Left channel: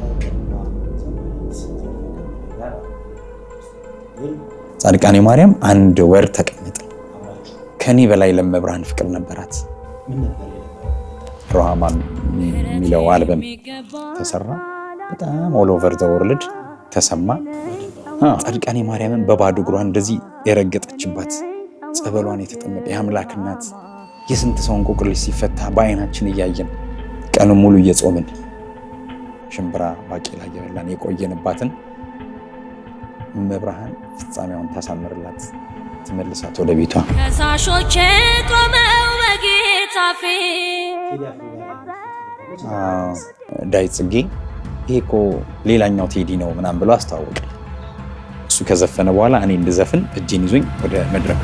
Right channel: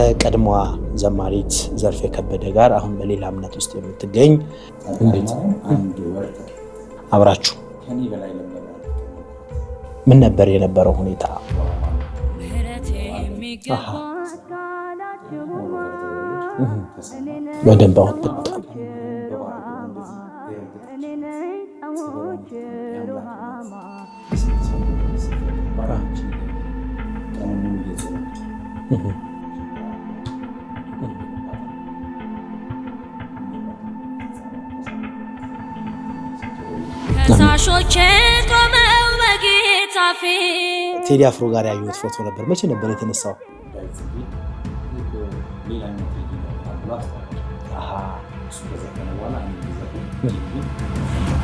ከቀድሞዋ ዘማሪት ዘርፌ ከበደ ጋር አሁን በሌላ እምነት ውስጥ የምትገኝ ጻድቃኔ ማርያም አንድ ወር ተቀመጠ አብራችሁ። ከኔ በላይ ለመብርሃን ፍቅር ነበራት። ምን ነበር የነበረው ሁኔታ? ሮሃማን የሚለው አልበም ተሰራ። በጣም ኦል ኦቨር ዘ ወርልድ ተሰማ በደንባው። ጻድቃኔ ማርያምን በባዶ እግሯ እንደዚህ የረገጠችባት ጸበሏን የተጠመቀ የአምላክ እናት የስንት ሰው እንቆቅልሽ ሲፈታ በአይናችን እያየን ቀኑን ሙሉ እየጾምን ሽምብራ ባቄላ እየበላን የቆየንባትን መብርሃን ፍጻሜዋን ታሳምርላት ትመልሳት ወደ ቤቷ። ከሳሾቼ ቆመው በጌታ ፊት ቴዲ አፍሮ ጋር ያዩት ፎቶ ነበር። መቼ ነበር የተነሳው? ዳዊት ጽጌ ይሄ እኮ ሌላኛው ቴዲ ነው ምናምን ብሎ አስተዋወቀ። እሱ ከዘፈነ በኋላ እኔ እንድዘፍን እጄን ይዞኝ ወደ መድረክ።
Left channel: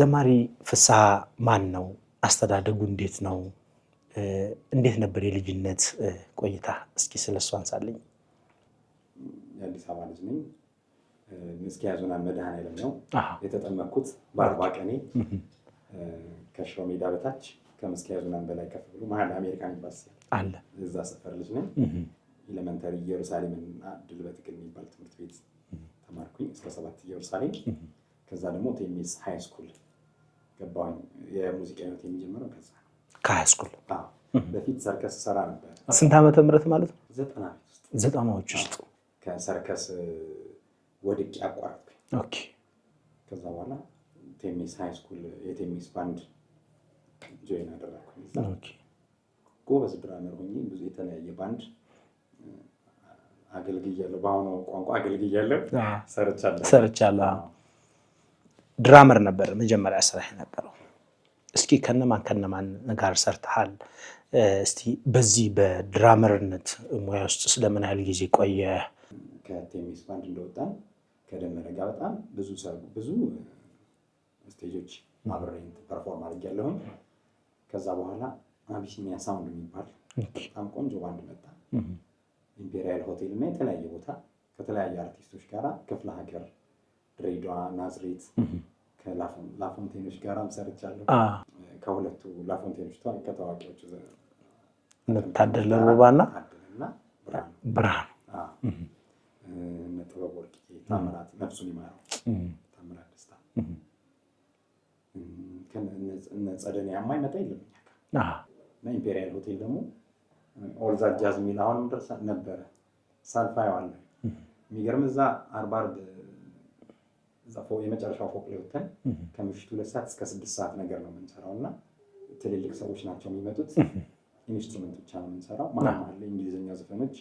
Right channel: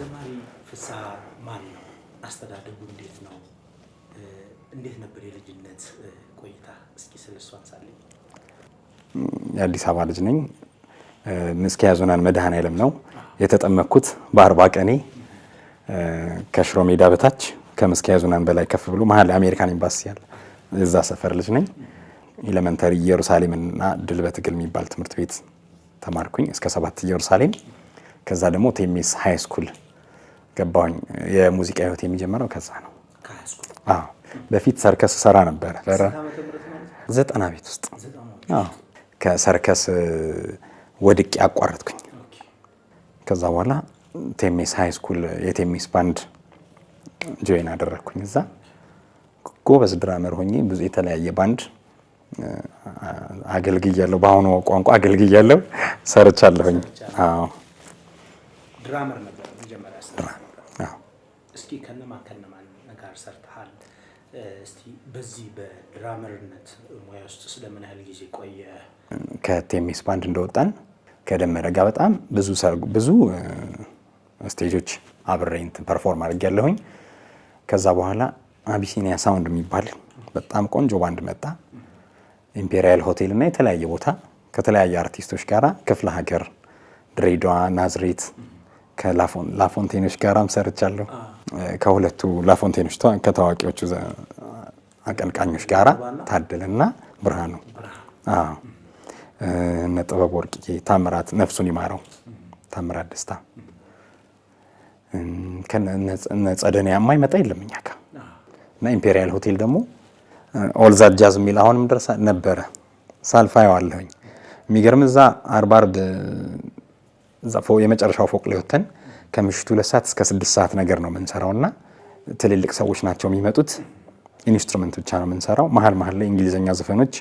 ዘማሪ ፍስሐ ማን ነው? አስተዳደጉ እንዴት ነው? እንዴት ነበር የልጅነት ቆይታ? እስኪ ስለሱ አንሳልኝ። የአዲስ አበባ ልጅ ነኝ። ምስኪያ ዞናን መድኃኔዓለም ነው የተጠመቅኩት በ40 ቀኔ። ከሽሮ ሜዳ በታች ከምስኪያ ዞናን በላይ ከፍ ብሎ መሀል አሜሪካን ኤምባሲ ያለ እዛ ሰፈር ልጅ ነኝ። ኤሌመንተሪ ኢየሩሳሌምና ድል በትግል የሚባል ትምህርት ቤት ተማርኩኝ እስከ 7 ኢየሩሳሌም። ከዛ ደግሞ ቴሜስ ሃይ ስኩል ገባሁኝ። የሙዚቃ ህይወት የሚጀምረው ከዛ ነው። ከሃይ ስኩል? አዎ። በፊት ሰርከስ ሰራ ነበር። ስንት ዓመተ ምህረት ማለት? 90 ቤት ውስጥ 90ዎች ውስጥ ከሰርከስ ወድቄ አቋረጥኩኝ። ኦኬ። ከዛ በኋላ ቴሜስ ሃይ ስኩል የቴሜስ ባንድ ጆይን አደረኩኝ። እዛ ጎበዝ ድራመር ሆኜ ብዙ የተለያየ ባንድ አገልግያለሁ። በአሁኑ ቋንቋ አገልግያለሁ፣ ሰርቻለሁ። አዎ። ድራመር ነበር መጀመሪያ ሰራ ነበር። እስኪ ከነማን ጋር ሰርተሃል? እስቲ በዚህ በድራመርነት ሙያ ውስጥ ስለምን ያህል ጊዜ ቆየ? ከቴሜስ ባንድ እንደወጣን ከደመረ ጋር በጣም ብዙ ስቴጆች አብሬ ፐርፎርም አድርጌያለሁኝ። ከዛ በኋላ አቢሲኒያ ሳውንድ የሚባል በጣም ቆንጆ ባንድ መጣ። ኢምፔሪያል ሆቴል እና የተለያየ ቦታ ከተለያየ አርቲስቶች ጋራ ክፍለ ሀገር ድሬዳዋ፣ ናዝሬት ከላፎንቴኖች ጋራም ሰርቻለሁ። ከሁለቱ ላፎንቴኖች ከታዋቂዎቹ አቀንቃኞች ጋራ ታደለና ብርሃኑ። አዎ። እነ ጥበብ ወርቅዬ፣ ታምራት ነፍሱን ይማረው፣ ታምራት ደስታ ከነ ጸደኒያ የማይመጣ የለም እኛ ጋር። እና ኢምፔሪያል ሆቴል ደግሞ ኦል ዛት ጃዝ የሚል አሁንም ድረስ ነበረ። ሳልፋየው አለሁኝ። የሚገርም እዛ አርብ የመጨረሻው ፎቅ ላይ ወተን ከምሽቱ 2 ሰዓት እስከ 6 ሰዓት ነገር ነው የምንሰራውና ትልልቅ ሰዎች ናቸው የሚመጡት። ኢንስትሩመንት ብቻ ነው የምንሰራው። መሀል ላይ እንግሊዘኛ ዘፈኖች፣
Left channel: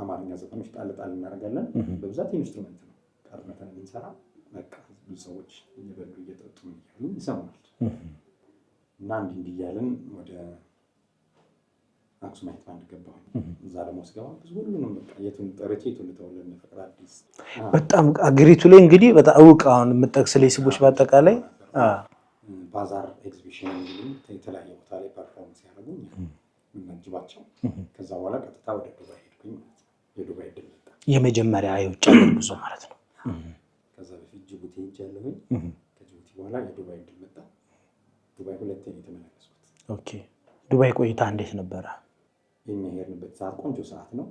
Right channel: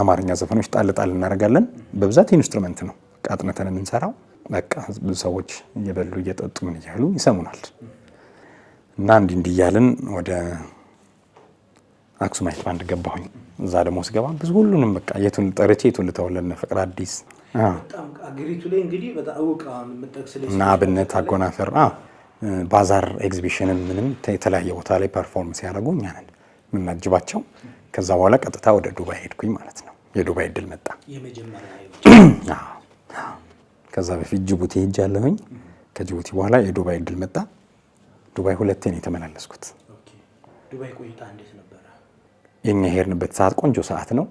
አማርኛ ዘፈኖች ጣል እናደርጋለን። በብዛት ኢንስትሩመንት ነው ቃጥነተን የምንሰራው። በቃ ብዙ ሰዎች እየበሉ እየጠጡ ምን እያሉ ይሰሙናል። እና እንዲህ እያልን ወደ አክሱማይት ባንድ ገባሁኝ። እዛ ደግሞ ስገባ ብዙ ሁሉንም በቃ የቱን ጠርቼ የቱን ልተውለን ፍቅር አዲስ በጣም አገሪቱ ላይ እንግዲህ በጣም እውቅ አሁን የምጠቅስልኝ ስሞች በአጠቃላይ ባዛር ኤግዚቢሽንን ምንም የተለያየ ቦታ ላይ ፐርፎርም ሲያደርጉ እኛ ነን የምናጅባቸው። ከዛ በኋላ ቀጥታ ወደ ዱባይ ሄድኩኝ ማለት ነው። የዱባይ እድል መጣ። የመጀመሪያ የውጭ ማለት ነው። ከዛ በፊት ጅቡቲ ሄጃለሁኝ። ከጅቡቲ በኋላ የዱባይ እድል መጣ። ዱባይ 2 ነው የተመላለስኩት። ኦኬ። ዱባይ ቆይታ እንዴት ነበረ? የኛ ሄድንበት ሰዓት ቆንጆ ሰዓት ነው።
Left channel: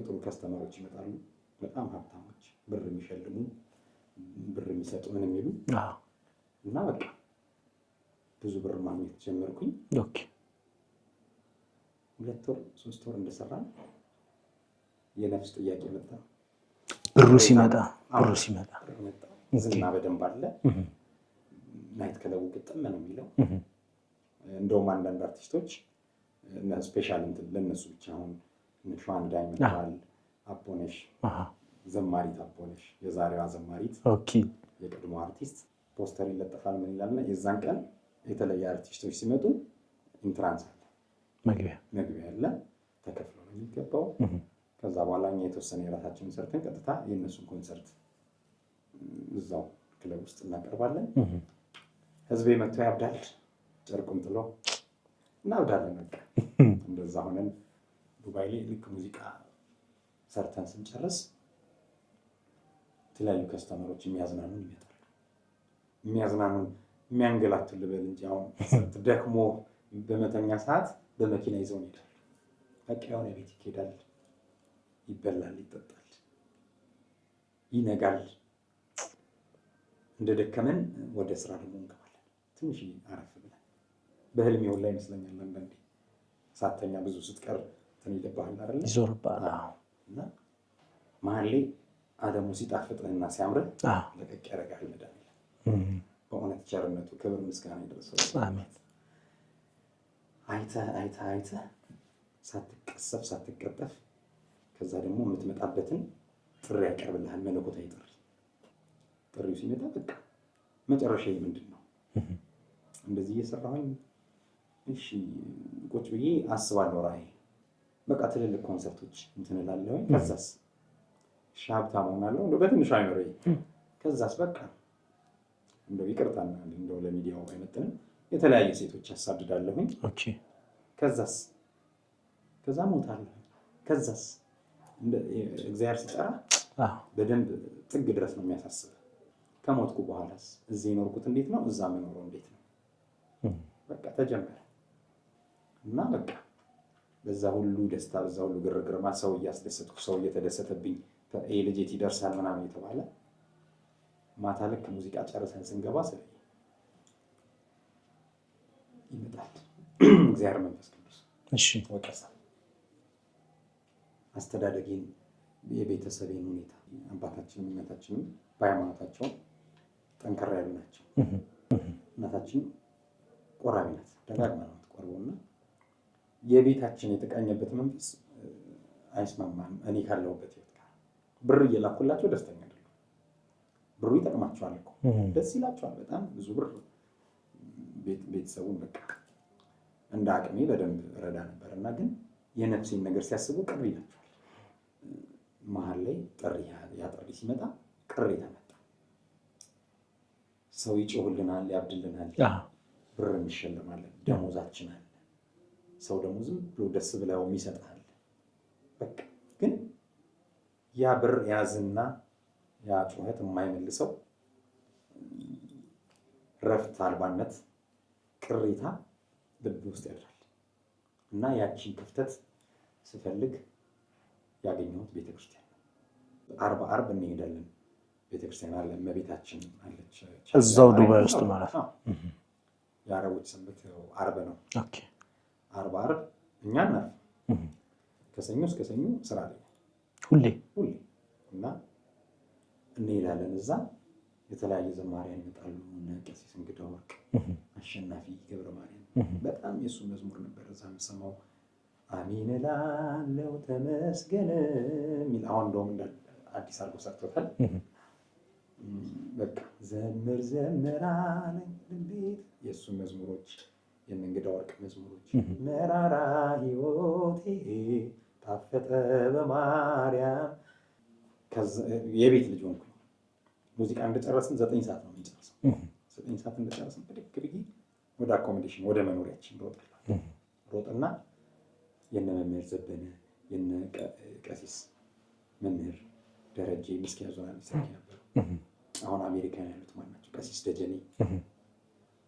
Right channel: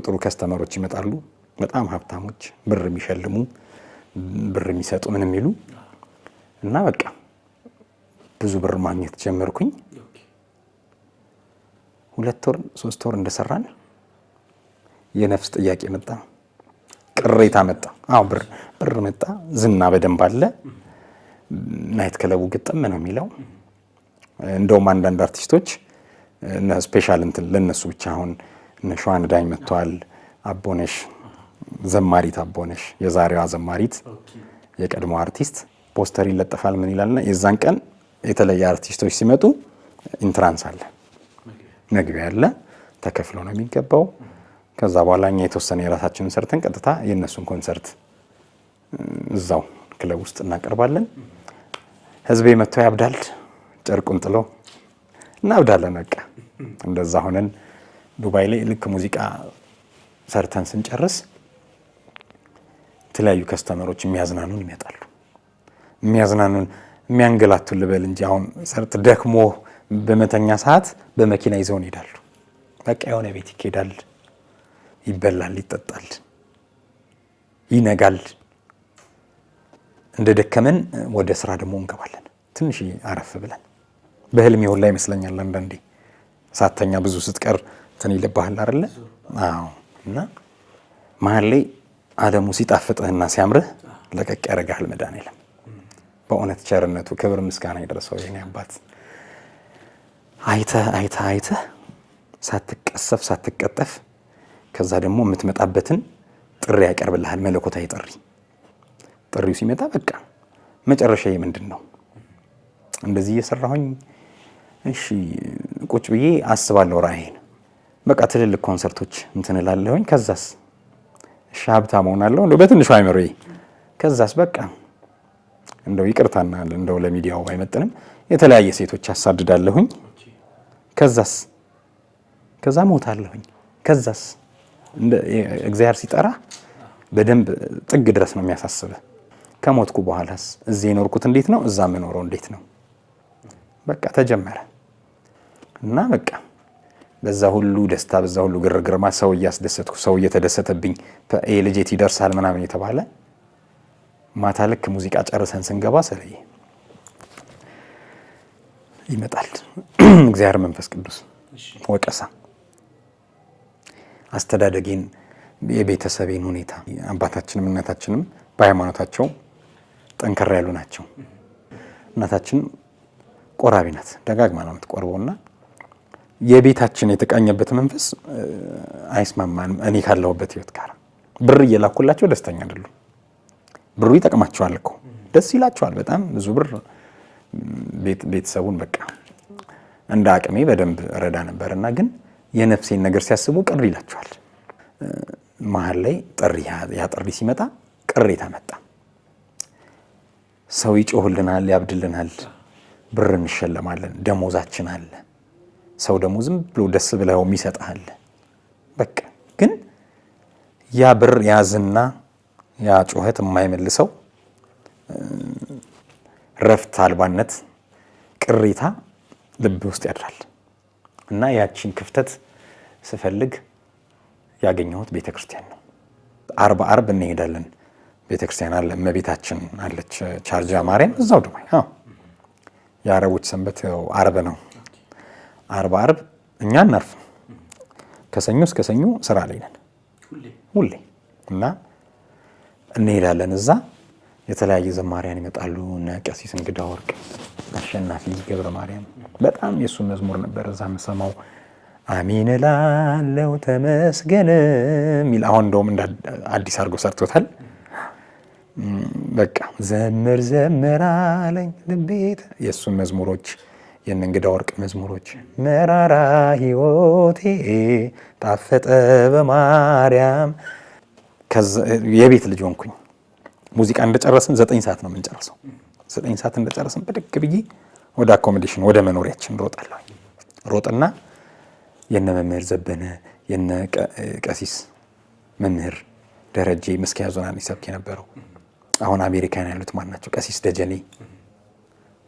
ጥሩ ከስተመሮች ይመጣሉ። በጣም ሀብታሞች፣ ብር የሚሸልሙ ብር የሚሰጡ ምን የሚሉ እና በቃ ብዙ ብር ማግኘት ጀመርኩኝ። ኦኬ። 2 ወር 3 ወር እንደሰራን የነፍስ ጥያቄ መጣ። ቅሬታ መጣ። አዎ ብር መጣ። ዝና በደንብ አለ። ናይት ክለቡ ግጥም ነው የሚለው። እንደውም አንዳንድ አርቲስቶች እና ስፔሻል ለነሱ ብቻ አሁን እነ ሸዋን ዳኝ መጥተዋል። አቦነሽ ዘማሪት አቦነሽ የዛሬዋ ዘማሪት የቀድሞ አርቲስት ፖስተር ይለጠፋል ምን ይላልና የዛን ቀን የተለየ አርቲስቶች ሲመጡ ኢንትራንስ አለ፣ መግቢያ አለ፣ ተከፍሎ ነው የሚገባው። ከዛ በኋላ እኛ የተወሰነ የራሳችንን ሰርተን ቀጥታ የነሱን ኮንሰርት እዛው ክለብ ውስጥ እናቀርባለን። ህዝቤ መጥቶ ያብዳል፣ ጨርቁን ጥሎ እናብዳለን። በቃ እንደዛ ሆነን ዱባይ ላይ ልክ ሙዚቃ ሰርተን ስንጨርስ የተለያዩ ከስተመሮች የሚያዝናኑን ይመጣሉ። የሚያዝናኑን የሚያንገላቱን ልበል እንጂ አሁን ሰርት ደክሞ በመተኛ ሰዓት በመኪና ይዘውን ይሄዳሉ። በቃ የሆነ ቤት ይኬዳል፣ ይበላል፣ ይጠጣል፣ ይነጋል። እንደ ደከመን ወደ ስራ ደግሞ እንገባለን። ትንሽ አረፍ ብለን በህልም ይሁን ላይ ይመስለኛል አንዳንዴ ሳተኛ ብዙ ስትቀር እንትን ይልብሃል አይደለ? አዎ። እና መሀል ላይ ዓለሙ ሲጣፍጥህና ሲያምርህ ለቀቅ ያደርግሃል መድኃኒዓለም። በእውነት ቸርነቱ ክብር ምስጋና ይድረሰው የኔ አባት። አይተህ ሳትቀሰፍ ሳትቀጠፍ ከዛ ደግሞ የምትመጣበትን ጥሪ ያቀርብልሃል፣ መለኮታዊ ጥሪ። ጥሪው ሲመጣ በቃ መጨረሻዬ ምንድን ነው? እንደዚህ እየሰራሁኝ እሺ ቁጭ ብዬ አስባለሁ ራእይን። በቃ ትልልቅ ኮንሰርቶች እንትን እላለሁኝ። ከዛስ እሺ ሀብታም እሆናለሁ እንደው በትንሹ አይመሮዬ። ከዛስ በቃ እንደው ይቅርታና እንደው ለሚዲያው ባይመጥንም የተለያየ ሴቶች አሳድዳለሁኝ። ከዛ ሞታለሁኝ። ከዛስ እግዚአብሔር ሲጠራ በደንብ ጥግ ድረስ ነው የሚያሳስበህ። ከሞትኩ በኋላስ እዚህ የኖርኩት እንዴት ነው? እዛ የምኖረው እንዴት ነው? በቃ ተጀመረ እና በቃ በዛ ሁሉ ደስታ በዛ ሁሉ ግርግርማ ሰው እያስደሰትኩ ሰው እየተደሰተብኝ ልጄት ይደርሳል ምናምን የተባለ ማታ ልክ ሙዚቃ ጨርሰን ስንገባ ስለይ ይመጣል እግዚአብሔር መንፈስ ቅዱስ ወቀሳ። አስተዳደጌን፣ የቤተሰቤን ሁኔታ አባታችንም እናታችንም በሃይማኖታቸው ጠንከር ያሉ ናቸው። እናታችን ቆራቢ ናት፣ ደጋግማ ነው የምትቆርበውና የቤታችን የተቃኘበት መንፈስ አይስማማንም። እኔ ካለሁበት ህይወት ጋር ብር እየላኩላቸው ደስተኛ አይደሉም። ብሩ ይጠቅማቸዋል እኮ ደስ ይላቸዋል በጣም ብዙ ብር። ቤተሰቡን በቃ እንደ አቅሜ በደንብ ረዳ ነበርና ግን የነፍሴን ነገር ሲያስቡ ቅር ይላቸዋል። መሀል ላይ ያ ጥሪ ሲመጣ ቅሬታ መጣ። ሰው ይጮህልናል፣ ያብድልናል፣ ብር እንሸለማለን፣ ደሞዛችን አለ። ሰው ደግሞ ዝም ብሎ ደስ ብለው የሚሰጥሃል። በቃ ግን ያ ብር ያዝና ያ ጩኸት የማይመልሰው ረፍት አልባነት፣ ቅሬታ ልብ ውስጥ ያድራል እና ያቺን ክፍተት ስፈልግ ያገኘሁት ቤተክርስቲያን ነው። አርብ እንሄዳለን። ቤተክርስቲያን አለ፣ እመቤታችን አለች፣ ቻርጃ ማርያም እዛው ነው። የአረቦች ሰንበት አርብ ነው። አርብ እኛ እናርፍ። ከሰኞ እስከ ሰኞ ስራ ላይ ነን ሁሌ እና እንሄዳለን። እዛ የተለያየ ዘማሪያን ይመጣሉ። እነ ቀሲስ እንግዳ ወርቅ፣ አሸናፊ ገብረ ማርያም በጣም የሱ መዝሙር ነበር እዛ የምሰማው። አሜን እላለሁ ተመስገን የሚል አሁን እንደውም እንደ አዲስ አድርጎ ሰርቶታል። በቃ ዘምር አለኝ ልቤት የእሱን መዝሙሮች የእነ እንግዳ ወርቅ መዝሙሮች መራራ ሕይወቴ ጣፈጠ በማርያም። የቤት ልጅ ሆንኩኝ። ሙዚቃ እንደጨረስን 9 ሰዓት ነው የምንጨርሰው። 9 ሰዓት እንደጨረስን ብድግ ብዬ ወደ አኮሞዴሽን ወደ መኖሪያችን ሮጣለሁ። ሮጥና የነ መምህር ዘበነ የነ ቀሲስ መምህር ደረጀ መስኪያ ዞናን ይሰብክ የነበረው አሁን አሜሪካን ያሉት ማን ናቸው? ቀሲስ ደጀኔ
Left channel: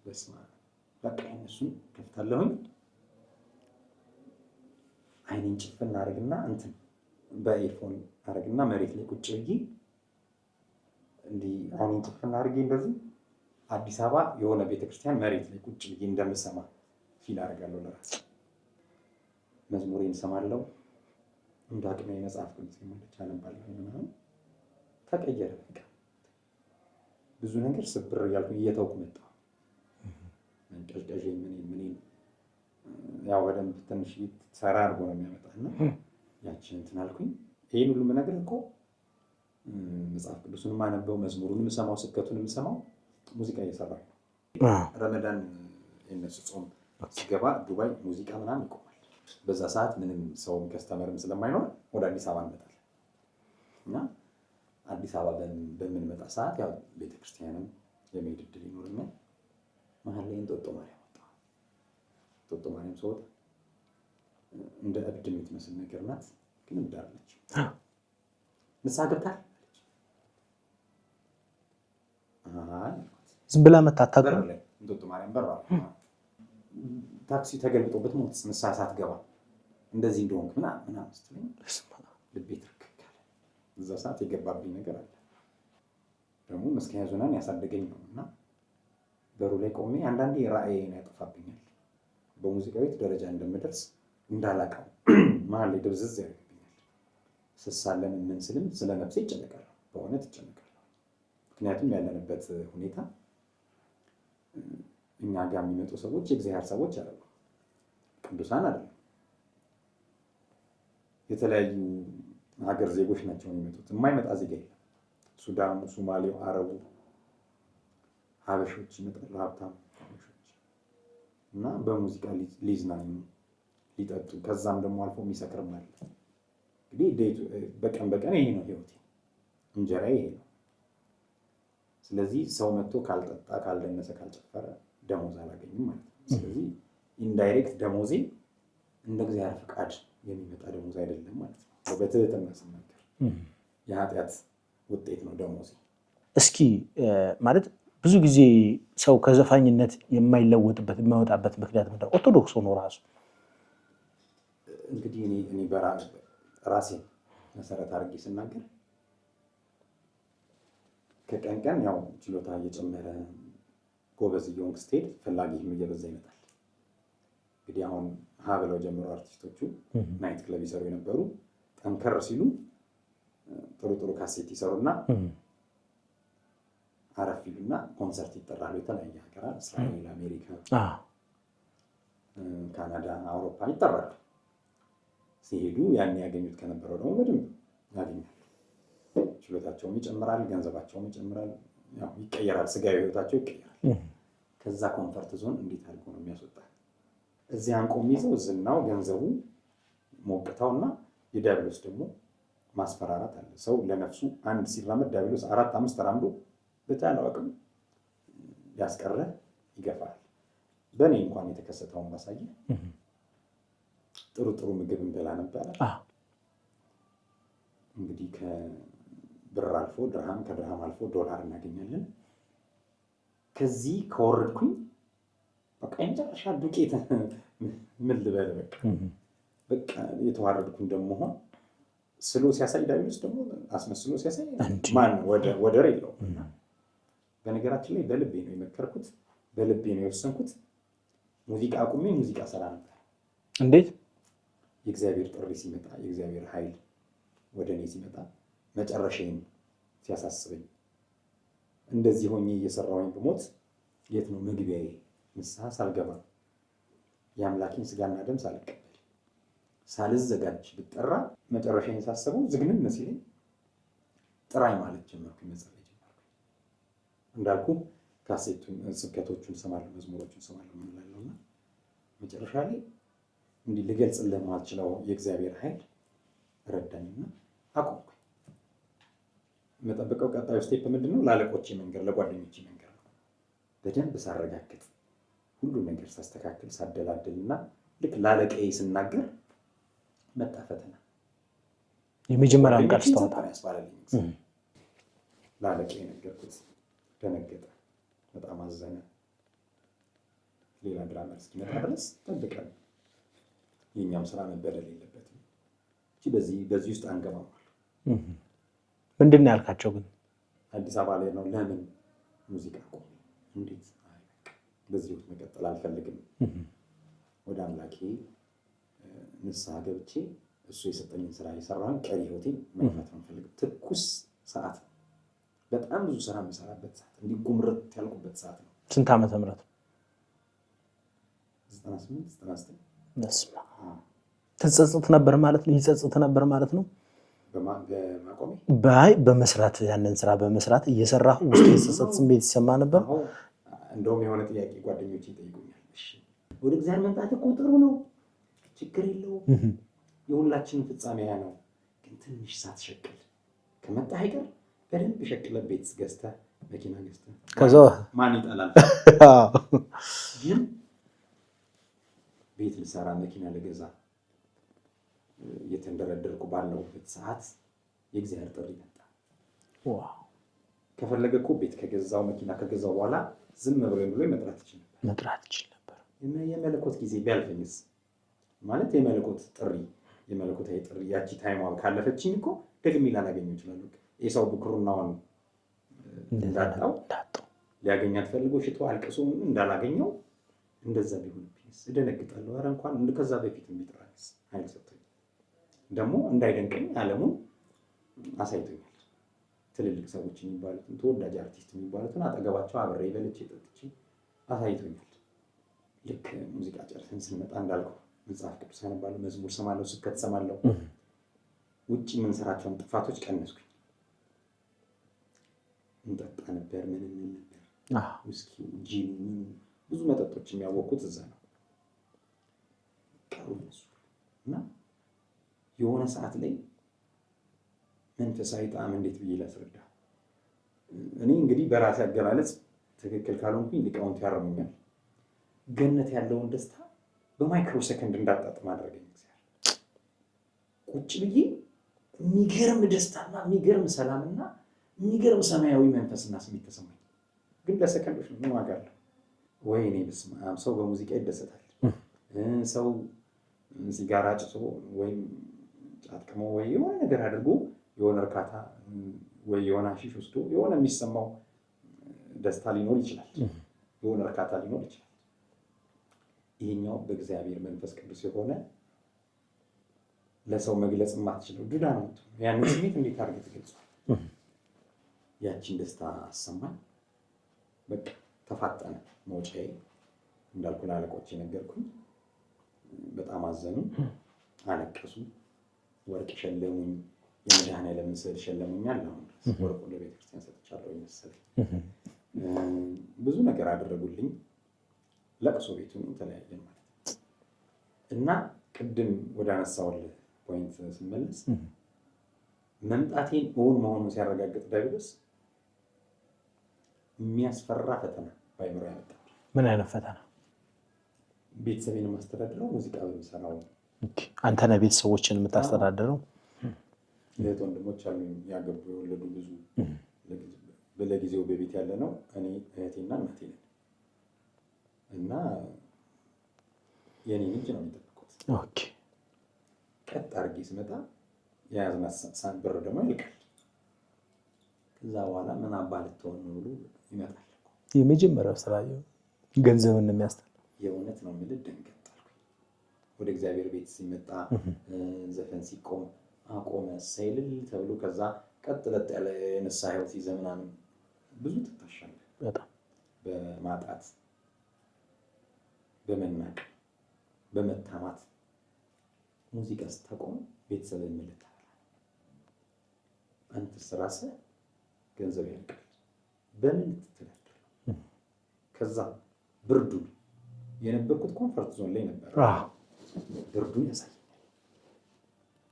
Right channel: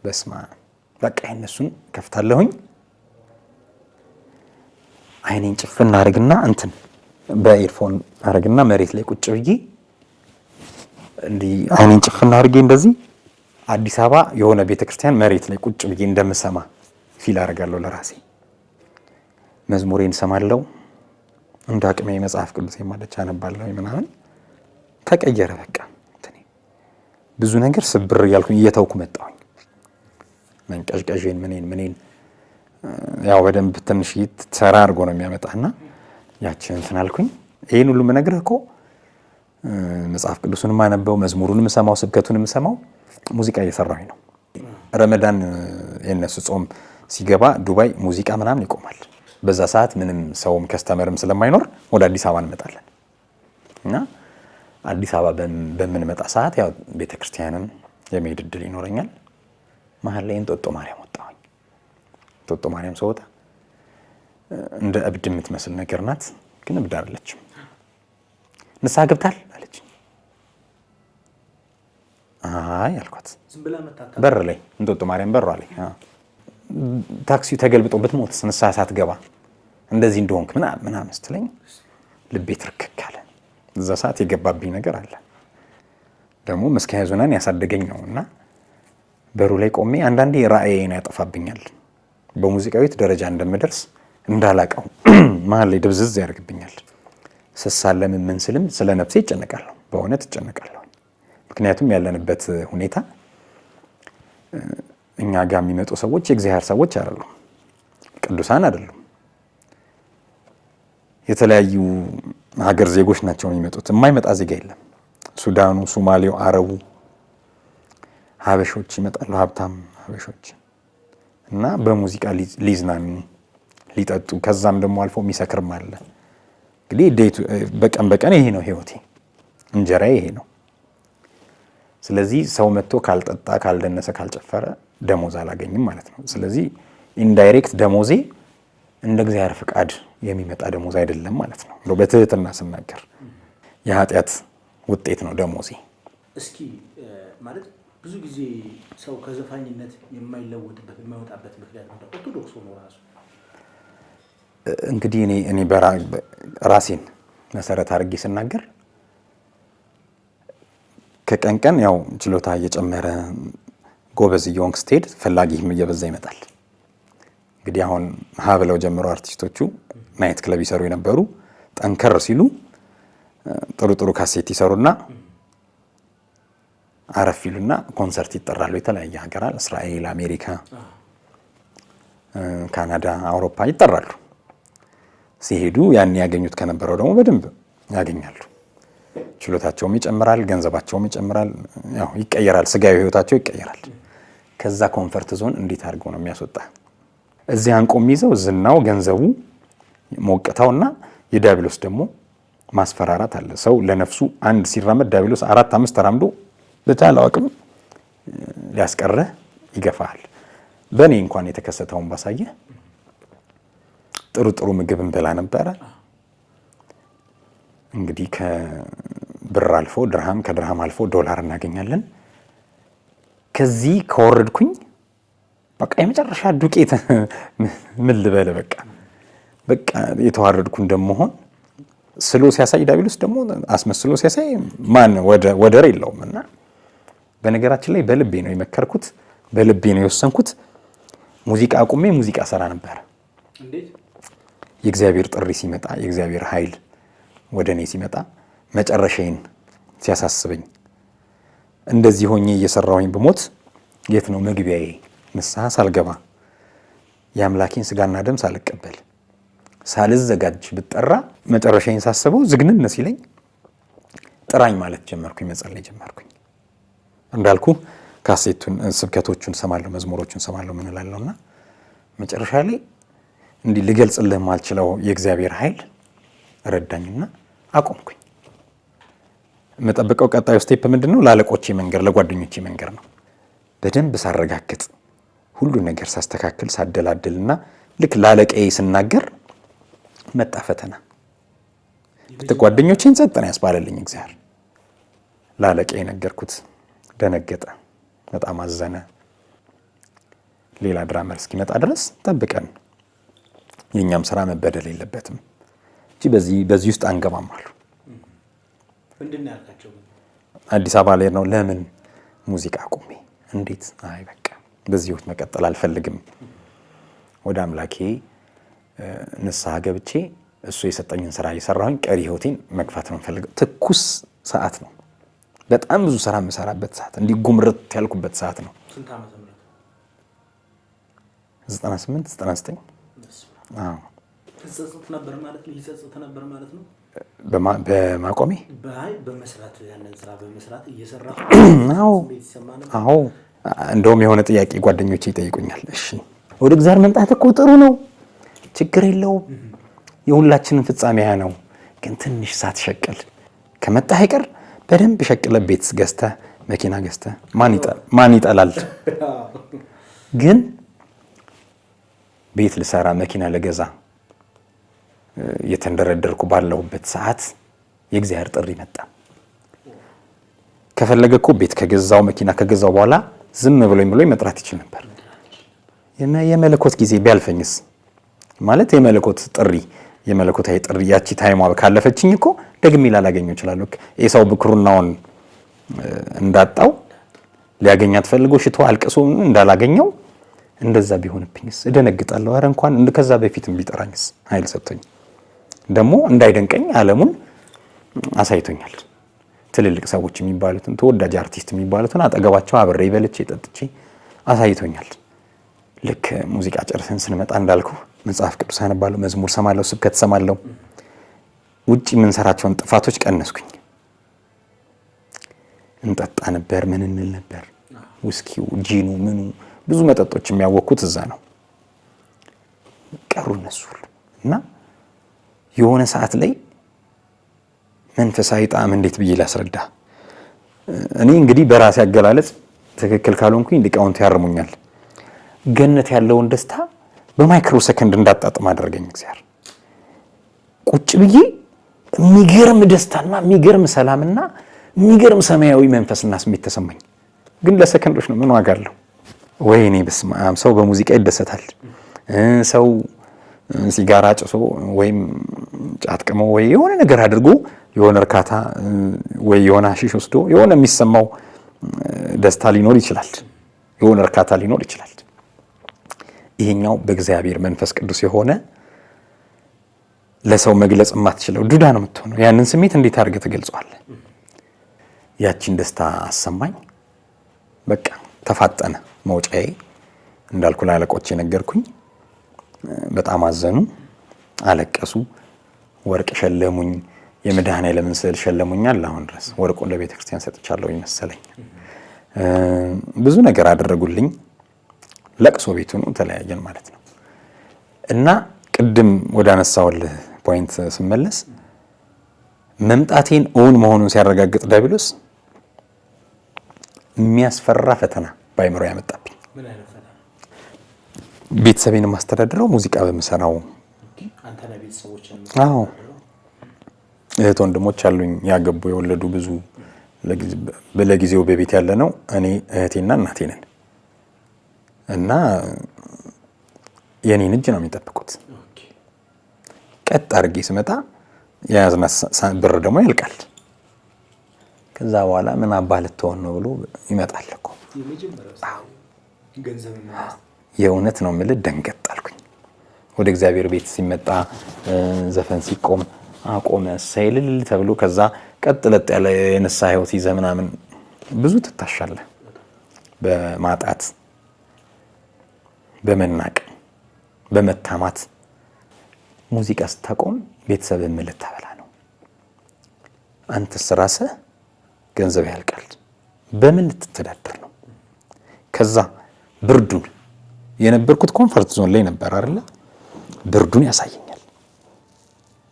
በስማ በቃ እነሱን ከፍታለሁኝ። አይኔን ጭፍና አረግና እንትን በኤርፎን አረግና መሬት ላይ ቁጭ ብዬ እንዲህ አይኔን ጭፍና አርጌ እንደዚህ አዲስ አበባ የሆነ ቤተክርስቲያን መሬት ላይ ቁጭ ብዬ እንደምሰማ ፊል አረጋለሁ ለራሴ። መዝሙሬን ሰማለው። እንደ አቅሜ መጽሐፍ ቅዱስ የማለች አነባለሁ ምናምን። ተቀየረ በቃ ብዙ ነገር ስብር እያልኩኝ እየተውኩ መጣሁኝ። መንቀዥቀዥን ምኔን ያው በደንብ ትንሽ ተራ አድርጎ ነው የሚያመጣና ያችን እንትን አልኩኝ። ይሄን ሁሉ የምነግርህ እኮ መጽሐፍ ቅዱስንም አነበው፣ መዝሙሩንም ሰማው፣ ስብከቱንም ሰማው፣ ሙዚቃ እየሰራሁኝ ነው። ረመዳን የነሱ ጾም ሲገባ ዱባይ ሙዚቃ ምናምን ይቆማል። በዛ ሰዓት ምንም ሰውም ከስተመርም ስለማይኖር ወደ አዲስ አበባ እንመጣለን እና አዲስ አበባ በምንመጣ ሰዓት ያው ቤተክርስቲያንን የመሄድ ዕድል ይኖረኛል። መሀል ላይ እንጦጦ ማርያም ወጣሁኝ። እንጦጦ ማርያም ስወጣ እንደ እብድ የምትመስል ነገር ናት፣ ግን እብድ አይደለችም። ንስሐ ገብታል አለች። አይ አልኳት። ዝም ብላ መታታ በር ላይ እንጦጦ ማርያም በሯ ላይ ታክሲው ተገልብጦ ብትሞትስ ንስሐ ሳትገባ እንደዚህ እንደሆንክ ምናምን ስትለኝ ልቤ ትርክክ አለ። እዛ ሰዓት የገባብኝ ነገር አለ። ደግሞ መስኪያ ዞናን ያሳደገኝ ነውና በሩ ላይ ቆሜ አንዳንዴ ራእዬን ያጠፋብኛል። በሙዚቃዊት ደረጃ እንደምደርስ እንዳላቀው መሀል ላይ ድብዝዝ ያደርግብኛል። ስሳለም ምን ስልም ስለ ነፍሴ እጨነቃለሁ፣ በእውነት እጨነቃለሁ። ምክንያቱም ያለንበት ሁኔታ እኛ ጋር የሚመጡ ሰዎች የእግዚአብሔር ሰዎች አይደሉም፣ ቅዱሳን አይደሉም። የተለያዩ ሀገር ዜጎች ናቸው የሚመጡት። የማይመጣ ዜጋ የለም። ሱዳኑ፣ ሶማሌው፣ አረቡ፣ ሀበሾች ይመጣሉ፣ ሀብታም ሀበሾች እና በሙዚቃ ሊዝናኑ ሊጠጡ፣ ከዛም ደግሞ አልፎ የሚሰክርም አለ። እንግዲህ በቀን በቀን ይሄ ነው ህይወቴ፣ እንጀራዬ ይሄ ነው። ስለዚህ ሰው መጥቶ ካልጠጣ፣ ካልደነሰ፣ ካልጨፈረ ደሞዝ አላገኝም ማለት ነው። ስለዚህ ኢንዳይሬክት ደሞዜ እንደ እግዚአብሔር ፍቃድ የሚመጣ ደሞዝ አይደለም ማለት ነው። በትህትና ስናገር የኃጢአት ውጤት ነው ደሞዜ። እስኪ ማለት ብዙ ጊዜ ሰው ከዘፋኝነት የማይለወጥበት የማይወጣበት ምክንያት ነው ኦርቶዶክስ ሆኖ ራሱ። እንግዲህ እኔ ራሴን መሰረት አድርጌ ስናገር ከቀን ቀን ያው ችሎታ እየጨመረ ጎበዝ እየሆንክ ስትሄድ ፈላጊህም እየበዛ ይመጣል። እንግዲህ አሁን ብለው ጀምሮ አርቲስቶቹ ናይት ክለብ ይሰሩ የነበሩ ጠንከር ሲሉ ጥሩ ጥሩ ካሴት ይሰሩና አረፍ ይሉና ኮንሰርት ይጠራሉ። የተለያየ ሀገራት እስራኤል፣ አሜሪካ፣ ካናዳ፣ አውሮፓ ይጠራሉ። ሲሄዱ ያን ያገኙት ከነበረው ደግሞ በደንብ ያገኛሉ። ችሎታቸውም ይጨምራል፣ ገንዘባቸውም ይጨምራል፣ ያው ይቀየራል፣ ስጋዊ ህይወታቸው ይቀየራል። ከዛ ኮንፈርት ዞን እንዴት አድርገው ነው የሚያስወጣ? እዚህ አንቆም ይዘው ዝናው፣ ገንዘቡ፣ ሞቅታውና የዲያብሎስ ደግሞ ማስፈራራት አለ። ሰው ለነፍሱ አንድ ሲራመድ ዲያብሎስ 4-5 ተራምዶ በቻለው አቅም ሊያስቀርህ ይገፋል። በእኔ እንኳን የተከሰተውን ባሳየ ጥሩ ጥሩ ምግብ እንበላ ነበረ። እንግዲህ ከብር አልፎ ድርሃም፣ ከድርሃም አልፎ ዶላር እናገኛለን። ከዚህ ከወረድኩኝ በቃ የመጨረሻ ዱቄት ምን ልበል፣ በቃ የተዋረድኩ እንደመሆን ስሎ ሲያሳይ ዲያብሎስ ደግሞ አስመስሎ ሲያሳይ ማን ወደር የለውም። እና በነገራችን ላይ በልቤ ነው የመከርኩት፣ በልቤ ነው የወሰንኩት። ሙዚቃ አቁሜ ሙዚቃ ሰራ ነበር። እንዴት? የእግዚአብሔር ጥሪ ሲመጣ፣ የእግዚአብሔር ኃይል ወደ እኔ ሲመጣ፣ መጨረሻዬን ሲያሳስበኝ፣ እንደዚህ ሆኜ እየሰራሁኝ ብሞት የት ነው መግቢያዬ? ንስሐ ሳልገባ የአምላኬን ስጋና ደም ሳልቀበል ሳልዘጋጅ ብጠራ መጨረሻዬን ሳስበው ዝግንን ሲለኝ ጥራኝ ማለት ጀመርኩኝ፣ መጸለይ ጀመርኩኝ። እንዳልኩ ካሴቱን፣ ስብከቶቹን ሰማለሁ፣ መዝሙሮቹን ሰማለሁ፣ ምን እላለሁና መጨረሻ ላይ እንዲህ ልገልጽልህ ማልችለው የእግዚአብሔር ኃይል ረዳኝና አቆምኩኝ። የምጠብቀው ቀጣዩ ስቴፕ ምንድን ነው? ለአለቆቼ መንገር፣ ለጓደኞቼ መንገር ነው። በደንብ ሳረጋግጥ፣ ሁሉ ነገር ሳስተካክል፣ ሳደላድልና ልክ ለአለቃዬ ስናገር መጣ ፈተና። ጓደኞቼን ጸጥ ነው ያስባለልኝ እግዚአብሔር። ለአለቃዬ ነገርኩት፣ ደነገጠ፣ በጣም አዘነ። ሌላ ድራመር እስኪመጣ ድረስ ጠብቀን፣ የእኛም ስራ መበደል የለበትም እንጂ በዚህ ውስጥ አንገባም አሉ። ምንድን ነው ያልካቸው? ግን አዲስ አበባ ላይ ነው። ለምን ሙዚቃ አቁሜ? እንዴት? አይ በቃ በዚህ ህይወት መቀጠል አልፈልግም። ወደ አምላኬ ንስሐ ገብቼ እሱ የሰጠኝን ስራ እየሰራሁኝ ቀሪ ህይወቴን መግፋት ነው የምፈልገው። ትኩስ ሰዓት ነው፣ በጣም ብዙ ስራ የምሰራበት ሰዓት፣ እንዲህ ጉምርት ያልኩበት ሰዓት ነው። ስንት ዓመተ ምህረት? 98 99። ትጸጽት ነበር ማለት ነው? ይጸጽት ነበር ማለት ነው? በማቆሜ በመስራት ያንን ስራ በመስራት እየሰራሁ ስሜት ይሰማ ነበር? አዎ። እንደውም የሆነ ጥያቄ ጓደኞቼ ይጠይቁኛል። እሺ ወደ እግዚአብሔር መምጣት እኮ ጥሩ ነው፣ ችግር የለውም፣ የሁላችንም ፍጻሜ ያ ነው። ግን ትንሽ ሳትሸቅል ከመጣህ አይቀር በደንብ ሸቅለ ቤት ገዝተህ መኪና ገዝተህ ማን ይጠላል? ግን ቤት ልሰራ መኪና ልገዛ የተንደረደርኩ ባለሁበት ሰዓት የእግዚአብሔር ጥሪ መጣ። ከፈለገ እኮ ቤት ከገዛው መኪና ከገዛው በኋላ ዝም ብሎኝ መጥራት ይችል ነበር። የመለኮት ጊዜ ቢያልፈኝስ? ማለት የመለኮት ጥሪ የመለኮታዊ ጥሪ ያቺ ታይሟ ካለፈችኝ እኮ ደግሜ ላላገኘው እችላለሁ። ኤሳው ብኩርናውን እንዳጣው ሊያገኛት ፈልጎ ሽቶ አልቅሶ እንዳላገኘው እንደዛ ቢሆንብኝስ እደነግጣለሁ። አረ እንኳን ከዛ በፊትም ቢጠራኝስ ኃይል ሰጥቶኝ ደግሞ እንዳይደንቀኝ ዓለሙን አሳይቶኛል። ትልልቅ ሰዎች የሚባሉትን ተወዳጅ አርቲስት የሚባሉትን አጠገባቸው አብሬ በልቼ ጠጥቼ አሳይቶኛል። ልክ ሙዚቃ ጨርሰን ስንመጣ እንዳልኩ መጽሐፍ ቅዱስ አነባለሁ፣ መዝሙር ሰማለሁ፣ ስብከት ሰማለሁ። ውጪ የምንሰራቸውን ጥፋቶች ቀነስኩኝ። እንጠጣ ነበር፣ ምን እንል ነበር፣ ውስኪው፣ ጂኑ፣ ምኑ ብዙ መጠጦች የሚያወኩት እዛ ነው። ቀሩ እነሱ ሁሉ እና የሆነ ሰዓት ላይ መንፈሳዊ ጣዕም እንዴት ብዬ ላስረዳ? እኔ እንግዲህ በራሴ አገላለጽ ትክክል ካልሆንኩኝ ሊቃውንት ያርሙኛል። ገነት ያለውን ደስታ በማይክሮ ሰከንድ እንዳጣጥም አደረገኝ እግዚአብሔር። ቁጭ ብዬ የሚገርም ደስታና የሚገርም ሰላምና የሚገርም ሰማያዊ መንፈስና ስሜት ተሰማኝ። ግን ለሰከንዶች ነው። ምን ዋጋ አለው? ወይኔ በስመ አብ! ሰው በሙዚቃ ይደሰታል። ሰው ሲጋራ ጭሶ ወይም ጫት ቅሞ ወይ የሆነ ነገር አድርጎ የሆነ እርካታ ወይ የሆነ አሺሽ ወስዶ የሆነ የሚሰማው ደስታ ሊኖር ይችላል። የሆነ እርካታ ሊኖር ይችላል። ይሄኛው በእግዚአብሔር መንፈስ ቅዱስ የሆነ ለሰው መግለጽ የማትችለው ዱዳ ነው የምትሆነው። ያንን ስሜት እንዴት አድርገህ ትገልጸዋለህ? ያቺን ደስታ አሰማኝ። በቃ ተፋጠነ መውጫዬ። እንዳልኩ ለአለቆች የነገርኩኝ። በጣም አዘኑ፣ አለቀሱ፣ ወርቅ ሸለሙኝ። የመድኃኔዓለምን ስዕል ሸለሙኛል። አሁን ድረስ ወርቁን ለቤተ ክርስቲያን ሰጥቻለሁ ይመስለኝ። ብዙ ነገር አደረጉልኝ። ለቅሶ ቤቱ ነው፣ ተለያየን ማለት ነው። እና ቅድም ወደ አነሳውልህ ፖይንት ስመለስ መምጣቴን እውን መሆኑን ሲያረጋግጥ ዲያብሎስ የሚያስፈራ ፈተና በአይምሮ ያመጣብኝ። ምን አይነት ፈተና? ቤተሰቤን የማስተዳድረው ሙዚቃ በምሰራው። አንተ ነህ ቤተሰቦችን የምታስተዳድረው? እህት ወንድሞች አሉኝ፣ ያገቡ የወለዱ ብዙ። ለጊዜው በቤት ያለ ነው እኔ እህቴና እናቴ ነን። እና የኔን እጅ ነው የሚጠብቁት። ቀጥ አድርጌ ስመጣ የያዝናት ብር ደግሞ ያልቃል። ከዛ በኋላ ምን አባህ ልትሆን ነው ብሎ ይመጣል እኮ። የመጀመሪያው ስራ ገንዘብን ነው። የእውነት ነው የምልህ፣ ደንገጥ አልኩኝ። ወደ እግዚአብሔር ቤት ሲመጣ ዘፈን ሲቆም አቆመ ሳይልል ተብሎ ከዛ ቀጥ ለጥ ያለ የነሳ ህይወት ይዘህ ምናምን ብዙ ትታሻለህ። በማጣት በመናቅ በመታማት ሙዚቃ ስታቆም ቤተሰብን ምን ልታበላ ነው? አንተስ ራስህ ገንዘብ ያልቃል። በምን ልትተዳደር ነው? ከዛ ብርዱን የነበርኩት ኮምፈርት ዞን ላይ ነበር አይደል? ብርዱን ያሳየኛል።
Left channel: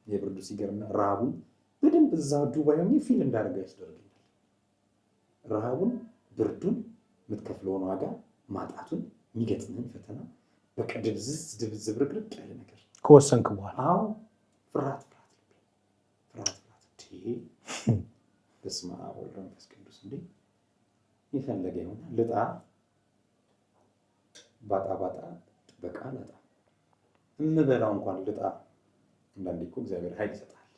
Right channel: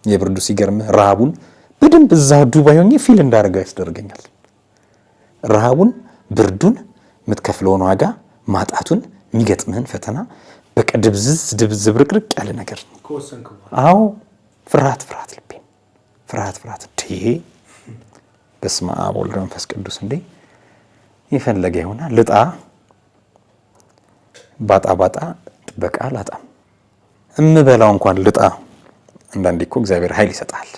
የብርዱ ሲገርምህ ረሃቡን በደንብ እዛ ዱባይ ሆኜ ፊል እንዳደረገው ያስደርገኛል። ረሃቡን፣ ብርዱን፣ የምትከፍለውን ዋጋ፣ ማጣቱን፣ የሚገጥምህን ፈተና በቃ ድብዝ ብርቅርቅ ያለ ነገር ከወሰንክ በኋላ አዎ፣ ፍርሃት ልቤ ፍርሃት በስመ አብ ወወልድ ወመንፈስ ቅዱስ። እንዴ የፈለገ ይሆናል። ልጣ ባጣ ጥበቃ አላጣም። እምበላው እንኳን ልጣ። አንዳንዴ እኮ እግዚአብሔር ኃይል ይሰጣል።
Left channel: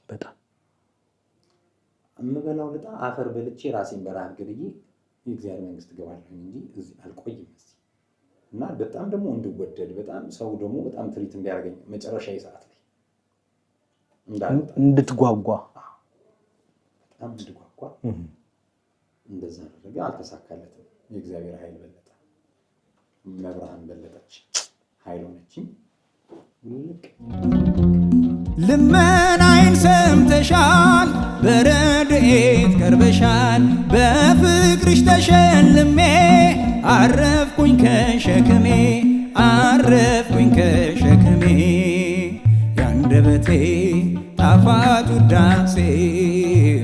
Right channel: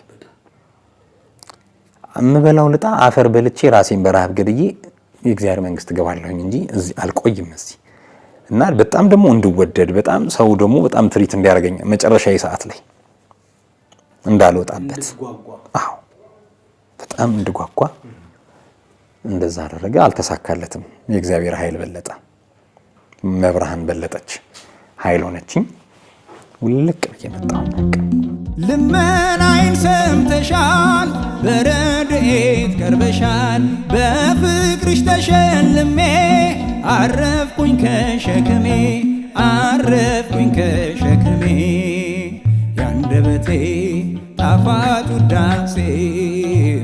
እምበላው ልጣ አፈር በልቼ ራሴን በረሃብ ገድዬ የእግዚአብሔር መንግስት ገባለሁኝ እንጂ እዚህ አልቆይም እዚህ። እና በጣም ደግሞ እንድወደድ በጣም ሰው ደግሞ በጣም ትሪት እንዲያደርገኝ መጨረሻዬ ሰዓት ላይ እንዳልወጣበት እንድትጓጓ። አዎ በጣም እንድጓጓ እንደዛ አደረገ። አልተሳካለትም። የእግዚአብሔር ኃይል በለጠ። መብርሃን በለጠች፣ ኃይል ሆነችኝ። ውልቅ ብዬ መጣሁ። ልመናዬን ሰምተሻል፣ በረድኤት ቀርበሻል። በፍቅርሽ ተሸልሜ አረፍኩኝ ከሸክሜ ያንደበቴ ጣፋጭ ውዳሴ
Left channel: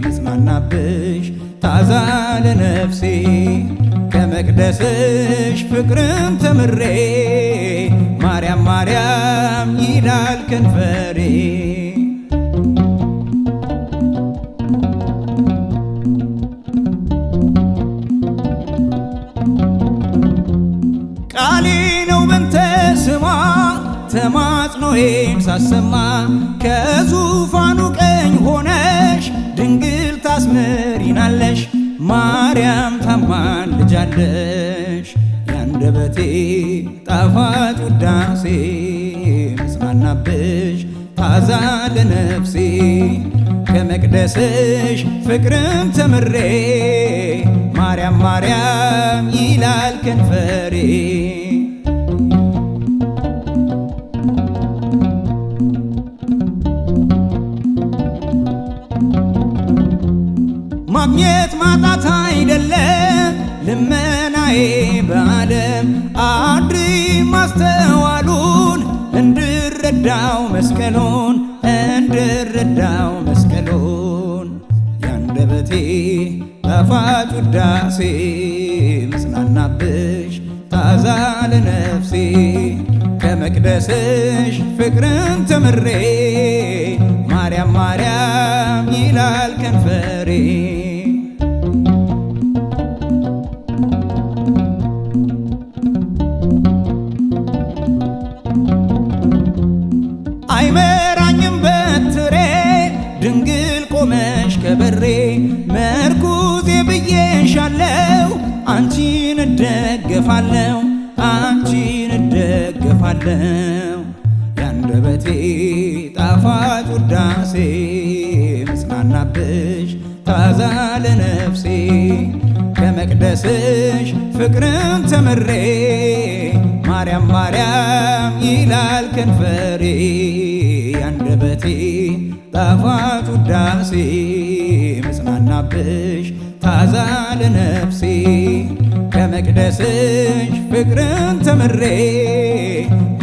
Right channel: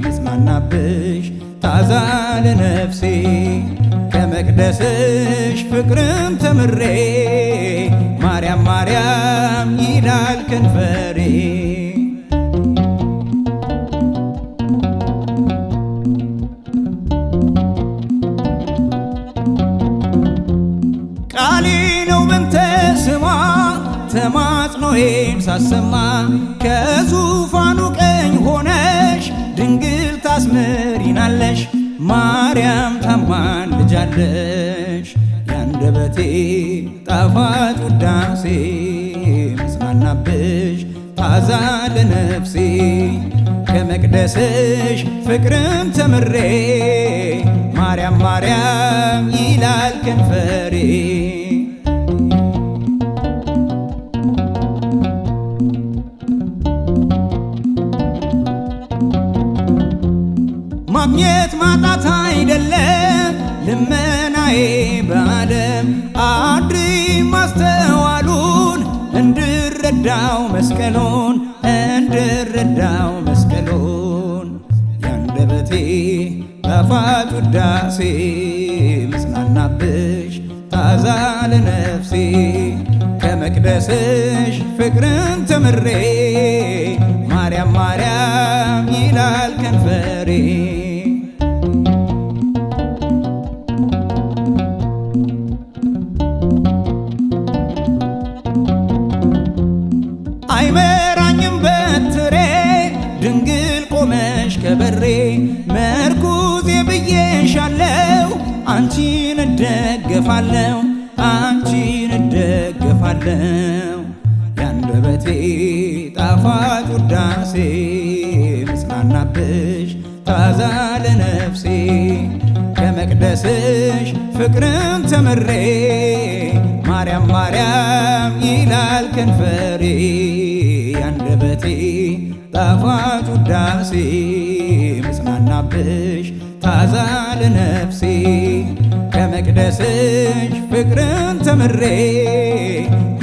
ምጽናናብሽ ታዛ ለነፍሴ ከመቅደስሽ ፍቅርን ተምሬ ማርያም ይላል ከንፈሬ። ቃሌ ነው በንተ ስማ ተማጽኖ መሰንቆዬን ሳሰማ ከዙፋኑ ቀኝ ሆነሽ ድንግል ታስምሪናለሽ ማርያም ታማልጃለሽ ያንደበቴ ጣፋጭ ውዳሴ መጽናናብሽ ታዛ ለነፍሴ ከመቅደስሽ ፍቅርን ተምሬ ማርያም ማርያም ይላል ከንፈሬ ማግኘት ማጣት አይደለም ልመናዬ በዓለም አድሪ ማስተዋሉን እንድረዳው መስቀሉን ያንደበቴ ጣፋጭ ውዳሴ መጽናናብሽ ታዛ ለነፍሴ ከመቅደስሽ ፍቅርን ተምሬ ማርያም ማርያም ይላል ከንፈሬ አይመራኝም በትሬ ድንግል ቆመሽ ከበሬ መርኩዜ ብዬሻለው አንቺን እደገፋለው ያንደበቴ ጣፋጭ ውዳሴ መጽናናብሽ ታዛ ለነፍሴ ከመቅደስሽ ፍቅርን ተምሬ ማርያም ማርያም ይላል ከንፈሬ ያንደበቴ ጣፋጭ ውዳሴ መጽናናብሽ ታዛ ለነፍሴ ከመቅደስሽ ፍቅርን ተምሬ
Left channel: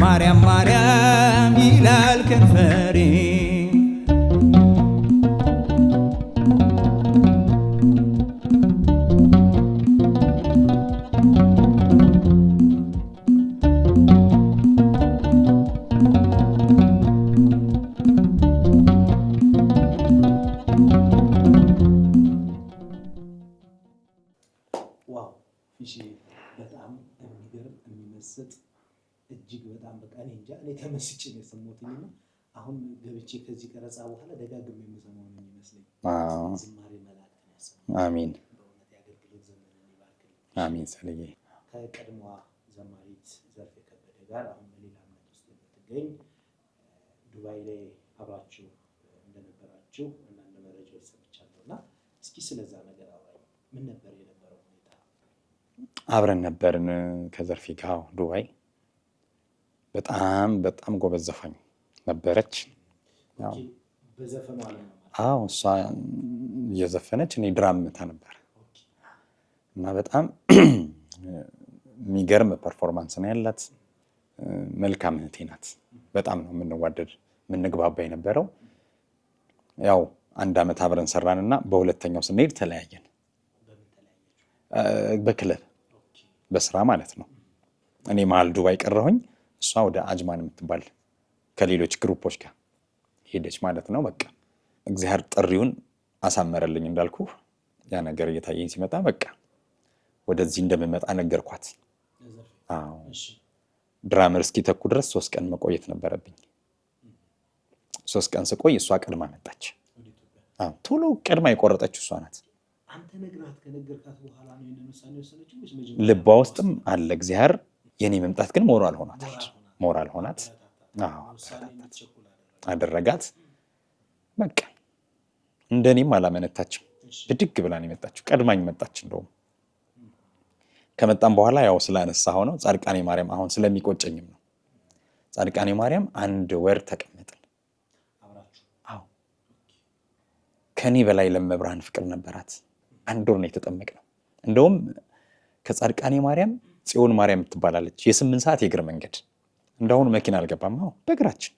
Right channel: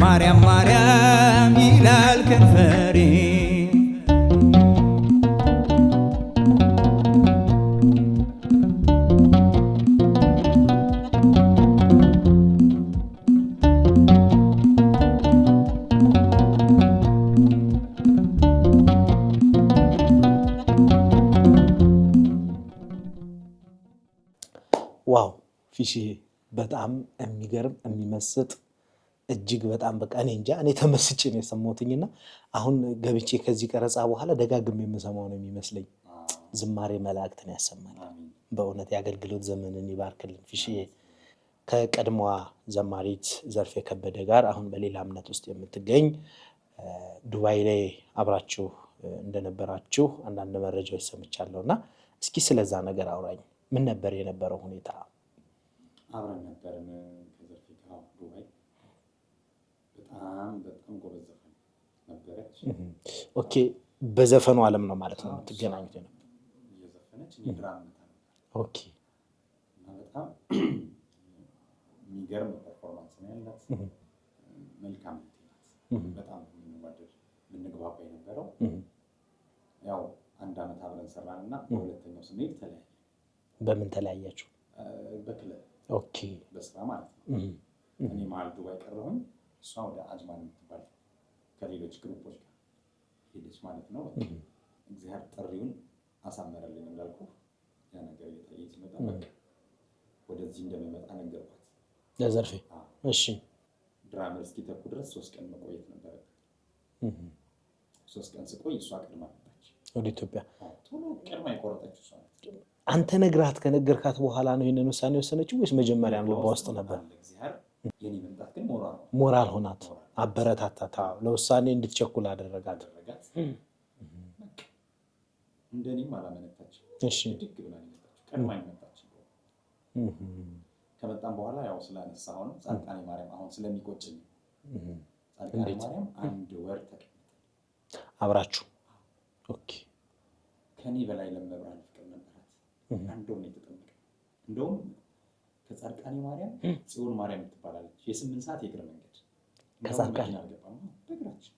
ማርያም ማርያም ይላል ከንፈሬ ዋው ፊሺ በጣም የሚገርም የሚመስጥ እጅግ በጣም በቃ እኔ እንጃ እኔ ተመስጬ ነው የሰማሁትኝና አሁን ገብቼ ከዚህ ቀረጻ በኋላ ደጋግሜ የምሰማው ነው የሚመስለኝ። ዝማሬ መላእክትን ያሰማል። አሜን። በእውነት የአገልግሎት ዘመንን ይባርክልን ፊሺ። ከቀድሞዋ ዘማሪት ዘርፌ ከበደ ጋር አሁን በሌላ እምነት ውስጥ የምትገኝ ዱባይ ላይ አብራችሁ እንደነበራችሁ አንዳንድ መረጃዎች ሰምቻለሁና እስኪ ስለዛ ነገር አውራኝ። ምን ነበር የነበረው ሁኔታ? አብረን ነበርን ከዘርፌ ጋር ዱባይ። በጣም በጣም ጎበዝ ዘፋኝ ነበረች። ኦኬ፣ በዘፈኑ ዓለም ነው ማለት ነው? አዎ፣ እሷ እየዘፈነች እኔ ድራም መታ ነበር። ኦኬ። እና በጣም የሚገርም ፐርፎርማንስ ነው ያላት። መልካም እህቴ ናት። በጣም ነው የምንዋደድ የምንግባባ የነበረው። ያው አንድ አመት አብረን ሰራንና በሁለተኛው ስንሄድ ተለያየን። በምን ተለያያችሁ? በክለብ። ኦኬ። በስራ ማለት ነው። እኔ መሀል ዱባይ ቀረሁኝ። እሷ ወደ አጅማን የምትባል ከሌሎች ግሩፖች ጋር ሄደች ማለት ነው። በቃ እግዚአብሔር ጥሪውን አሳመረልኝ እንዳልኩ ያ ነገር እየታየኝ ሲመጣ በቃ ወደዚህ እንደምመጣ ነገርኳት ለዘርፌ። እሺ። ድራመር እስኪተኩ ድረስ 3 ቀን መቆየት ነበረብኝ። 3 ቀን ስቆይ እሷ ቀድማ መጣች ወደ ኢትዮጵያ። ቶሎ ቀድማ የቆረጠችው እሷ ናት። አንተ ነግራት ከነገርካት በኋላ ነው ይሄንን ውሳኔ ወሰነችው ወይስ መጀመሪያ? ልቧ ውስጥም አለ እግዚአብሔር። የኔ መምጣት ግን ሞራል ሆናት። አበረታታት። ለውሳኔ እንድትቸኩል አደረጋት። በቃ እንደኔም አላመነታችም። ብድግ ብላ ነው የመጣችው። ቀድማኝ መጣች። እንደውም ከመጣም በኋላ ያው ስላነሳው ነው ጻድቃኔ ማርያም አሁን ስለሚቆጨኝም ነው። ጻድቃኔ ማርያም 1 ወር ተቀመጥን አብራችሁ። ኦኬ። ከኔ በላይ ለመብርሃን ፍቅር ነበራት። 1 ወር ነው የተጠመቅነው። እንደውም ከጻድቃኔ ማርያም ጽዮን ማርያም ትባላለች። የ8 ሰዓት የእግር መንገድ። እንደውም መኪና አልገባም። በእግራችን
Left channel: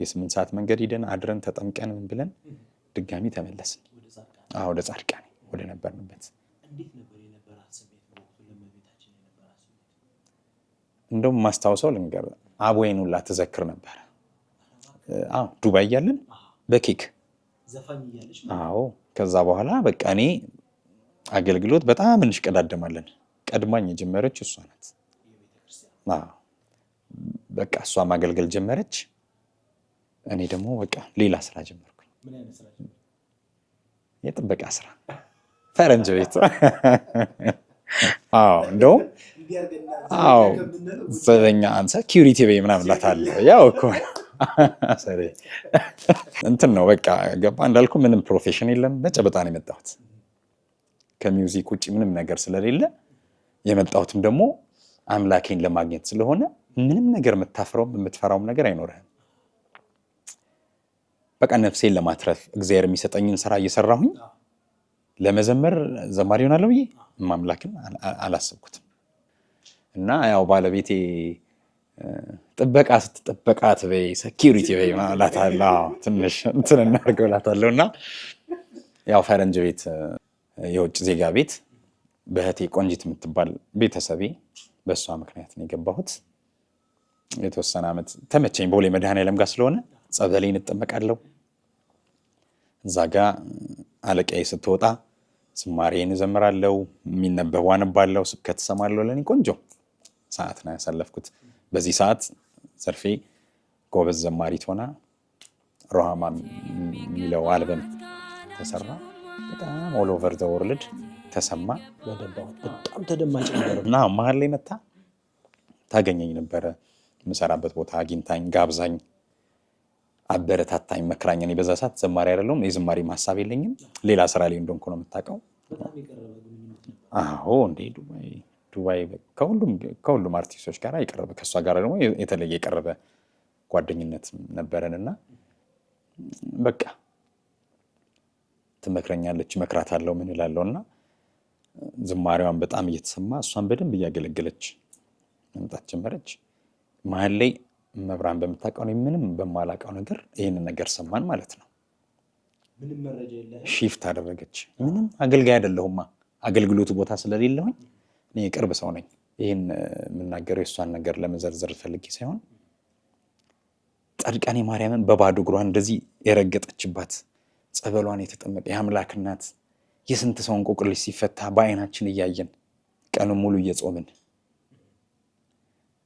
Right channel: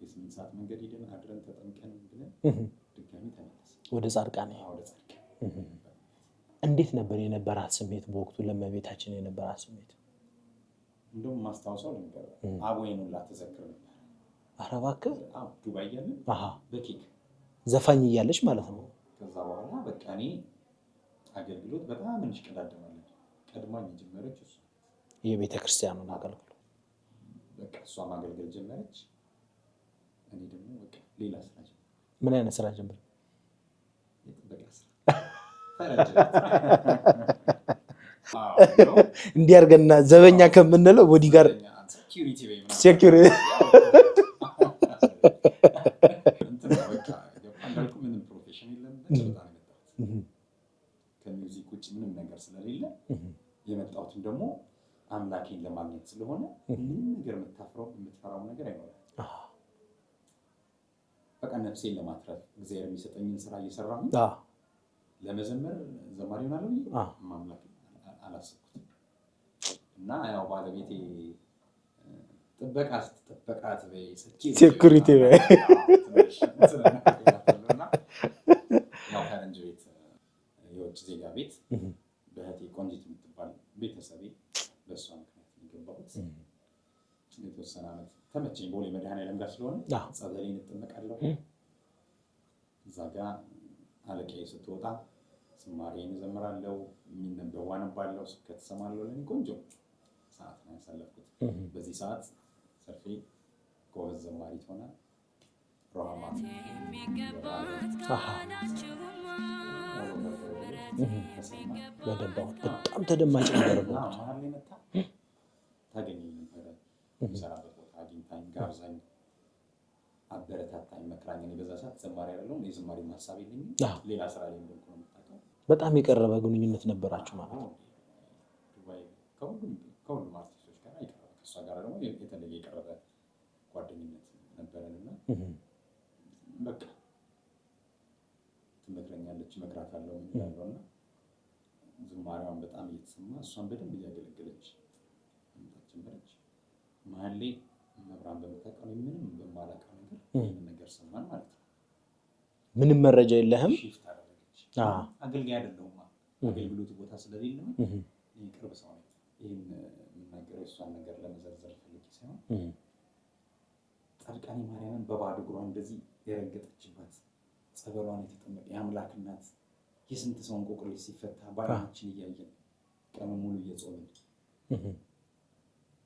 የ8 ሰዓት መንገድ ሄደን አድረን ተጠምቀን ብለን ድጋሚ ተመለስን ወደ ጻድቃኔ። ወደ ጻድቃኔ ወደ ነበርንበት። እንዴት ነበር የነበራት ስሜት በወቅቱ? ለመቤታችን የነበራት ስሜት እንደውም ማስታወሰው ልንገር፣ አቦዬን ሁላ ትዘክር ነበር። ኧረ እባክህ። ዱባይ እያለን በኬክ ዘፋኝ እያለች ማለት ነው። ከዛ በኋላ በቃ እኔ አገልግሎት በጣም እንሽቀዳደማለን። ቀድማኝ የጀመረች እሷ ናት። የቤተክርስቲያኑ በቃ እሷ ማገልገል ጀመረች። እኔ ደግሞ በቃ ሌላ ስራ ጀመርኩኝ። ምን አይነት ስራ ጀመርኩ? የጥበቃ ስራ ፈረንጅ ቤት። አዎ ነው እንዲያርገና ዘበኛ ከምንለው ቦዲጋርድ ዘበኛ ሴኩሪቲ ቤ ምናምን ያው እኮ እንትን ነው በቃ ገባ። እንዳልኩ ምንም ፕሮፌሽን የለም፣ በጨበጣ ነው የመጣሁት። ከሚውዚክ ውጪ ምንም ነገር ስለሌለ የመጣሁትም ደግሞ አምላኬን ለማግኘት ስለሆነ ምንም ነገር የምታፍረውም የምትፈራውም ነገር አይኖርህም። በቃ ነፍሴን ለማትረፍ እግዚአብሔር የሚሰጠኝን ስራ እየሰራሁኝ ለመዘመር ዘማሪ ሆናለሁ ብዬ ማምላክን አላሰብኩትም። እና ያው ባለቤቴ ጥበቃ ስትጠበቃ ትበይ ሴኩሪቲ ትንሽ እንትን እናገራታለሁ። እና ያው ፈረንጅ ቤት የውጭ ዜጋ ቤት በእህቴ ቆንጂት የምትባል ቤተሰቤ በእሷ ምክንያት ነው የገባሁት። የተወሰነ ዓመት ተመቸኝ። ቦሌ መድኃኔዓለም ጋር ስለሆነ ጸበሌን እጠመቃለሁ። እዛ ጋ አለቃዬ ስትወጣ ዝማሬን እዘምራለሁ፣ የሚነበቡ አነባለሁ፣ ስብከት እሰማለሁ። ለእኔ ቆንጆ ሰዓት ነው ያሳለፍኩት። በዚህ ሰዓት ዘርፌ ጎበዝ ዘማሪት ሆና ሮሃማ የሚለው አልበም ተሰራ። በጣም ኦል ኦቨር ዘ ወርልድ ተሰማ። በጣም ተደማጭ ነበር። እና መሀል ላይ መታ ታገኘኝ ነበረ። የምሰራበት ቦታ አግኝታኝ ጋብዛኝ አበረታታኝ መክራኝ። እኔ በዛ ሰዓት ዘማሪ አይደለሁም፣ የዝማሬ ሀሳብ የለኝም፣ ሌላ ስራ ላይ እንደሆንኩ ነው የምታውቀው። በጣም የቀረበ ግንኙነት ነበር። አዎ እንደ ዱባይ ከሁሉም አርቲስቶች ጋር የቀረበ፣ ከእሷ ጋር ደግሞ የተለየ የቀረበ ጓደኝነት ነበረንና በቃ ትመክረኛለች፣ እመክራታለሁ፣ ምን እላለሁ። እና ዝማሬዋን በጣም እየተሰማ እሷን በደንብ እያገለገለች መምጣት ጀመረች። መሀል ላይ መብራን በምታውቀው ነው ምንም በማላውቀው ነገር ይህንን ነገር ሰማን ማለት ነው። ምንም መረጃ የለህም። ሺፍት አደረገች። ምንም አገልጋይ አይደለሁማ፣ አገልግሎቱ ቦታ ስለሌለሁኝ እኔ የቅርብ ሰው ነኝ። ይህን የምናገረው የእሷን ነገር ለመዘርዘር ፈልጌ ሳይሆን ጻድቃኔ ማርያምን በባዶ እግሯ እንደዚህ የረገጠችባት ጸበሏን የተጠመቀ የአምላክ እናት የስንት ሰው እንቆቅልሽ ሲፈታ በአይናችን እያየን ቀኑ ሙሉ እየጾምን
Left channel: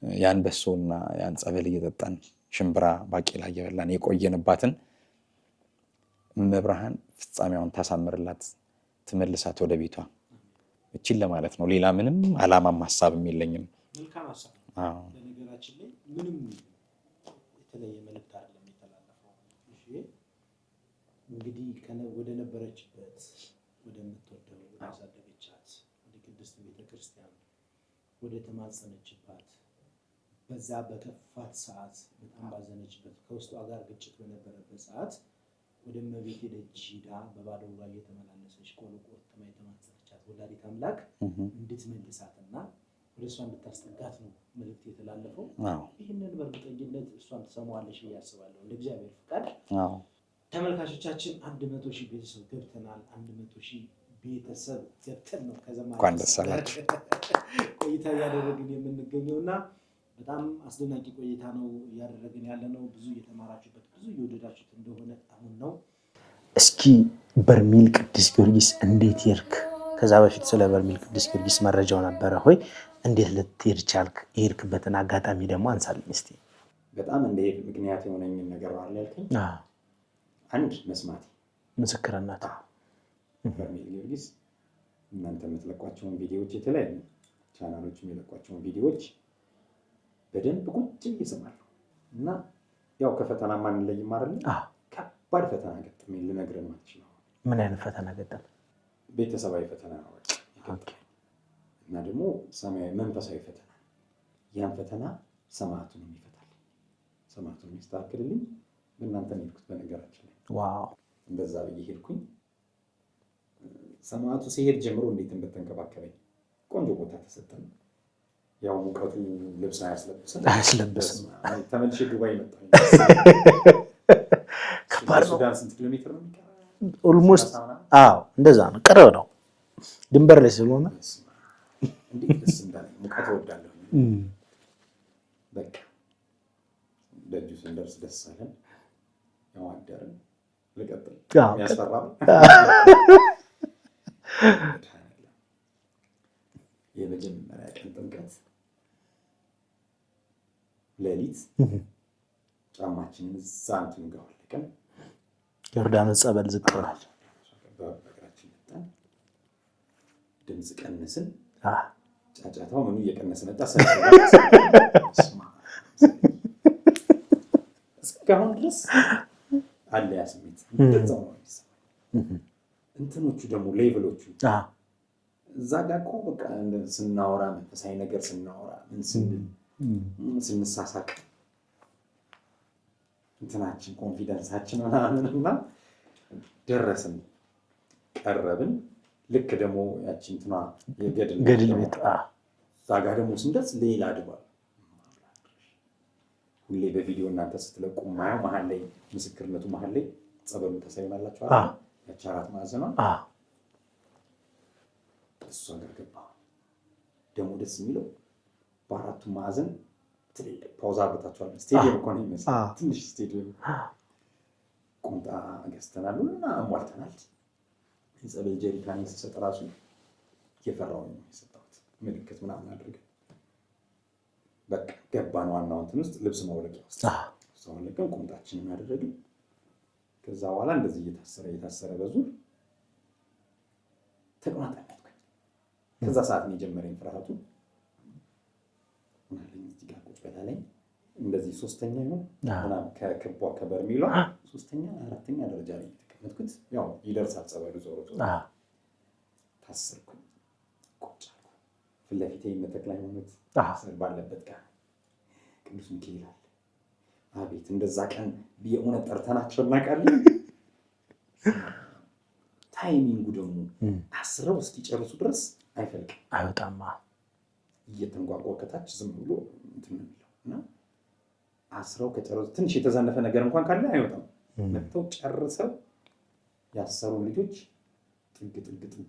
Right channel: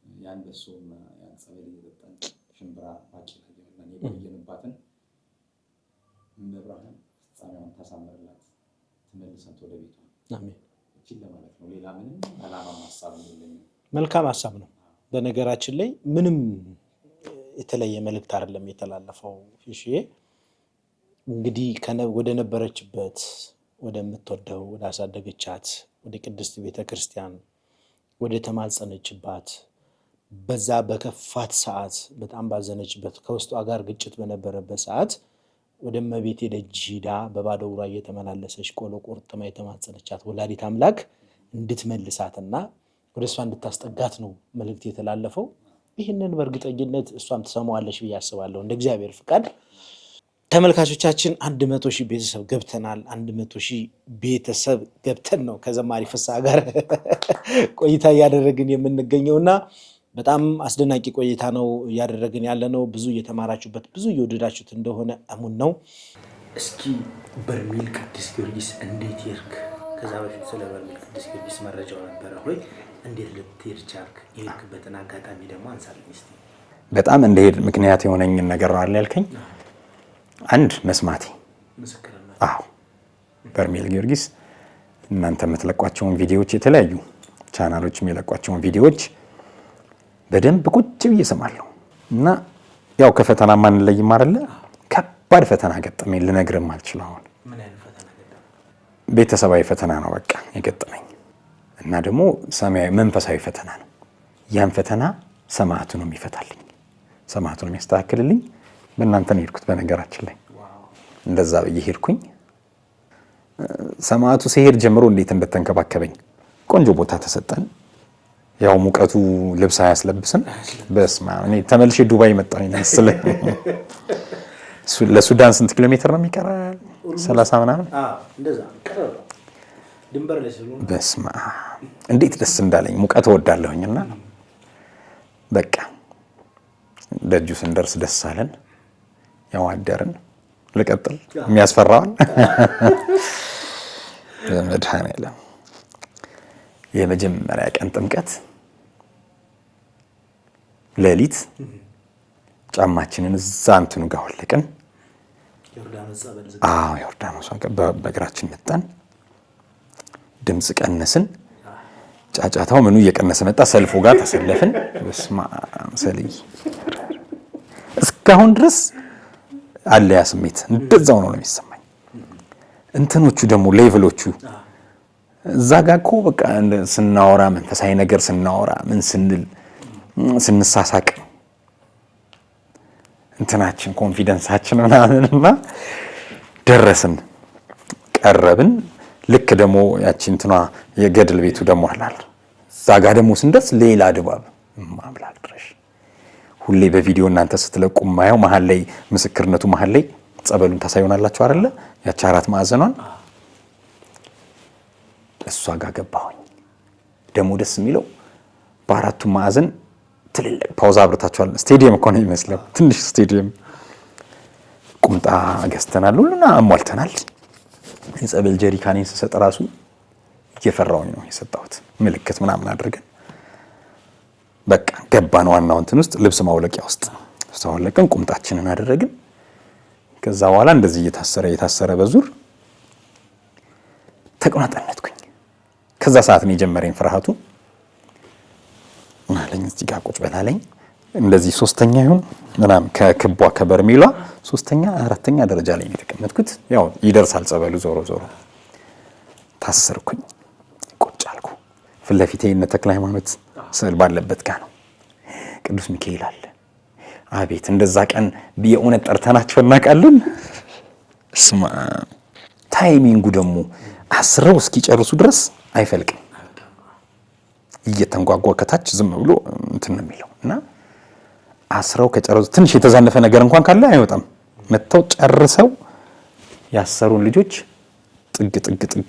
ያን በሶና ያን ጸበል እየጠጣን ሽምብራ ባቄላ እየበላን የቆየንባትን መብርሃን ፍጻሜዋን ታሳምርላት፣ ትመልሳት ወደ ቤቷ። እቺን ለማለት ነው። ሌላ ምንም አላማም ሀሳብም የለኝም። መልካም ሀሳብ ነው። በነገራችን ላይ ምንም የተለየ መልእክት አይደለም የተላለፈው። እሺ እንግዲህ ወደ ነበረችበት ወደምትወደው ወደ አሳደገቻት ወደ ቅድስት ቤተክርስቲያን ወደ ተማጸነችባት በዛ በከፋት ሰዓት በጣም ባዘነችበት ከውስጧ ጋር ግጭት በነበረበት ሰዓት ወደ እመቤቴ ደጅ ሄዳ በባዶ እግሯ እየተመላለሰች ቆሎ ቆርጥማ የተማጸነቻት ወላዲት አምላክ እንድትመልሳትና ወደ እሷ እንድታስጠጋት ነው መልእክት የተላለፈው። ይህንን በእርግጠኝነት እሷም ትሰማዋለች ብዬ አስባለሁ እንደ እግዚአብሔር ፍቃድ። ተመልካቾቻችን 100,000 ቤተሰብ ገብተናል። 100,000 ቤተሰብ ገብተን ነው ከዘማሪ ፍስሐ ጋር ቆይታ እያደረግን የምንገኘውና በጣም አስደናቂ ቆይታ ነው እያደረግን ያለነው። ብዙ እየተማራችሁበት ብዙ እየወደዳችሁት እንደሆነ አሙን ነው። እስኪ በርሜል ቅዱስ ጊዮርጊስ እንዴት ይርክ? ከዛ በፊት ስለ በርሜል ቅዱስ ጊዮርጊስ መረጃው ነበረ ሆይ? እንዴት ልትሄድ ቻልክ? የሄድክበትን አጋጣሚ ደግሞ አንሳልኝ እስቲ። በጣም እንደሄድ ምክንያት የሆነኝን ነገር ነው አይደል ያልከኝ? አንድ መስማቴ ምስክርነት። አዎ በርሜል ጊዮርጊስ እናንተ የምትለቋቸውን ቪዲዮዎች የተለያዩ ቻናሎች የሚለቋቸውን ቪዲዮዎች በደንብ ቁጭ ብዬ እሰማለሁ እና ያው ከፈተና ማንለይም አይደለ? ከባድ ፈተና ገጠመኝ፣ ልነግርም አልችልም። አሁን ምን አይነት ፈተና ገጠመኝ? ቤተሰባዊ ፈተና ነው በቃ የገጠመኝ እና ደግሞ ሰማያዊ መንፈሳዊ ፈተና ነው። ያን ፈተና ሰማዕቱ ነው የሚፈታልኝ፣ ሰማዕቱ ነው የሚያስተካክልልኝ። በእናንተ ነው የሄድኩት። በነገራችን ላይ እንደዛ ብዬ ሄድኩኝ። ሰማዕቱ ሲሄድ ጀምሮ እንዴት እንደተንከባከበኝ ቆንጆ ቦታ ተሰጠን። ያው ሙቀቱ ልብስ አያስለብስም። በስማ እኔ ተመልሼ ዱባይ መጣሁ ይመስል። ለሱዳን ስንት ኪሎ ሜትር ነው የሚቀረው? 30 ምናምን። አዎ እንደዛ ነው፣ ቅርብ ነው ድንበር ላይ ስለሆነ። በስማ እንዴት ደስ እንዳለኝ። ሙቀት እወዳለሁኝና በቃ ደጁ ስንደርስ ደስ አለን። ያው አደርን። ልቀጥል የሚያስፈራውን መድኃኔዓለም የመጀመሪያ ቀን ጥምቀት ሌሊት ጫማችንን እዛ እንትኑ ጋር ወለቅን። ዮርዳኖስ ጸበል ዝቅ ዮርዳኖስ በእግራችን መጣን። ድምፅ ቀነስን። ጫጫታው ምኑ እየቀነሰ መጣ። ሰልፉ ጋር ተሰለፍን። በስመ አብ ሰልይ እስካሁን ድረስ አለ ያ ስሜት። እንደዛው ነው የሚሰማኝ። እንትኖቹ ደግሞ ሌቭሎቹ እዛ ጋር እኮ በቃ ስናወራ መንፈሳዊ ነገር ስናወራ ምን ስንል ስንሳሳቅ እንትናችን ኮንፊደንሳችን ምናምንና ደረስን ቀረብን። ልክ ደግሞ ያቺ እንትኗ የገድል ቤቱ ደግሞ አለ። እዛ ጋር ደግሞ ስንደርስ ሌላ ድባብ ማምላክ ድረሽ ሁሌ በቪዲዮ እናንተ ስትለቁ ማየው መሀል ላይ ምስክርነቱ መሀል ላይ ጸበሉን ታሳዩናላችሁ አይደለ? ያቺ 4 ማዕዘኗን እሷ ጋር ገባሁኝ። ደግሞ ደስ የሚለው በ4ቱ ማዕዘን ትልልቅ ፓውዛ አብርታችኋል። ስቴዲየም እኮ ነው የሚመስለው፣ ትንሽ ስቴዲየም። ቁምጣ ገዝተናል፣ ሁሉና አሟልተናል። የጸበል ጀሪካኔን ስሰጥ ራሱ እየፈራሁኝ ነው የሰጣሁት። ምልክት ምናምን አድርገን በቃ ገባን። ዋናው እንትን ውስጥ ልብስ ማውለቂያ ውስጥ ተወለቀን፣ ቁምጣችንን አደረግን። ከዛ በኋላ እንደዚህ እየታሰረ በዙር ተቆናጠነትኩኝ። ከዛ ሰዓት ነው የጀመረኝ ፍርሃቱ። ማለኝ እዚህ ጋር ቁጭ በላለኝ። እንደዚህ 3ኛ ይሁን ምናምን ከክቧ ከበርሜሏ 3ኛ 4ኛ ደረጃ ላይ ነው የተቀመጥኩት። ያው ይደርሳል ጸበሉ ዞሮ ታሰርኩኝ። ቁጭ አልኩ። ፊት ለፊቴ እነ ተክለ ሃይማኖት ስዕል ባለበት ጋር ነው። ቅዱስ ሚካኤል አለ። አቤት እንደዛ ቀን የእውነት ጠርተናቸው እናውቃለን። ስማ ታይሚንጉ ደግሞ አስረው እስኪጨርሱ ድረስ አይፈልቅም። እየተንጓጓ ከታች ዝም ብሎ እንትን ነው የሚለው እና አስረው ከጨረሱ ትንሽ የተዛነፈ ነገር እንኳን ካለ አይወጣም። መተው ጨርሰው ያሰሩን ልጆች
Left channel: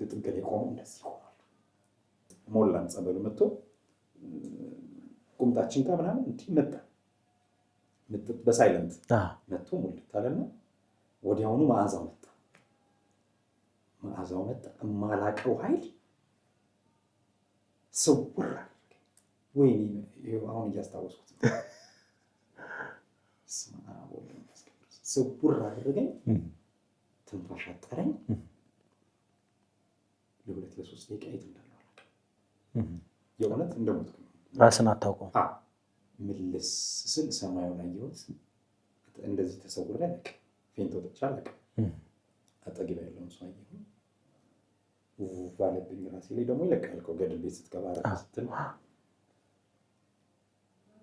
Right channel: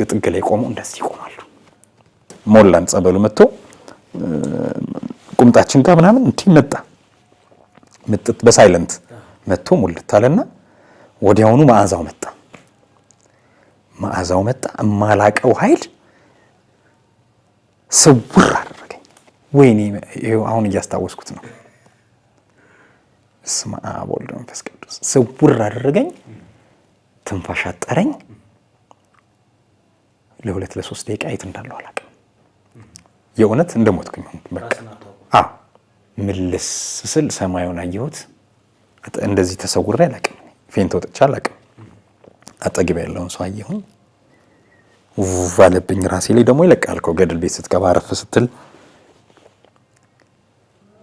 ጥግ ላይ ቆመው እንደዚህ ይቆማሉ። ሞላን ጸበሉ መጥቶ ቁምጣችን ጋር ምናምን እንትን መጣ። ምጥት በሳይለንት መጥቶ ሙልት አለና ወዲያውኑ መዓዛው መጣ። የማላቀው ኃይል ስውር አደረገኝ። ወይኔ ይሄው አሁን እያስታወስኩት ነው። በስመ አብ ወወልድ ወመንፈስ ቅዱስ። ስውር አደረገኝ። ትንፋሽ አጠረኝ። ለ2-3 ደቂቃ የት እንዳለው አላውቅም። የእውነት እንደሞትኩኝ ራስን አታውቀው። ምልስ ስል ሰማዩን አየሁት። እንደዚህ ተሰውሬ አላውቅም። ፌንት ወጥቼ አላውቅም። አጠገብ ያለውን ሰው አየሁኝ። ባለብኝ ራሴ ላይ ደግሞ ይለቃል እኮ ገድል ቤት ስትገባ አረፍ ስትል።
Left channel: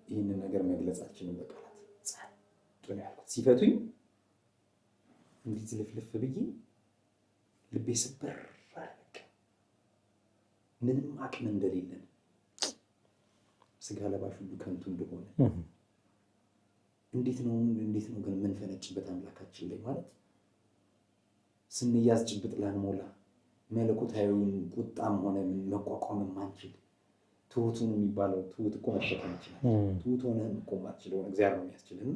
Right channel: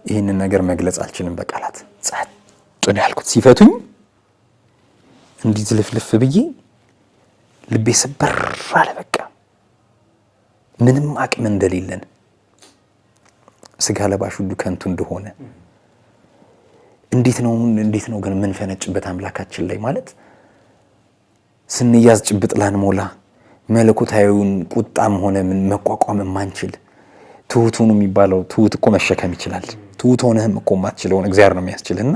ይህንን ነገር መግለጽ አልችልም በቃላት። ጸጥ ነው ያልኩት። ሲፈቱኝ እንዲህ ዝልፍልፍ ብዬ ልቤ ስበር አለ። በቃ ምንም አቅም እንደሌለን፣ ስጋ ለባሽ ሁሉ ከንቱ እንደሆነ፣ እንዴት ነው ግን የምንፈነጭበት አምላካችን ላይ ማለት ስንያዝ ጭብጥ ላንሞላ መለኮታዊውን ቁጣም ሆነ ምን መቋቋም የማንችል ትሁቱን የሚባለው ትሁት እኮ መሸከም ይችላል። ትሁት ሆነህም እኮ የማትችለውን እግዚአብሔር ነው የሚያስችልና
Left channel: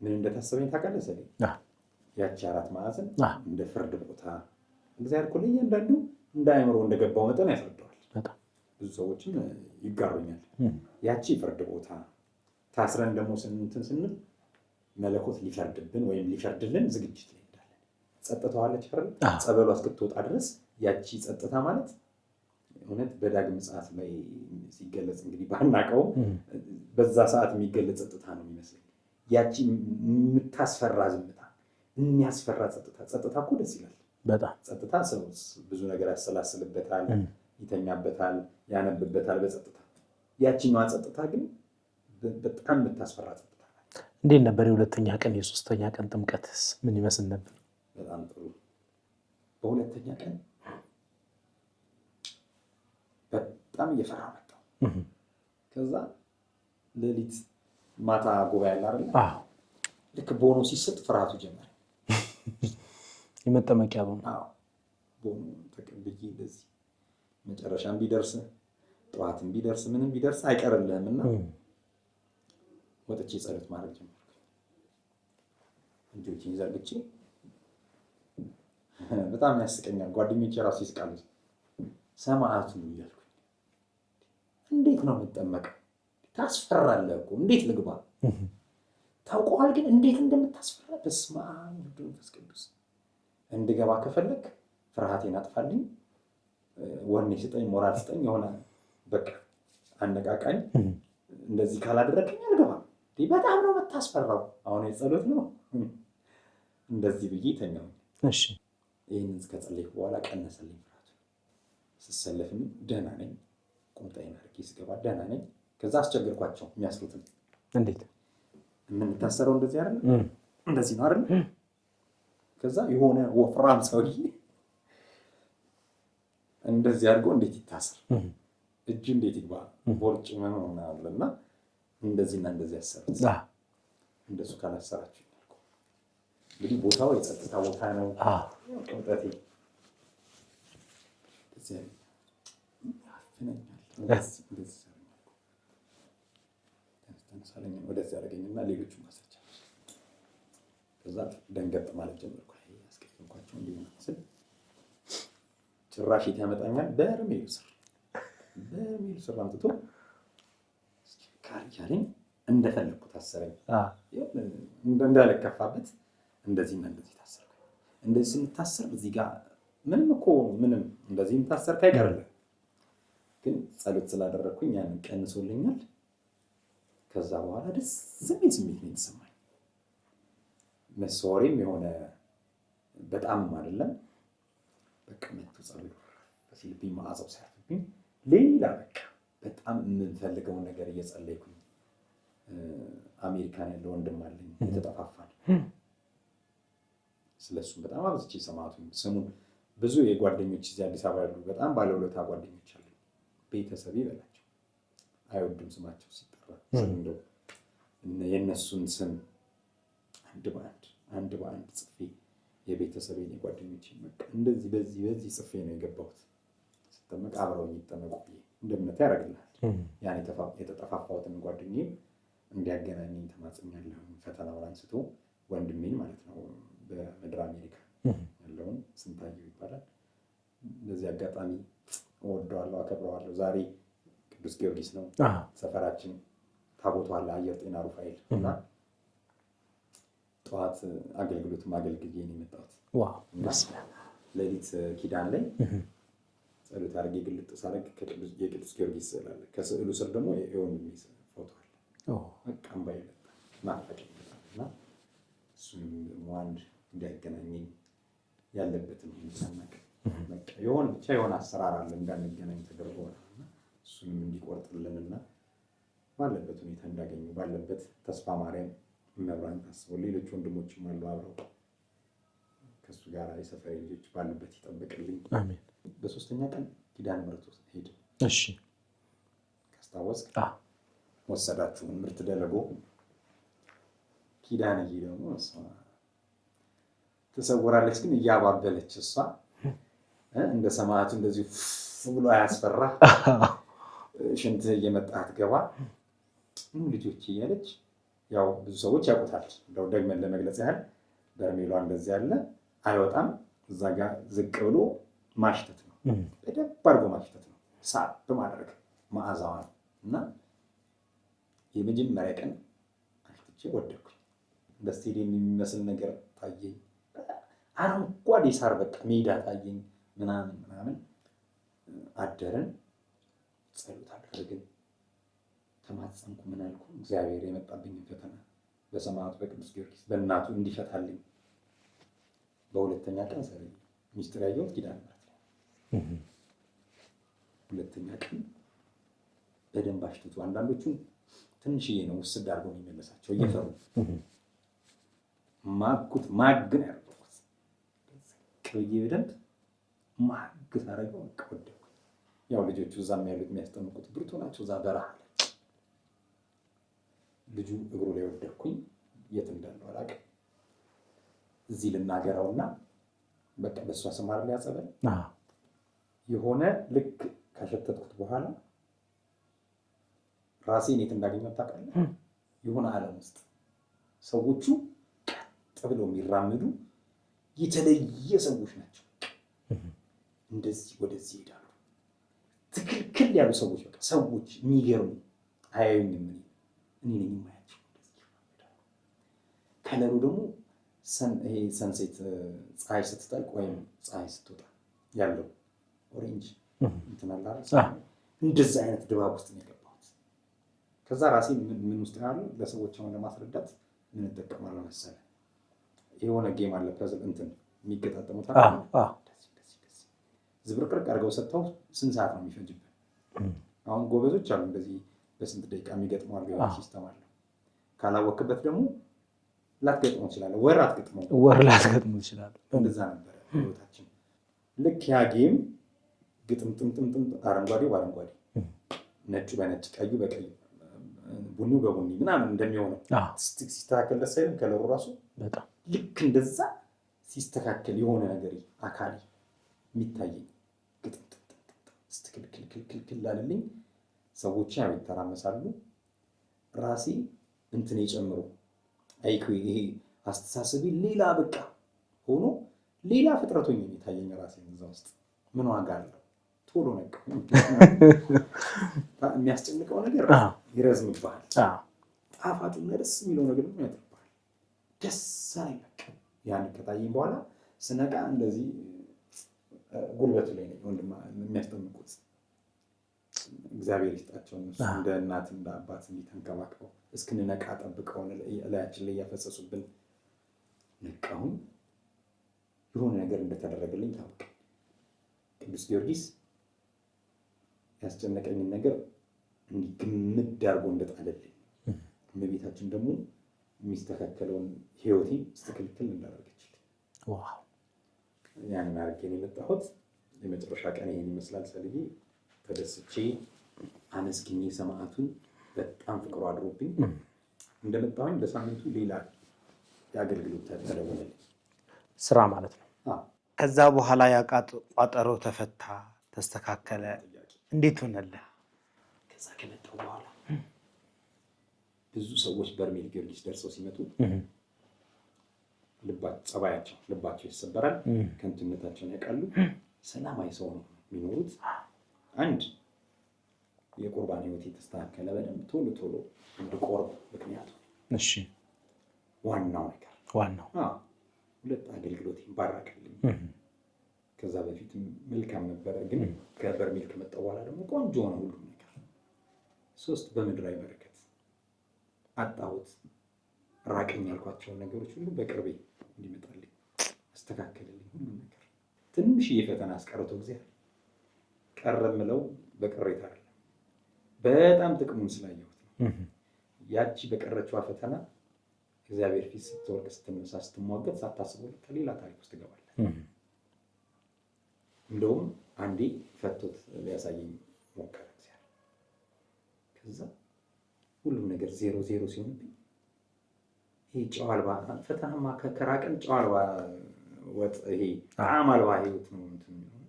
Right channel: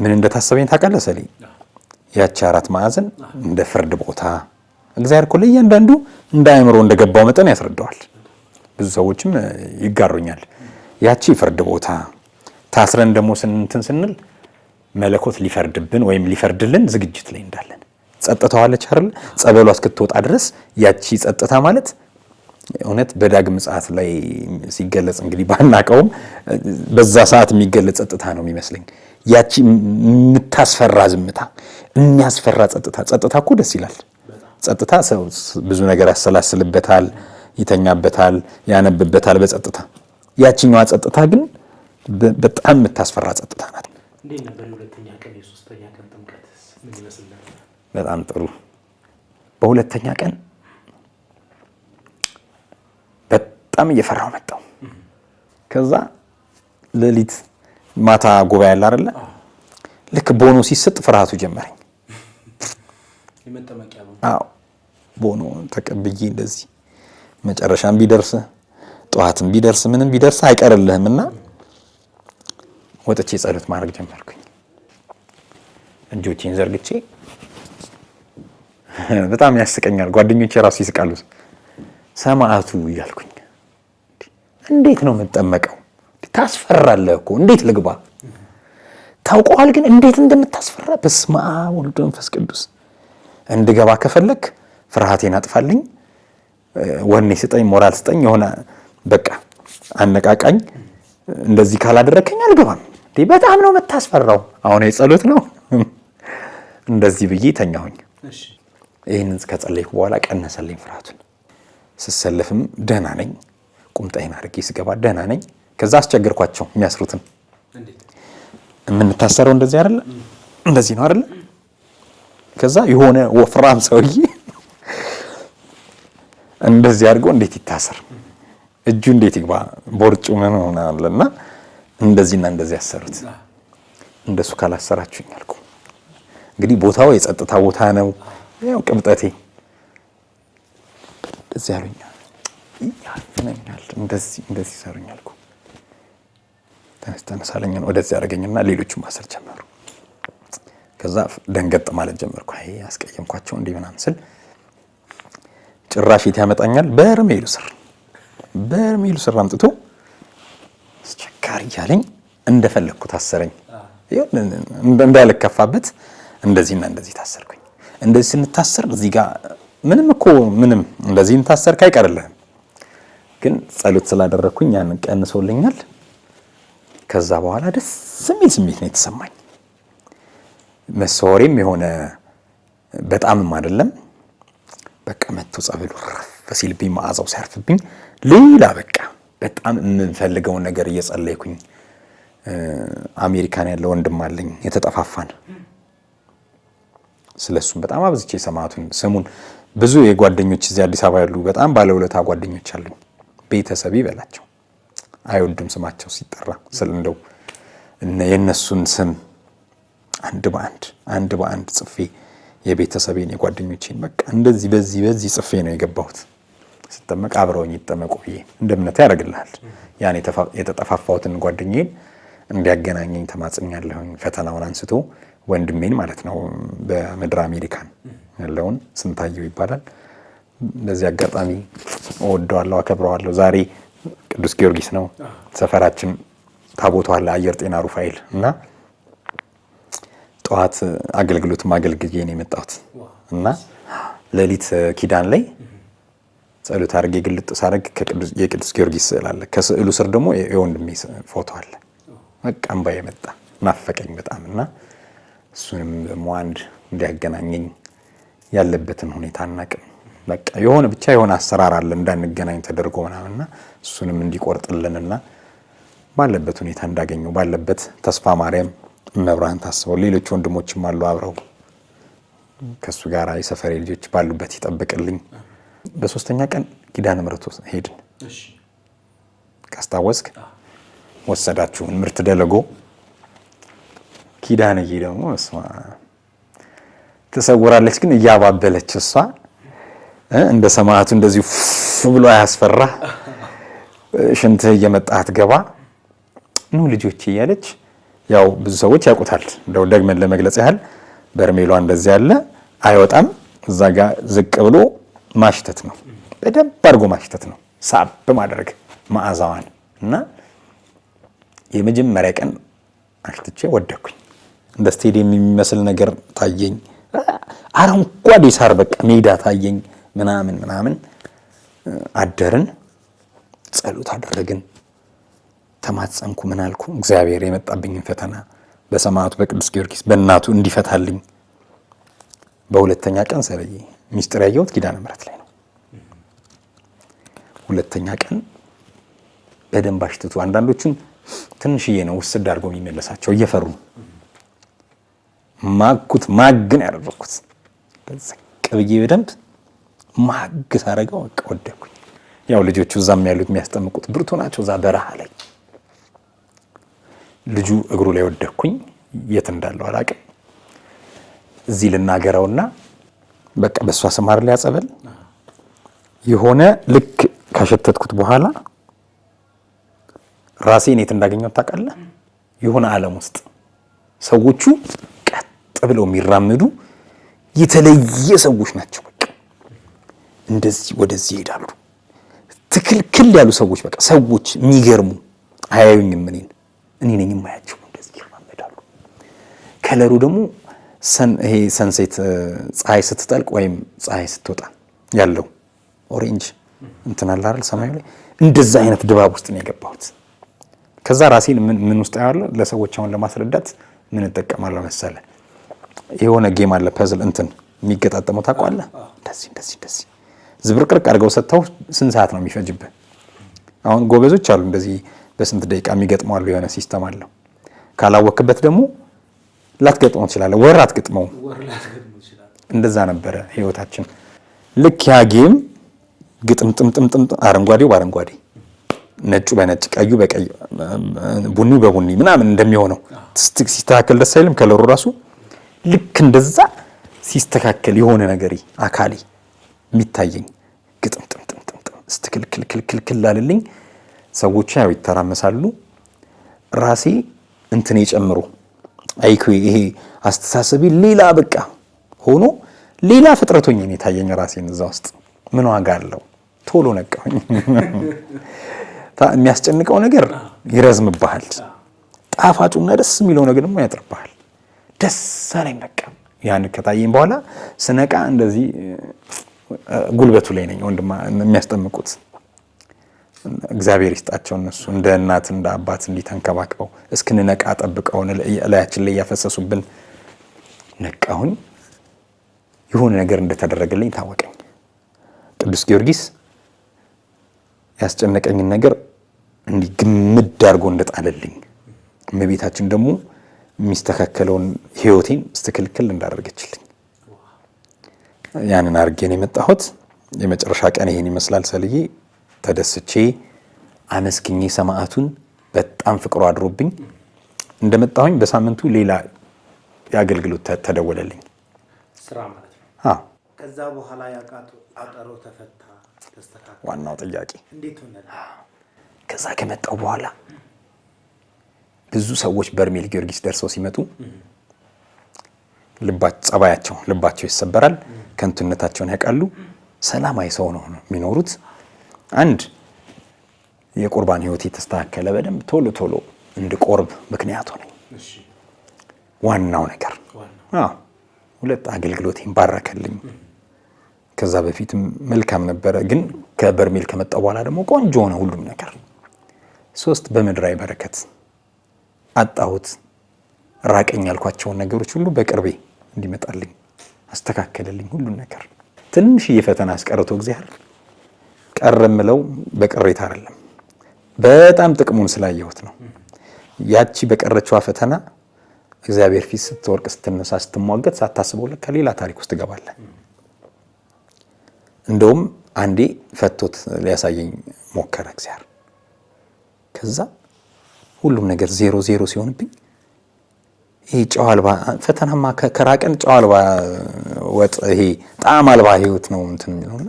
ምን እንደታሰበኝ ታውቃለህ ሰሊ? ያቺ 4 ማዕዘን እንደ ፍርድ ቦታ እግዚአብሔር እኮ ለእያንዳንዱ እንደ አእምሮ እንደገባው መጠን ያስረዳዋል። ብዙ ሰዎችም ይጋሩኛል። ያቺ ፍርድ ቦታ ታስረን ደግሞ ስንል መለኮት ሊፈርድብን ወይም ሊፈርድልን ዝግጅት ላይ እንዳለን ጸጥታዋለች አይደል? ጸበሏ እስክትወጣ ድረስ ያቺ ጸጥታ ማለት እውነት በዳግም ምጽአት ላይ ሲገለጽ እንግዲህ ባናቀውም በዛ ሰዓት የሚገለጽ ጸጥታ ነው የሚመስለኝ። ያቺ የምታስፈራ ዝምታ፣ የሚያስፈራ ጸጥታ እኮ ደስ ይላል። ጸጥታ ሰው ብዙ ነገር ያሰላስልበታል፣ ይተኛበታል፣ ያነብበታል በጸጥታ። ያቺኛዋ ጸጥታ ግን በጣም የምታስፈራ ጸጥታ ናት። እንዴት ነበር የ2ኛ ቀን የ3ኛ ቀን ጥምቀትስ ምን ይመስል ነበር? በጣም ጥሩ። በ2ኛ ቀን በጣም እየፈራው መጣው። ከዛ ሌሊት ማታ ጉባኤ አለ አይደለ? ልክ ቦኖ ሲሰጥ ፍርሃቱ ጀመረኝ። የመጠመቂያ ቦኖ? አዎ ቦኖ ተቀብዬ እንደዚህ መጨረሻም ቢደርስ ጠዋትም ቢደርስ ምንም ቢደርስ አይቀርልህምና ወጥቼ ጸሎት ማድረግ ጀመርኩኝ። እጆቼን ዘርግቼ በጣም ያስቀኛል። ጓደኞቼ ራሱ ይስቃሉ። ሰማዕቱ እያልኩኝ እንዴት ነው የምጠመቀው? ታስፈራለህ እኮ እንዴት ልግባ? ታውቀዋል። ግን እንዴት እንደምታስፈራ በስመ አብ ወልድ መንፈስ ቅዱስ። እንድገባ ከፈለክ ፍርሃቴን አጥፋልኝ፣ ወኔ ስጠኝ፣ ሞራል ስጠኝ፣ የሆነ በቃ አነቃቃኝ። እንደዚህ ካላደረከኝ አልገባም። በጣም ነው የምታስፈራው። አሁን የጸሎት ነው። እንደዚህ ብዬ ተኛሁኝ። ይህንን ከጸለይኩ በኋላ ቀነሰልኝ ፍርሃቱን። ስሰለፍም ደህና ነኝ። ቁምጣዬን አድርጌ ስገባ ደህና ነኝ። ከዛ አስቸገርኳቸው የሚያስሩትን። የምንታሰረው እንደዚህ አይደለ? እንደዚህ ነው አይደለ? ከዛ የሆነ ወፍራም ሰውዬ እንደዚህ አድርጎ እንዴት ይታሰር፣ እጁ እንዴት ይግባ፣ ቦርጩ ምን ሆናለና እንደዚህና እንደዚህ ያሰሩት። እንደሱ ካላሰራችሁኝ አልኩ። እንግዲህ ቦታው የጸጥታ ቦታ ነው። ያው ቅብጠቴ እንደዚህ ያሉኛል፣ ያልፈኛል፣ እንደዚህ ሰሩኛል አልኩ። ተነሳለኝ ወደዚህ ያደረገኝና ሌሎቹ ማሰር ጀመሩ። ከዛ ደንገጥ ማለት ጀመርኩ። አይ አስቀየምኳቸው እንዲህ ምናምን ስል ጭራሽ የት ያመጣኛል? በርሜሉ ስር አምጥቶ አስቸጋሪ እያለኝ እንደፈለግኩ ታሰረኝ። እንዳልከፋበት እንደዚህና እንደዚህ ታሰርኩኝ። እንደዚህ ስንታሰር እዚህ ጋር ምንም እንደዚህ እንታሰርክ አይቀርልህም። ግን ጸሎት ስላደረግኩኝ ያንን ቀንሶልኛል። ከዛ በኋላ ደስ የሚል ስሜት ነው የተሰማኝ። መሰወሬም የሆነ በጣምም አይደለም። በቃ መጥቶ ጸበሉ ረፍ ሲልብኝ መዓዛው ሲያርፍብኝ ሌላ በቃ በጣም የምንፈልገውን ነገር እየጸለይኩኝ። አሜሪካን ያለ ወንድም አለኝ የተጠፋፋን። ስለሱም በጣም አብዝቼ ሰማዕቱን ስሙን ብዙ የጓደኞች እዚህ አዲስ አበባ ያሉ በጣም ባለውለታ ጓደኞች አሉኝ። ቤተሰብ ይበላቸው አይወድም ስማቸው ሲጠራ እንደው የነሱን ስም አንድ በአንድ ጽፌ የቤተሰቤን የጓደኞቼን በቃ እንደዚህ በዚህ ጽፌ ነው የገባሁት። ስጠመቅ አብረውኝ ይጠመቁ ብዬ እንደ እምነት ያደርግልሃል። ያን የተጠፋፋሁትን ጓደኛዬን እንዲያገናኘኝ ተማጽኛለሁኝ። ፈተናውን አንስቶ ወንድሜን ማለት ነው በምድር አሜሪካን ያለውን ስንታየው ይባላል። በዚህ አጋጣሚ እወደዋለሁ፣ አከብረዋለሁ። ዛሬ ቅዱስ ጊዮርጊስ ነው ሰፈራችን ታቦቱ አለ አየር ጤና ሩፋኤል እና ጠዋት አገልግሎት ማገልግዬ ነው የመጣሁት እና ሌሊት ኪዳን ላይ ጸሎት አድርጌ ግልጥ ሳደርግ የቅዱስ ጊዮርጊስ ስዕል አለ። ከስዕሉ ስር ደግሞ የወንድሜ ፎቶ አለ። በቃ እምባዬ መጣ፣ ናፈቀኝ በጣም እና እሱንም ደግሞ አንድ እንዲያገናኘኝ ያለበትን ሁኔታ አናውቅም። በቃ የሆነ አሰራር አለ እንዳንገናኝ ተደርጎ ምናምንና እሱንም እንዲቆርጥልንና ባለበት ሁኔታ እንዳገኘው ባለበት ተስፋ ማርያም መብራን ታስበው ሌሎች ወንድሞችም አሉ አብረው ከሱ ጋር የሰፈሬ ልጆች ባሉበት ይጠብቅልኝ። በሶስተኛ ቀን ኪዳነ ምሕረት ሄድን። ካስታወስክ ወሰዳችሁን ምርት ደለጎ ኪዳንዬ ደግሞ ተሰውራለች። ግን እያባበለች እሷ እንደ ሰማዕቱ እንደዚህ ብሎ አያስፈራ። ሽንት እየመጣት ገባ ኑ ልጆች እያለች ያው ብዙ ሰዎች ያውቁታል። እንደው ደግመን ለመግለጽ ያህል በርሜሏ እንደዚህ ያለ አይወጣም። እዛ ጋር ዝቅ ብሎ ማሽተት ነው፣ በደንብ አድርጎ ማሽተት ነው፣ ሳብ ማድረግ መዓዛዋን እና የመጀመሪያ ቀን አሽትቼ ወደኩኝ። እንደ ስቴዲየም የሚመስል ነገር ታየኝ። አረንጓዴ ሳር በቃ ሜዳ ታየኝ። ምናምን አደርን፣ ጸሎት አደረግን፣ ተማጸንኩ። ምን አልኩ? እግዚአብሔር የመጣብኝን ፈተና በሰማዕቱ በቅዱስ ጊዮርጊስ በእናቱ እንዲፈታልኝ። በሁለተኛ ቀን ሰለዬ ሚስጥር ያየሁት ኪዳነ ምሕረት ላይ ነው። ሁለተኛ ቀን በደንብ አሽትቱ። አንዳንዶቹን ትንሽዬ ነው ውስድ አድርገው የሚመለሳቸው እየፈሩ ማግን ያደረኩት ቀብዬ በደንብ ማግ ሳረገው በቃ ወደኩኝ። ያው ልጆቹ እዛም ያሉት የሚያስጠምቁት ብርቱ ናቸው። እዛ በረሃ ላይ ልጁ እግሩ ላይ ወደኩኝ። የት እንዳለው አላውቅም። እዚህ ልናገረውና በቃ በሷ ስማር ላይ ያጸበል የሆነ ልክ ካሸተትኩት በኋላ ራሴን የት እንዳገኘው ታውቃለህ? የሆነ ዓለም ውስጥ ሰዎቹ ቀጥ ብለው የሚራመዱ የተለየ ሰዎች ናቸው። በቃ እንደዚህ ወደዚህ ይሄዳሉ። ትክልክል ያሉ ሰዎች በቃ ሰዎች የሚገርሙ አያዩኝም። እኔ ነኝ የማያቸው። እንደዚህ ይራመዳሉ። ከለሩ ደግሞ ይሄ ሰንሴት ፀሐይ ስትጠልቅ ወይም ፀሐይ ስትወጣ ያለው ኦሬንጅ እንትን አለ አይደል ሰማዩ ላይ እንደዛ አይነት ድባብ ውስጥ ነው የገባሁት። ከዛ ራሴን ምን ውስጥ ያለው ለሰዎች አሁን ለማስረዳት ምን እጠቀማለሁ መሰለ የሆነ ጌም አለ ፐዝል እንትን የሚገጣጠመው ታውቃለህ እንደዚህ ዝብርቅርቅ አድርገው ሰጥተው ስንት ሰዓት ነው የሚፈጅብህ? አሁን ጎበዞች አሉ እንደዚህ በስንት ደቂቃ የሚገጥመው አሉ የሆነ ሲስተም አለው። ካላወክበት ደግሞ ላትገጥመው ትችላለህ፣ ወር ላትገጥመው ትችላለህ። እንደዛ ነበረ ህይወታችን። ልክ ያ ጌም ግጥምጥምጥምጥም አረንጓዴው በአረንጓዴ ነጩ በነጭ ቀዩ በቀይ ቡኒ በቡኒ ምናምን እንደሚሆነው ሲስተካከል ደስ አይልም? ከለሩ ራሱ ልክ እንደዛ ሲስተካከል የሆነ ነገር አካሌ የሚታየኝ ግጥምጥምጥምጥም ስትክልክልክልክል አለልኝ። ሰዎች ያው ይተራመሳሉ። ራሴ እንትን ጨምሮ አይኩ ይሄ አስተሳሰቢ ሌላ በቃ ሆኖ ሌላ ፍጥረቶኝ ነው የታየኝ ራሴን እዛ ውስጥ። ምን ዋጋ አለው? ቶሎ ነቃሁኝ። የሚያስጨንቀው ነገር ይረዝምብሃል፣ ጣፋጩና ደስ የሚለው ነገር ደግሞ ያጥርብሃል። ደስ አለኝ በቃ ያን ከታየኝ በኋላ ስነቃ እንደዚህ ጉልበቱ ላይ ነኝ። ወንድማ የሚያስጠምቁት እግዚአብሔር ይስጣቸው እነሱ እንደ እናት እንደ አባት እንዲተንከባክበው እስክንነቃ ጠብቀውን ላያችን ላይ ያፈሰሱብን። ነቃሁኝ። የሆነ ነገር እንደተደረገልኝ ታወቀኝ። ቅዱስ ጊዮርጊስ ያስጨነቀኝን ነገር እንዲህ ግምድ አድርጎ እንደጣለልኝ፣ እመቤታችን ደግሞ የሚስተካከለውን ህይወቴን ስትክልክል እንዳደረገችልኝ ያንን አድርጌ ነው የመጣሁት። የመጨረሻ ቀን ይሄን ይመስላል ሰልዬ ተደስቼ አመስግኜ ሰማዕቱን በጣም ፍቅሩ አድሮብኝ እንደመጣሁኝ በሳምንቱ ሌላ የአገልግሎት ተደወለልኝ። ስራ ማለት ነው። አዎ። ከዛ በኋላ ቋጠሮ ተፈታ፣ ተስተካከለ። ዋናው ጥያቄ እንዴት ሆነልህ? ከዛ ከመጣሁ በኋላ ብዙ ሰዎች በርሜል ጊዮርጊስ ደርሰው ሲመጡ ልባቸው ይሰበራል፣ ከንቱነታቸውን ያውቃሉ። ሰላማዊ ሰው ነው የሚኖሩት። አንድ የቁርባን ህይወት የተስተካከለ በደንብ ቶሎ እንድቆርብ ምክንያት ሆነኝ። እሺ ዋናው ነገር ሁለት አገልግሎቴን ባረከልኝ። ከዛ በፊትም መልካም ነበረ፣ ግን ከበርሜል ከመጣው በኋላ ደግሞ ቆንጆ ሆነ ሁሉም ነገር። ሶስት በምድራዊ በረከት አጣሁት። ራቀኝ ያልኳቸውን ነገሮች ሁሉ በቅርቤ እንዲመጣልኝ አስተካከለልኝ ሁሉን ነገር። ትንሽዬ ፈተና አስቀርቶ እግዚአብሔር ቀረምለው በቅሬታ አይደለም፣ በጣም ጥቅሙን ስላየሁት ነው። ያቺ በቀረችዋ ፈተና እግዚአብሔር ፊት ስትወርቅ ስትነሳ ስትሟገት ሳታስበው ለካ ሌላ ታሪክ ውስጥ ትገባለህ። እንደውም አንዴ ፈቶት ሊያሳየኝ ሞከረ እግዚአብሔር። ከዛ ሁሉም ነገር ዜሮ ሲሆንብኝ ይሄ ጨው አልባ ፈተናማ ከራቀን ጨው አልባ ወጥ ይሄ ጣዕም አልባ ህይወት ነው እንትን የሚለውና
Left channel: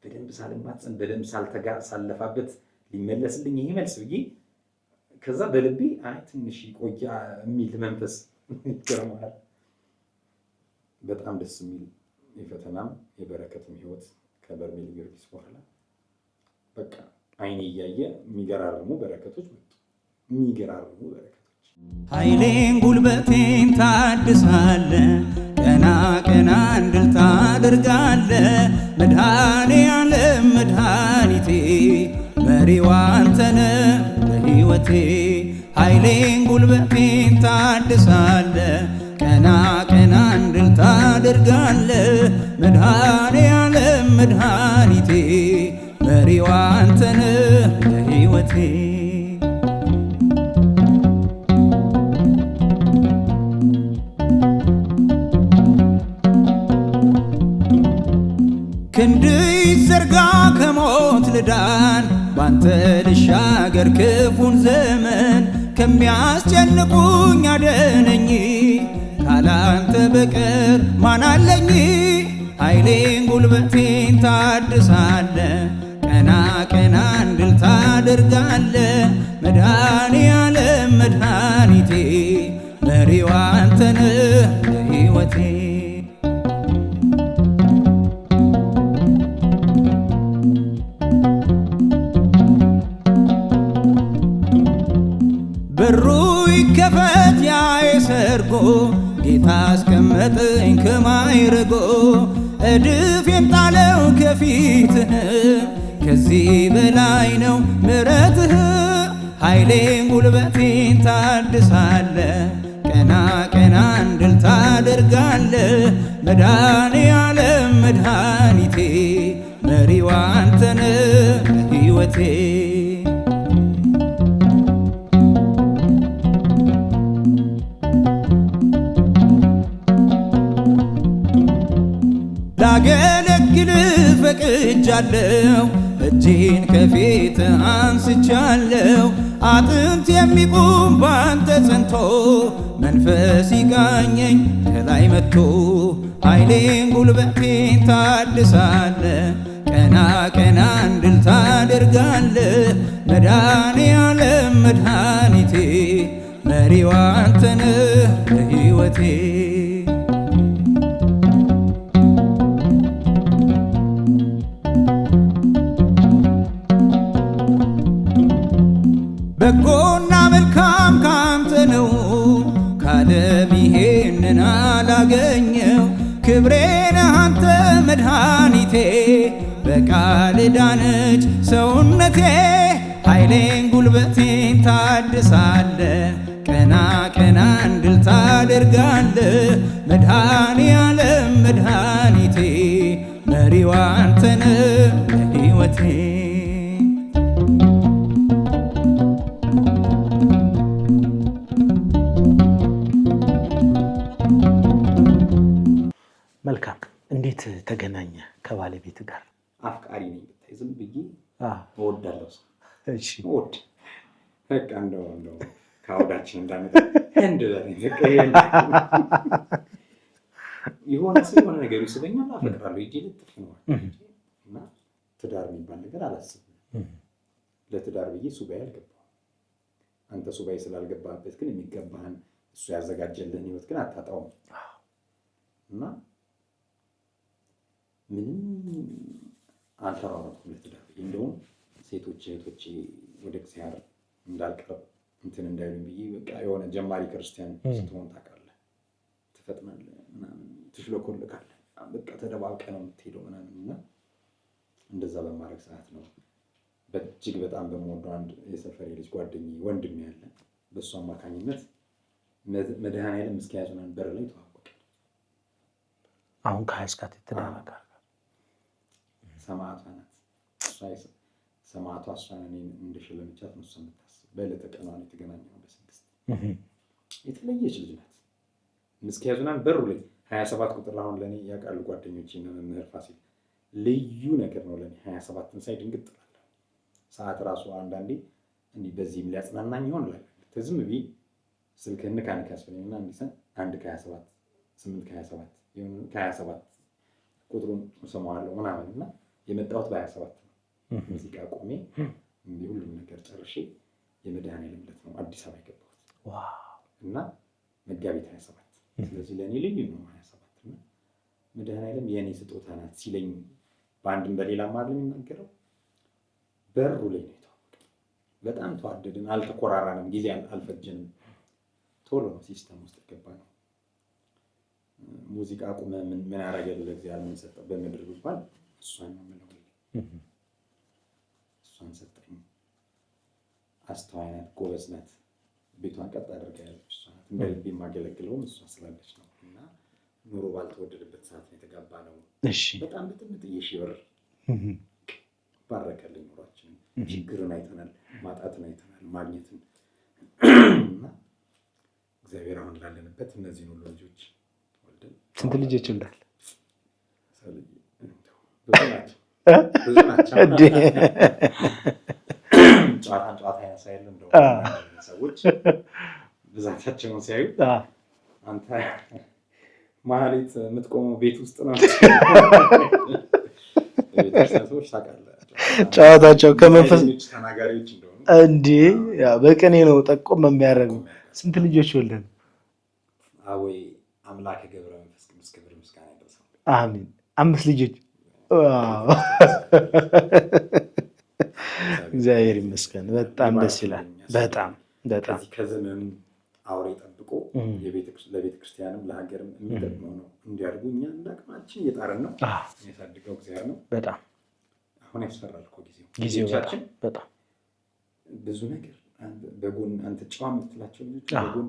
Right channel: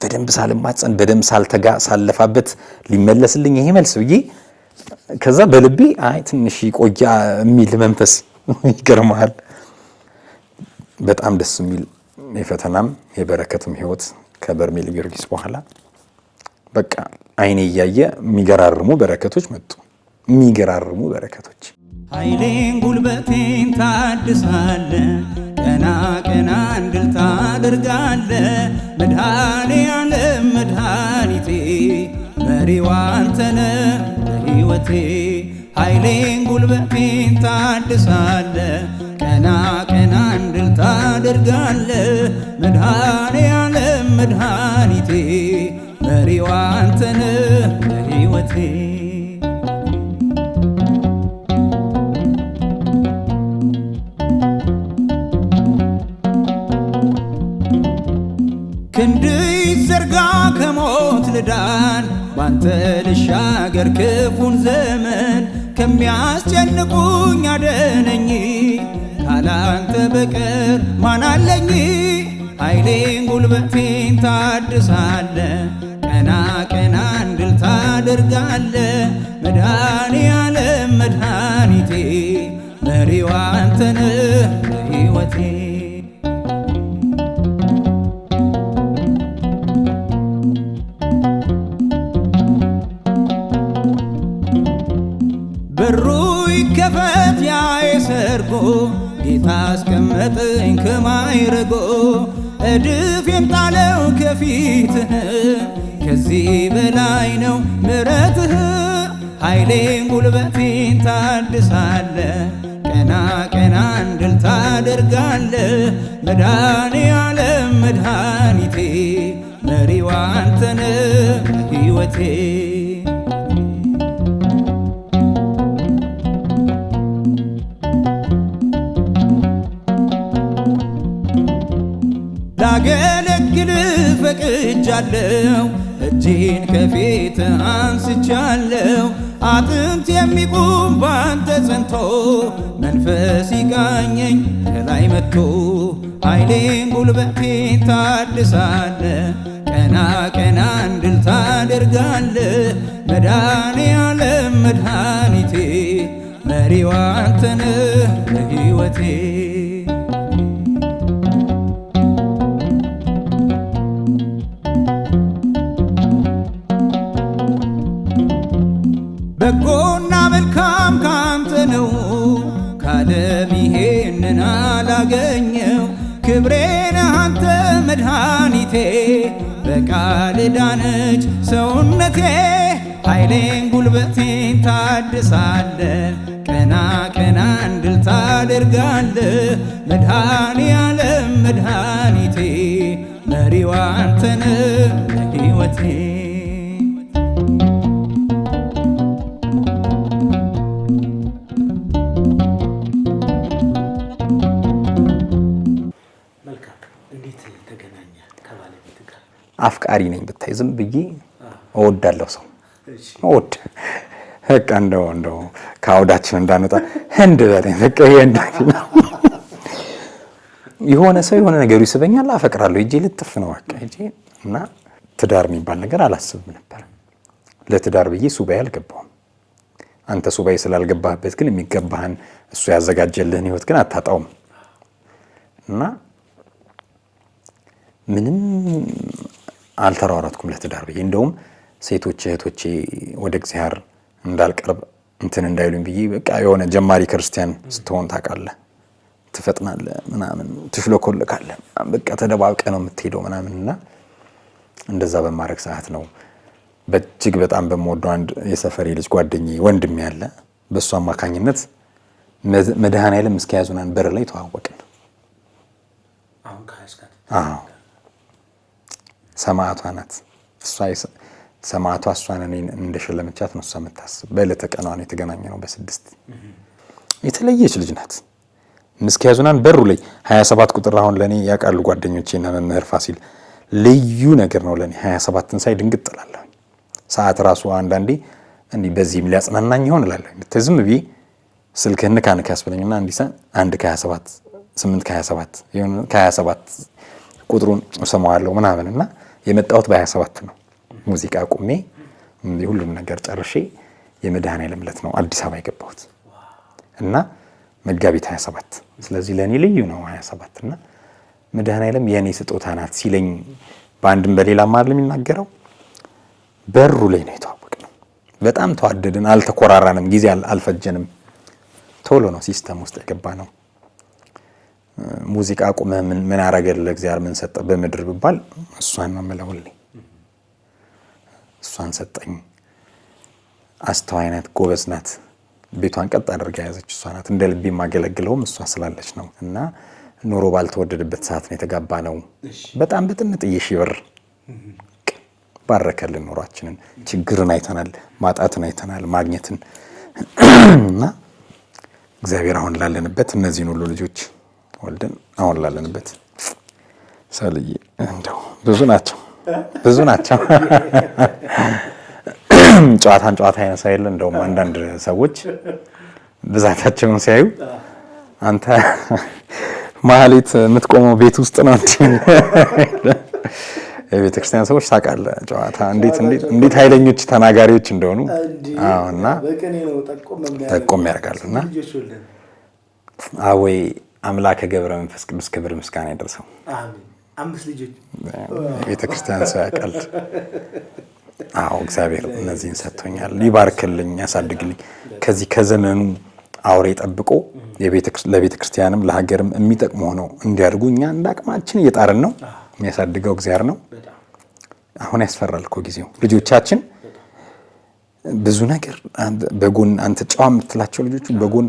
በደንብ ሳልማጸን በደንብ ሳልተጋ ሳለፋበት ሊመለስልኝ ይሄ መልስ ብዬ ከዛ በልቤ አይ ትንሽ ቆያ የሚል መንፈስ ይገርማል። በጣም ደስ የሚል የፈተናም የበረከትም ህይወት ከበርሜል ጊዮርጊስ በኋላ በቃ አይኔ እያየ የሚገራርሙ በረከቶች መጡ። የሚገራርሙ በረከቶች ኃይሌን ጉልበቴን ታድሳለ፣ ቀና እንድል ታደርጋለ። መድኃኔዓለም መድኃኒቴ መሪው አንተነ በሕይወቴ። ኃይሌን ጉልበቴን ታድሳለ፣ ቀና እንድል ታደርጋለ። መድኃኔዓለም መድኃኒቴ መሪው አንተነ በሕይወቴ። ክንድ ይዘርጋ ከሞት ልዳን፣ ባንተ ልሻገር ክፉን ዘመን። ከሚያስጨንቁኝ አደነኝ፣ ካላንተ በቀር ማን አለኝ? ኃይሌን ጉልበቴን ታድሳለ፣ ቀና እንድል ታደርጋለ። መድኃኔዓለም መድኃኒቴ መሪው አንተነ በሕይወቴ። በሩ ይከፈት ጌታ አስቀመጠኝ ከማይረጎ እድፌን ጣለው ከፊትህ ከዚህ በላይ ነው ምሕረትህ ኃይሌን ጉልበቴን ታድሳለ ቀና ቀና እንድል ታደርጋለ መድኃኔዓለም መድኃኒቴ መሪዋ አንተነ ሕይወቴ ላገለግል ፈቅጃለሁ እጄን ከፊት አንስቻለሁ አጥንት የሚቆም ባንተ ጸንቶ መንፈስ ይቃኘኝ ከላይ መጥቶ ኃይሌን ጉልበቴን ታድሳለ ቀና ቀና እንድል ታደርጋለ መድኃኔዓለም መድኃኒቴ መሪዋ አንተነ ለሕይወቴ በጎና መልካም ካንተ ነው ካለም ይሄንን አላገኘው ክብሬን አንተ መድኃኒቴ በቃል ዳነች ሰውነቴ ኃይሌን ጉልበቴን ታድሳለ ቀና ቀና እንድል ታደርጋለ መድኃኔዓለም መድኃኒቴ መሪዋ አንተነ ለሕይወቴ መልካም። እንዴት ተገናኘ ከባለቤት ጋር? አፍቃሪ ነኝ ብታይ ዝም ብዬ እወዳለሁ ሰው እወድ በቃ እንደው ከአውዳችን እንዳንወጣ ህንድ በለኝ በቃ የሆነ ሰው የሆነ ነገሩ ይስበኛል አፈቅራለሁ እጄ ልጥፍ ነው በቃ እጄ እና ትዳር የሚባል ነገር አላስብም ነበር። ለትዳር ብዬ ሱባኤ አልገባሁም። አንተ ሱባኤ ስላልገባህበት ግን የሚገባህን እሱ ያዘጋጀልህን ህይወት ግን አታጣውም እና ምንም አልተሯሯጥኩም ለትዳር ብዬ። እንደውም ሴቶች እህቶቼ ወደ እግዚአብሔር እንዳልቀርብ እንትን እንዳይሉኝ ብዬ በቃ የሆነ ጀማሪ ክርስቲያን ስትሆን ታውቃለህ ትፈጥናለህ ምናምን ትሽሎኮልካለህ በቃ ተደባብቀ ነው የምትሄደው ምናምንና እንደዛ በማድረግ ሰዓት ነው በእጅግ በጣም በመወደው አንድ የሰፈሬ ልጅ ጓደኛዬ ወንድም ያለ በእሱ አማካኝነት መድኃኔዓለም እስከያዙናን በር ላይ ተዋወቅን። አሁን ከያዝካት ሰማዕቷ ናት እሷ ሰማዕቷ እሷን እኔን እንደሸለመቻት ነው እሷ የምታስብ። በዕለተ ቀኗ ነው የተገናኘነው በ6 የተለየች ልጅ ናት። እስከያዙናን በሩ ላይ 27 ቁጥር አሁን ለኔ ያውቃሉ ጓደኞቼና መምህር ፋሲል ልዩ ነገር ነው ለኔ 27ን ሳይ ድንግጥ እላለሁ። ሰዓት ራሱ አንዳንዴ እንዲህ በዚህም ሊያጽናናኝ ይሆን እላለሁ። ተዝም ብዬ ስልክህን ካንካ ያስብለኝና እንዲሳ 1 ከ27 8 ከ27 ይሁን ከ27 ቁጥሩን ሰማዋለሁ ምናምንና የመጣሁት በ27 ነው። ሙዚቃ አቁሜ ሁሉም ነገር ጨርሼ የመድኃኔዓለም ዕለት ነው አዲስ አበባ የገባሁት እና መጋቢት 27 ስለዚህ ለኔ ልዩ ነው 27 እና መድኃኔዓለም የኔ ስጦታ ናት ሲለኝ በአንድም በሌላም አይደል የሚናገረው በሩ ላይ ነው የተዋወቅነው። በጣም ተዋደድን፣ አልተኮራራንም፣ ጊዜ አልፈጀንም። ቶሎ ነው ሲስተም ውስጥ የገባነው። ሙዚቃ አቁመ ምን አረገለ እግዚአብሔር ምን ሰጠ በመድር ቢባል እሷን ነው የምለውልኝ። እሷን ሰጠኝ። አስተዋይ ናት፣ ጎበዝ ናት፣ ቤቷን ቀጥ አድርጋ ያዘች እሷ ናት። እንደ ልቤ ማገለግለውም እሷ ስላለች ነው እና ኑሮ ባልተወደደበት ሰዓት ነው የተጋባነው። በጣም በጥንጥዬ ሺህ ብር ባረከልን ኑሯችንን። ችግርን አይተናል፣ ማጣትን አይተናል፣ ማግኘትን እና እግዚአብሔር አሁን ላለንበት እነዚህን ሁሉ ልጆች ወልደን አሁን ላለንበት ሰልዬ እንደው ብዙ ናቸው ጨዋታን ጨዋታ አይነሳ የለ። እንደውም አንዳንድ ሰዎች ብዛታቸውን ሲያዩ አንተ ማህሌት የምትቆመው ቤት ውስጥ ነው እንዴ? የቤተክርስቲያን ሰዎች ታውቃለህ ጨዋታቸው እንዴት ኃይለኞች ተናጋሪዎች እንደሆኑ እንዴ በቀኔ ነው ጠቆም የሚያደርጋሉና ልጆች ወልደን አወይ አምላከ ገብረ መንፈስ ቅዱስ ክብር ምስጋና ይደርሰው። አሜን። 5 ልጆች ቤተክርስቲያን ሰው ያውቃል። እግዚአብሔር እነዚህን ሰጥቶኛል። ይባርክልኝ፣ ያሳድግልኝ። ከዚህ ከዘመኑ አውሬ ጠብቆ ለቤተ ክርስቲያንም ለሀገርም የሚጠቅሙ ሆነው እንዲያድጉ እኛ እንደ አቅማችን እየጣርን ነው። የሚያሳድገው እግዚአብሔር ነው። አሁን ያስፈራል እኮ ጊዜው። ልጆቻችን ብዙ ነገር በጎን አንተ ጨዋ የምትላቸው ልጆች በጎን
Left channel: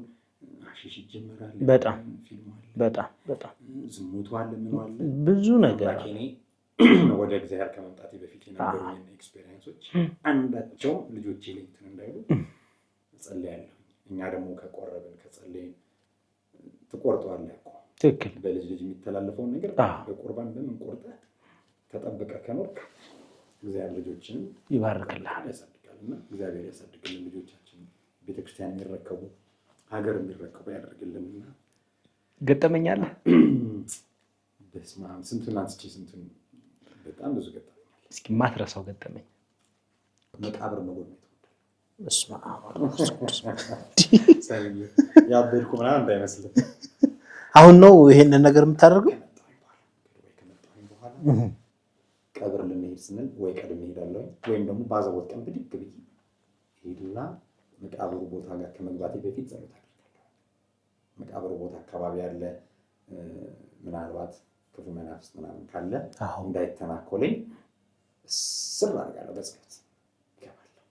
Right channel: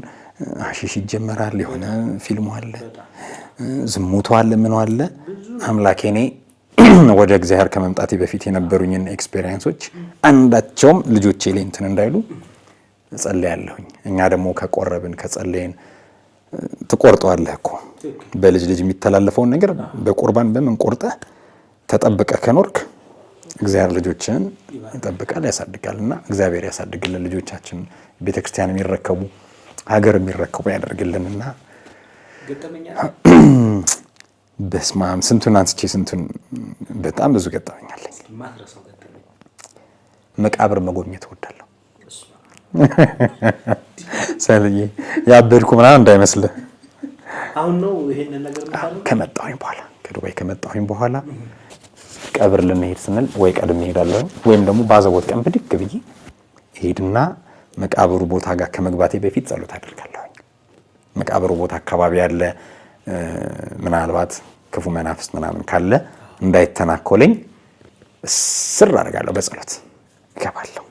አሺሽ ይጀመራል፣ የሆነ ፊልሙ አለ፣ ዝሙቱ አለ፣ ምን አለ። አምላኬ እኔ ወደ እግዚአብሔር ከመምጣቴ በፊት የነበሩኝን ኤክስፔሪየንሶች አንዳቸውም ልጆቼ ላይ እንትን እንዳይሉ እጸልያለሁኝ። እኛ ደግሞ ከቆረብን ከጸለይን ትቆርጠዋለህ እኮ በልጅ ልጅ የሚተላለፈውን ነገር በቁርባን በምን ቆርጠህ ተጠብቀህ ከኖርክ እግዚአብሔር ልጆችን ይጠብቃል፣ ያሳድጋል። እና እግዚአብሔር ያሳድግልን ልጆቻችን፣ ቤተክርስቲያን የሚረከቡ ሀገር የሚረከቡ ያደርግልንና ገጠመኛል። በስማም ስንቱን አንስቼ ስንቱን በጣም ብዙ ገጠመኛለኝ። ማትረሳው ገጠመኝ? መቃብር መጎብኘት እወዳለሁ። ሰልዬ ያበድኩ ምናምን እንዳይመስልህ። አሁን ነው ይሄንን ነገር የምታደርገው? ከመጣሁኝ በኋላ ከዱባይ ከመጣሁኝ በኋላ ቀብር ልንሄድ ስንል ወይ ቀድሜ እሄዳለሁ ወይም ደግሞ ባዘቦት ቀን ብድግ ብዬ እሄድና መቃብሩ ቦታ ጋር ከመግባቴ በፊት ጸሎት አደርጋለሁ። መቃብሩ ቦታ አካባቢ ያለ ምናልባት ክፉ መናፍስት ምናምን ካለ እንዳይተናኮለኝ ስር አደርጋለሁ። በጸሎት እገባለሁ።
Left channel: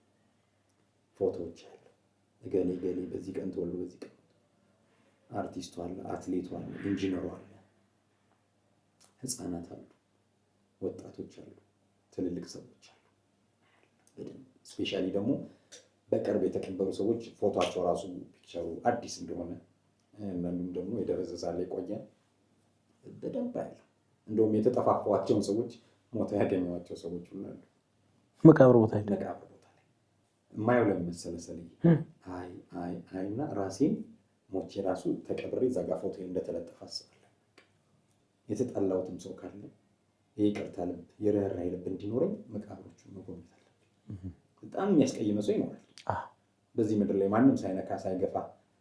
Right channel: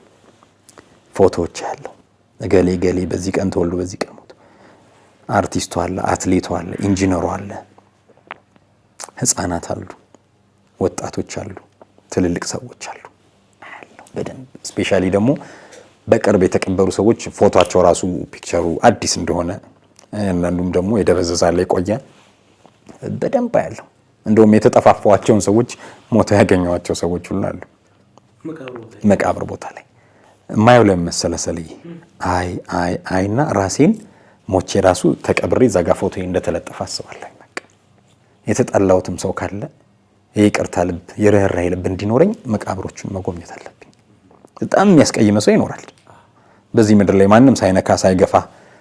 ፎቶዎች ያለው እገሌ ገሌ በዚህ ቀን ተወልዶ በዚህ ቀን ሞቶ፣ አርቲስቱ አለ፣ አትሌቱ አለ፣ ኢንጂነሩ አለ፣ ህፃናት አሉ፣ ወጣቶች አሉ፣ ትልልቅ ሰዎች አሉ። በደንብ ስፔሻሊ ደግሞ በቅርብ የተቀበሩ ሰዎች ፎቶቸው ራሱ ፒክቸሩ አዲስ እንደሆነ አንዳንዱም ደግሞ የደበዘዛለ የቆየ በደንብ ያለው እንደውም የተጠፋፋቸውን ሰዎች ሞቶ ያገኘዋቸው ሰዎች ሁሉ አሉ መቃብር ቦታ ላይ። ማየው ለመሰለሰልይ አይና ራሴን ሞቼ ራሱ ተቀብሬ ዘጋ ፎቶ እንደተለጠፈ አስባለሁ። በቃ የተጣላውትም ሰው ካለ የይቅርታ ልብ የርህራሄ ልብ እንዲኖረኝ መቃብሮቹን መጎብኘት አለብኝ። በጣም የሚያስቀይም ሰው ይኖራል በዚህ ምድር ላይ። ማንም ሳይነካ ሳይገፋ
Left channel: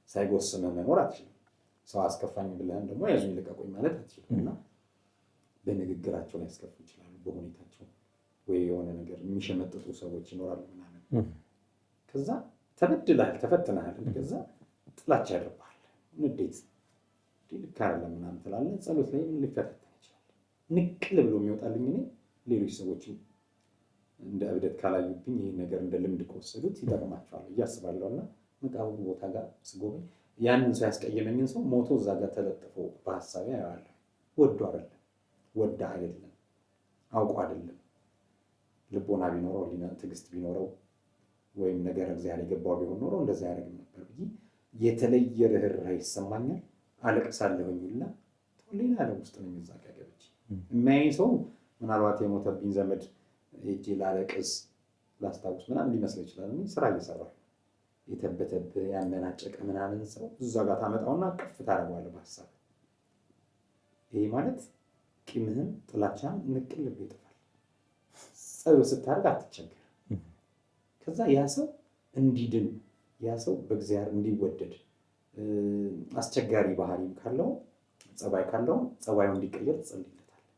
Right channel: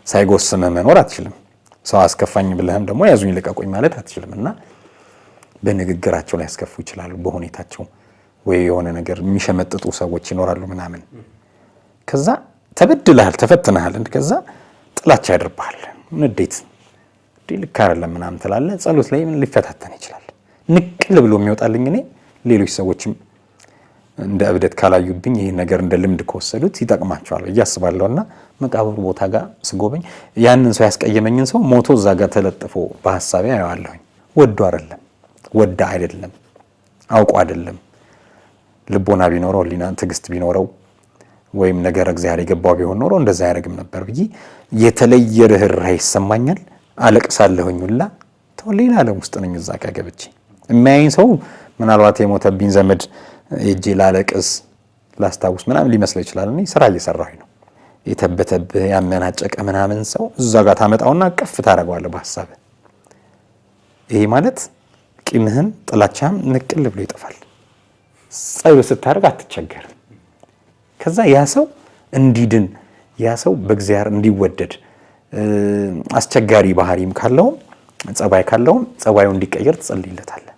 ሳይጎስም መኖር አትችልም። ሰው አስከፋኝ ብለህም ደግሞ ያዙኝ ልቀቁኝ ማለት አትችልም። እና በንግግራቸው ላይ ያስከፉ ይችላሉ፣ በሁኔታቸው ወይ የሆነ ነገር የሚሸመጥጡ ሰዎች ይኖራሉ ምናምን። ከዛ ተበድለሃል፣ ተፈትነሃል፣ ከዛ ጥላቻ ያድርብሃል፣ ንዴት ልክ አይደለም ምናምን ትላለህ። ጸሎት ላይ ምን ሊፈታተን ይችላል። ንቅል ብሎ የሚወጣልኝ እኔ ሌሎች ሰዎችም እንደ እብደት ካላዩብኝ ይህ ነገር እንደ ልምድ ከወሰዱት ይጠቅማቸዋል ብዬ አስባለሁና መቃብሩ ቦታ ጋር ስጎበኝ ያንን ሰው ያስቀየመኝን ሰው ሞቶ እዛ ጋር ተለጥፎ በሐሳቤ አየዋለሁኝ። ወዶ አይደለም አውቆ አይደለም። ልቦና ቢኖረው ሊና ትዕግስት ቢኖረው ወይም ነገር እግዚአብሔር የገባው ቢሆን ኖሮ እንደዛ ያደርግም ነበር ብዬ የተለየ ርህራሄ ይሰማኛል። አለቅሳለሁኝ ሁላ ሌላ ዓለም ውስጥ ነኝ። እዛ ጋር ገብቼ የሚያየኝ ሰው ምናልባት የሞተብኝ ዘመድ እጄ ላለቅስ ላስታውስ ምናምን ሊመስለው ይችላል። እኔ ስራ እየሰራሁኝ ነው። የተበተብህ ያመናጨቀ ምናምን ሰው እዛ ጋር ታመጣውና ቅፍ ታደርገዋለህ በሐሳብህ። ይሄ ማለት ቂምህን ጥላቻህም ንቅል ብሎ ይጠፋል። ጸሎት ስታደርግ አትቸገርም። ከዛ ያ ሰው እንዲድን ያ ሰው በእግዚአብሔር እንዲወደድ አስቸጋሪ ባህሪም ካለውም ጸባይ ካለውም ጸባዩ እንዲቀየር ትጸልይለታለህ።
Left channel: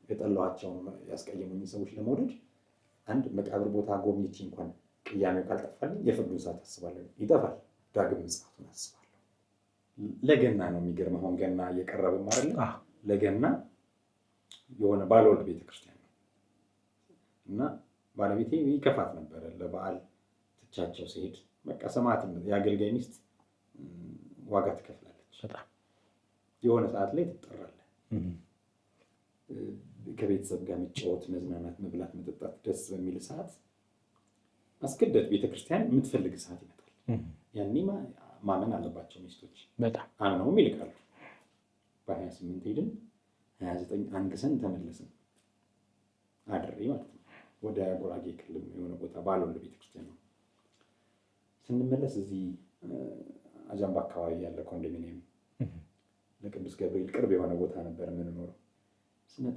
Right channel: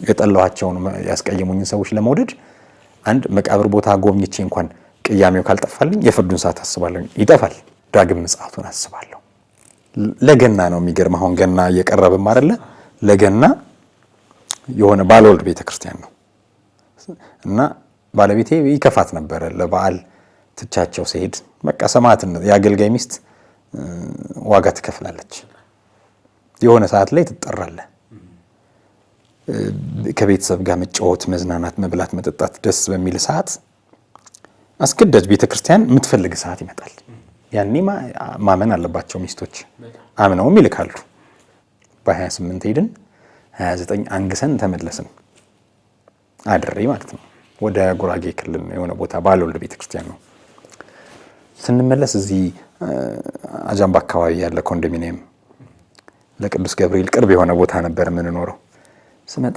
የጠላኋቸውን ያስቀየሙኝን ሰዎች ለመውደድ አንድ መቃብር ቦታ ጎብኝቼ እንኳን ቅያሜው ካልጠፋልኝ የፍርዱን ሰዓት አስባለሁ። ይጠፋል። ዳግም ምጽአቱን አስባለሁ። ለገና ነው የሚገርም። አሁን ገና እየቀረበም አይደለ? ለገና የሆነ ባለወልድ ቤተክርስቲያን ነው እና ባለቤቴ ይከፋት ነበረ። ለበዓል ትቻቸው ሲሄድ በቃ ሰማዕትነት የአገልጋይ ሚስት ዋጋ ትከፍላለች። የሆነ ሰዓት ላይ ትጠራለህ። ከቤተሰብ ጋር መጫወት፣ መዝናናት፣ መብላት፣ መጠጣት ደስ በሚል ሰዓት አስገዳጅ ቤተክርስቲያን የምትፈልግ ሰዓት ይመጣል። ያኔ ማመን አለባቸው ሚስቶች። አምነውም ይልካሉ። በ28 ሄድን፣ 29 አንግሰን ተመለስን። አድሬ ማለት ነው። ወደ ጉራጌ ክልል የሆነ ቦታ ባለወልድ ቤተክርስቲያን ነው። ስንመለስ እዚህ አጃምባ አካባቢ ያለ ኮንዶሚኒየም ለቅዱስ ገብርኤል ቅርብ የሆነ ቦታ ነበር የምንኖረው። ስመጣ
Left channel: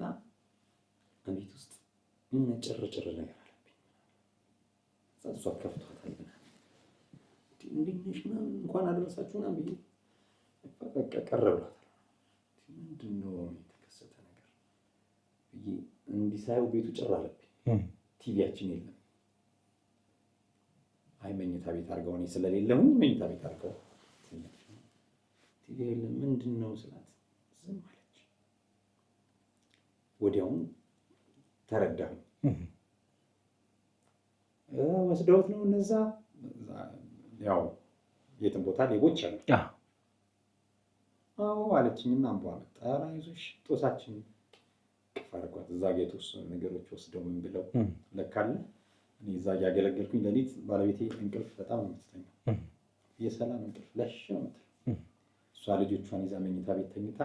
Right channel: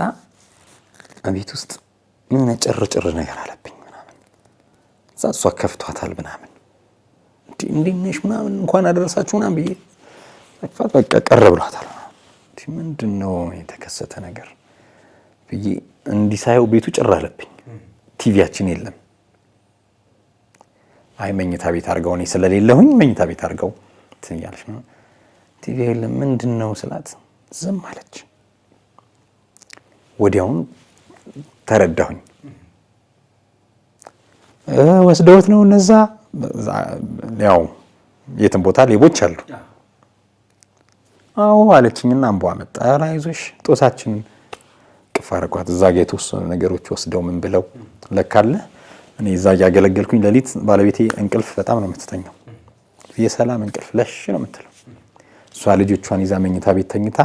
ቤት ውስጥ ምን ጭርጭር ነገር አለብኝ ምናምን። እሷ ከፍቷታል ምናምን እንዴት ነሽ ምናምን እንኳን አደረሳችሁ ምናምን ብዬ በቃ ቀረ ብሏታል። ምንድን ነው የተከሰተ ነገር ብዬ እንዲሳየው ቤቱ ጭር አለብኝ። ቲቪያችን የለም። አይ መኝታ ቤት አድርገው፣ እኔ ስለሌለሁኝ መኝታ ቤት አድርገው ትያለሽ ነው ቲቪ የለም ምንድን ነው ስላት ዝም አለች። ወዲያውን ተረዳሁኝ። ወስደውት ነው እነዛ ያው የትም ቦታ ሌቦች አሉ። አዎ አለችኝና አንቧ መጣ። ኧረ አይዞሽ ጦሳችን ቅፍ አደረኳት። እዛ ጋ የተወሰኑ ነገሮች ወስደው ምን ብለው ለካለ እኔ እዛ እያገለገልኩኝ ሌሊት ባለቤቴ እንቅልፍ በጣም ነው የምትተኛው። የሰላም እንቅልፍ ለሽ ነው የምትለው። እሷ ልጆቿን ይዛ መኝታ ቤት ተኝታ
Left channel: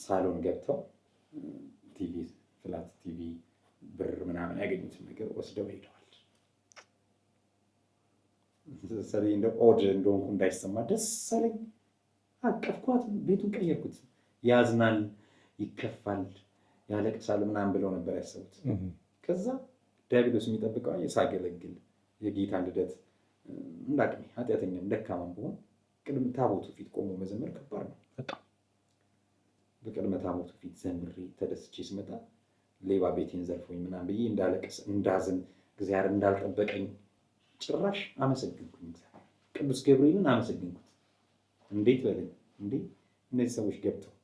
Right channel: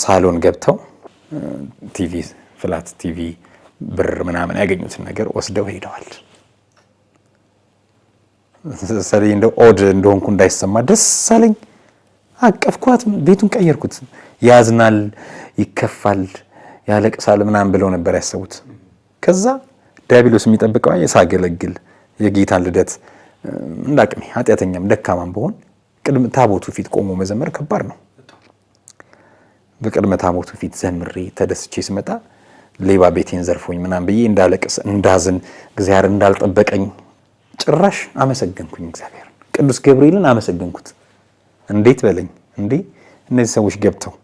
ሳሎን ገብተው ቲቪ ፍላት ቲቪ ብር ምናምን ያገኙትን ነገር ወስደው ሄደዋል። ስለዚህ እንደው ኦድ እንደሆንኩ እንዳይሰማ ደስ አለኝ። አቀፍኳት፣ ቤቱን ቀየርኩት። ያዝናል፣ ይከፋል፣ ያለቅሳል ምናምን ብለው ነበር ያሰቡት። ከዛ ዲያብሎስ የሚጠብቀው የሳገለግል የጌታን ልደት እንዳቅሜ ኃጢአተኛም ደካማም በሆን ቅድመ ታቦቱ ፊት ቆሞ መዘመር ከባድ ነው። በቅድመ ታቦቱ ፊት ዘምሬ ተደስቼ ስመጣ ሌባ ቤቴን ዘርፎኝ ምናምን ብዬ እንዳለቅስ እንዳዝን እግዚአብሔር እንዳልጠበቀኝ ጭራሽ አመሰገንኩኝ። እግዚአብሔር ቅዱስ ገብርኤልን አመሰገንኩት። እንዴት በለኝ እንዴ! እነዚህ ሰዎች ገብተው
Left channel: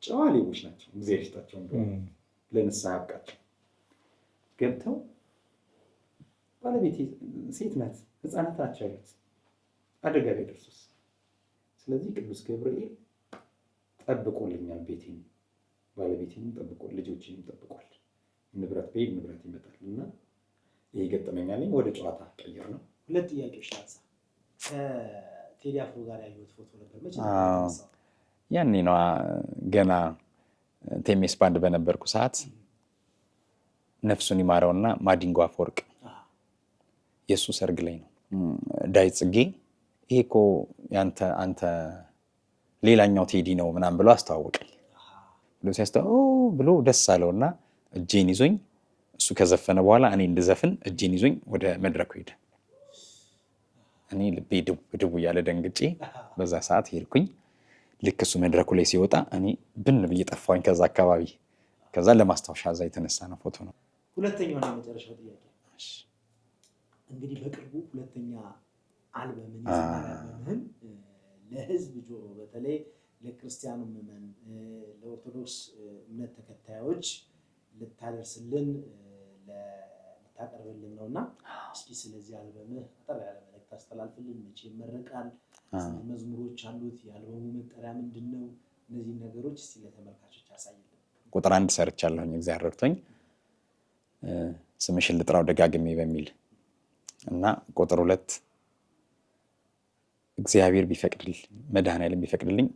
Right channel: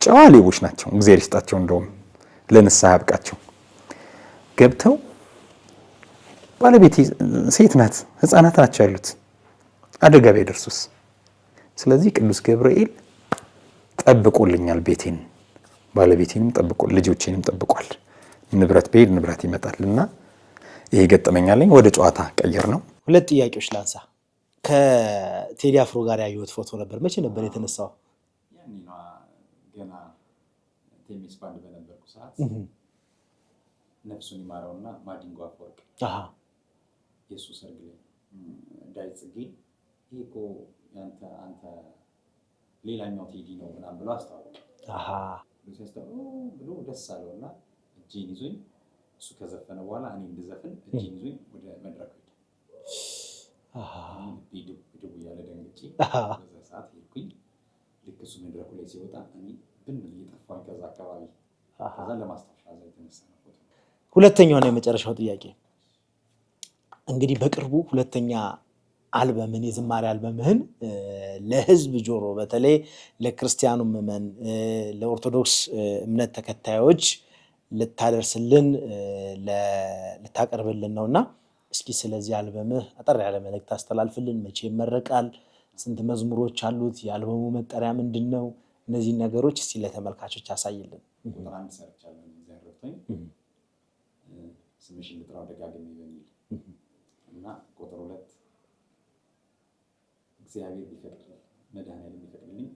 ጨዋ ሌቦች ናቸው። እግዚአብሔር ይስጣቸው፣ እንደውም ለንስሐ ያብቃቸው። ገብተው ባለቤቴ ሴት ናት፣ ህፃናት ናቸው ያሉት፣ አደጋ ቢደርሱስ? ስለዚህ ቅዱስ ገብርኤል ጠብቆልኛል፣ ቤቴን ባለቤቴንም ጠብቆ ልጆቼንም ጠብቋል። ንብረት በሄድ ንብረት ይመጣልና ይሄ ገጠመኛለኝ። ወደ ጨዋታ ቀየር ነው። 2 ጥያቄዎች ላንሳ። ከቴዲ አፍሮ ጋር ያየሁት ፎቶ ነበር። መቼ ነበር የተነሳው? ያኔ ነው ገና ቴሜስ ባንድ በነበርኩ ሰዓት ነፍሱን ይማረውና ማዲንጎ አፈወርቅ የሱ ሰርግ ላይ ነው። ዳዊት ጽጌ ይሄ እኮ አንተ ሌላኛው ቴዲ ነው ምናምን ብሎ አስተዋወቀኝ። ብሎ ሲያስተዋወቅ ብሎ ደስ አለውና እጄን ይዞኝ እሱ ከዘፈነ በኋላ እኔ እንድዘፍን እጄን ይዞኝ ወደ መድረኩ ሄደ። እኔ ልቤ ድቡ እያለ ደንግጬ በዛ ሰዓት ሄድኩኝ። ልክ እሱ መድረኩ ላይ ሲወጣ እኔ ብን ብዬ ጠፋሁኝ ከዛ አካባቢ። ከዛ ለማስታወሻ እዛ የተነሳ ነው ፎቶ ነው። ሁለተኛውና የመጨረሻው ጥያቄ እንግዲህ በቅርቡ ሁለተኛ አልበምን የዝማሬ አልበምህን ለህዝብ ጆሮ በተለይ ለክርስቲያኑ ምዕመን ለኦርቶዶክስ እምነት ተከታዮች ልታደርስልን ልታቀርብልን ነውና እስኪ ስለዚህ አልበምህ አጠር ያለ መልእክት አስተላልፍልን። መቼ ይመረቃል? ስንት መዝሙሮች አሉት? የአልበሙ መጠሪያ ምንድነው? እነዚህ ነገሮች እስቲ ለተመልካቾች አሳይልን። ቁጥር 1 ሰርቻለሁኝ እግዚአብሔር ረድቶኝ ስምሽን ልጥራው ደጋግሜ በሚል እና ቁጥር 2 እግዚአብሔር ቢፈቅድልኝ መድኃኔዓለም ቢፈቅድልኝ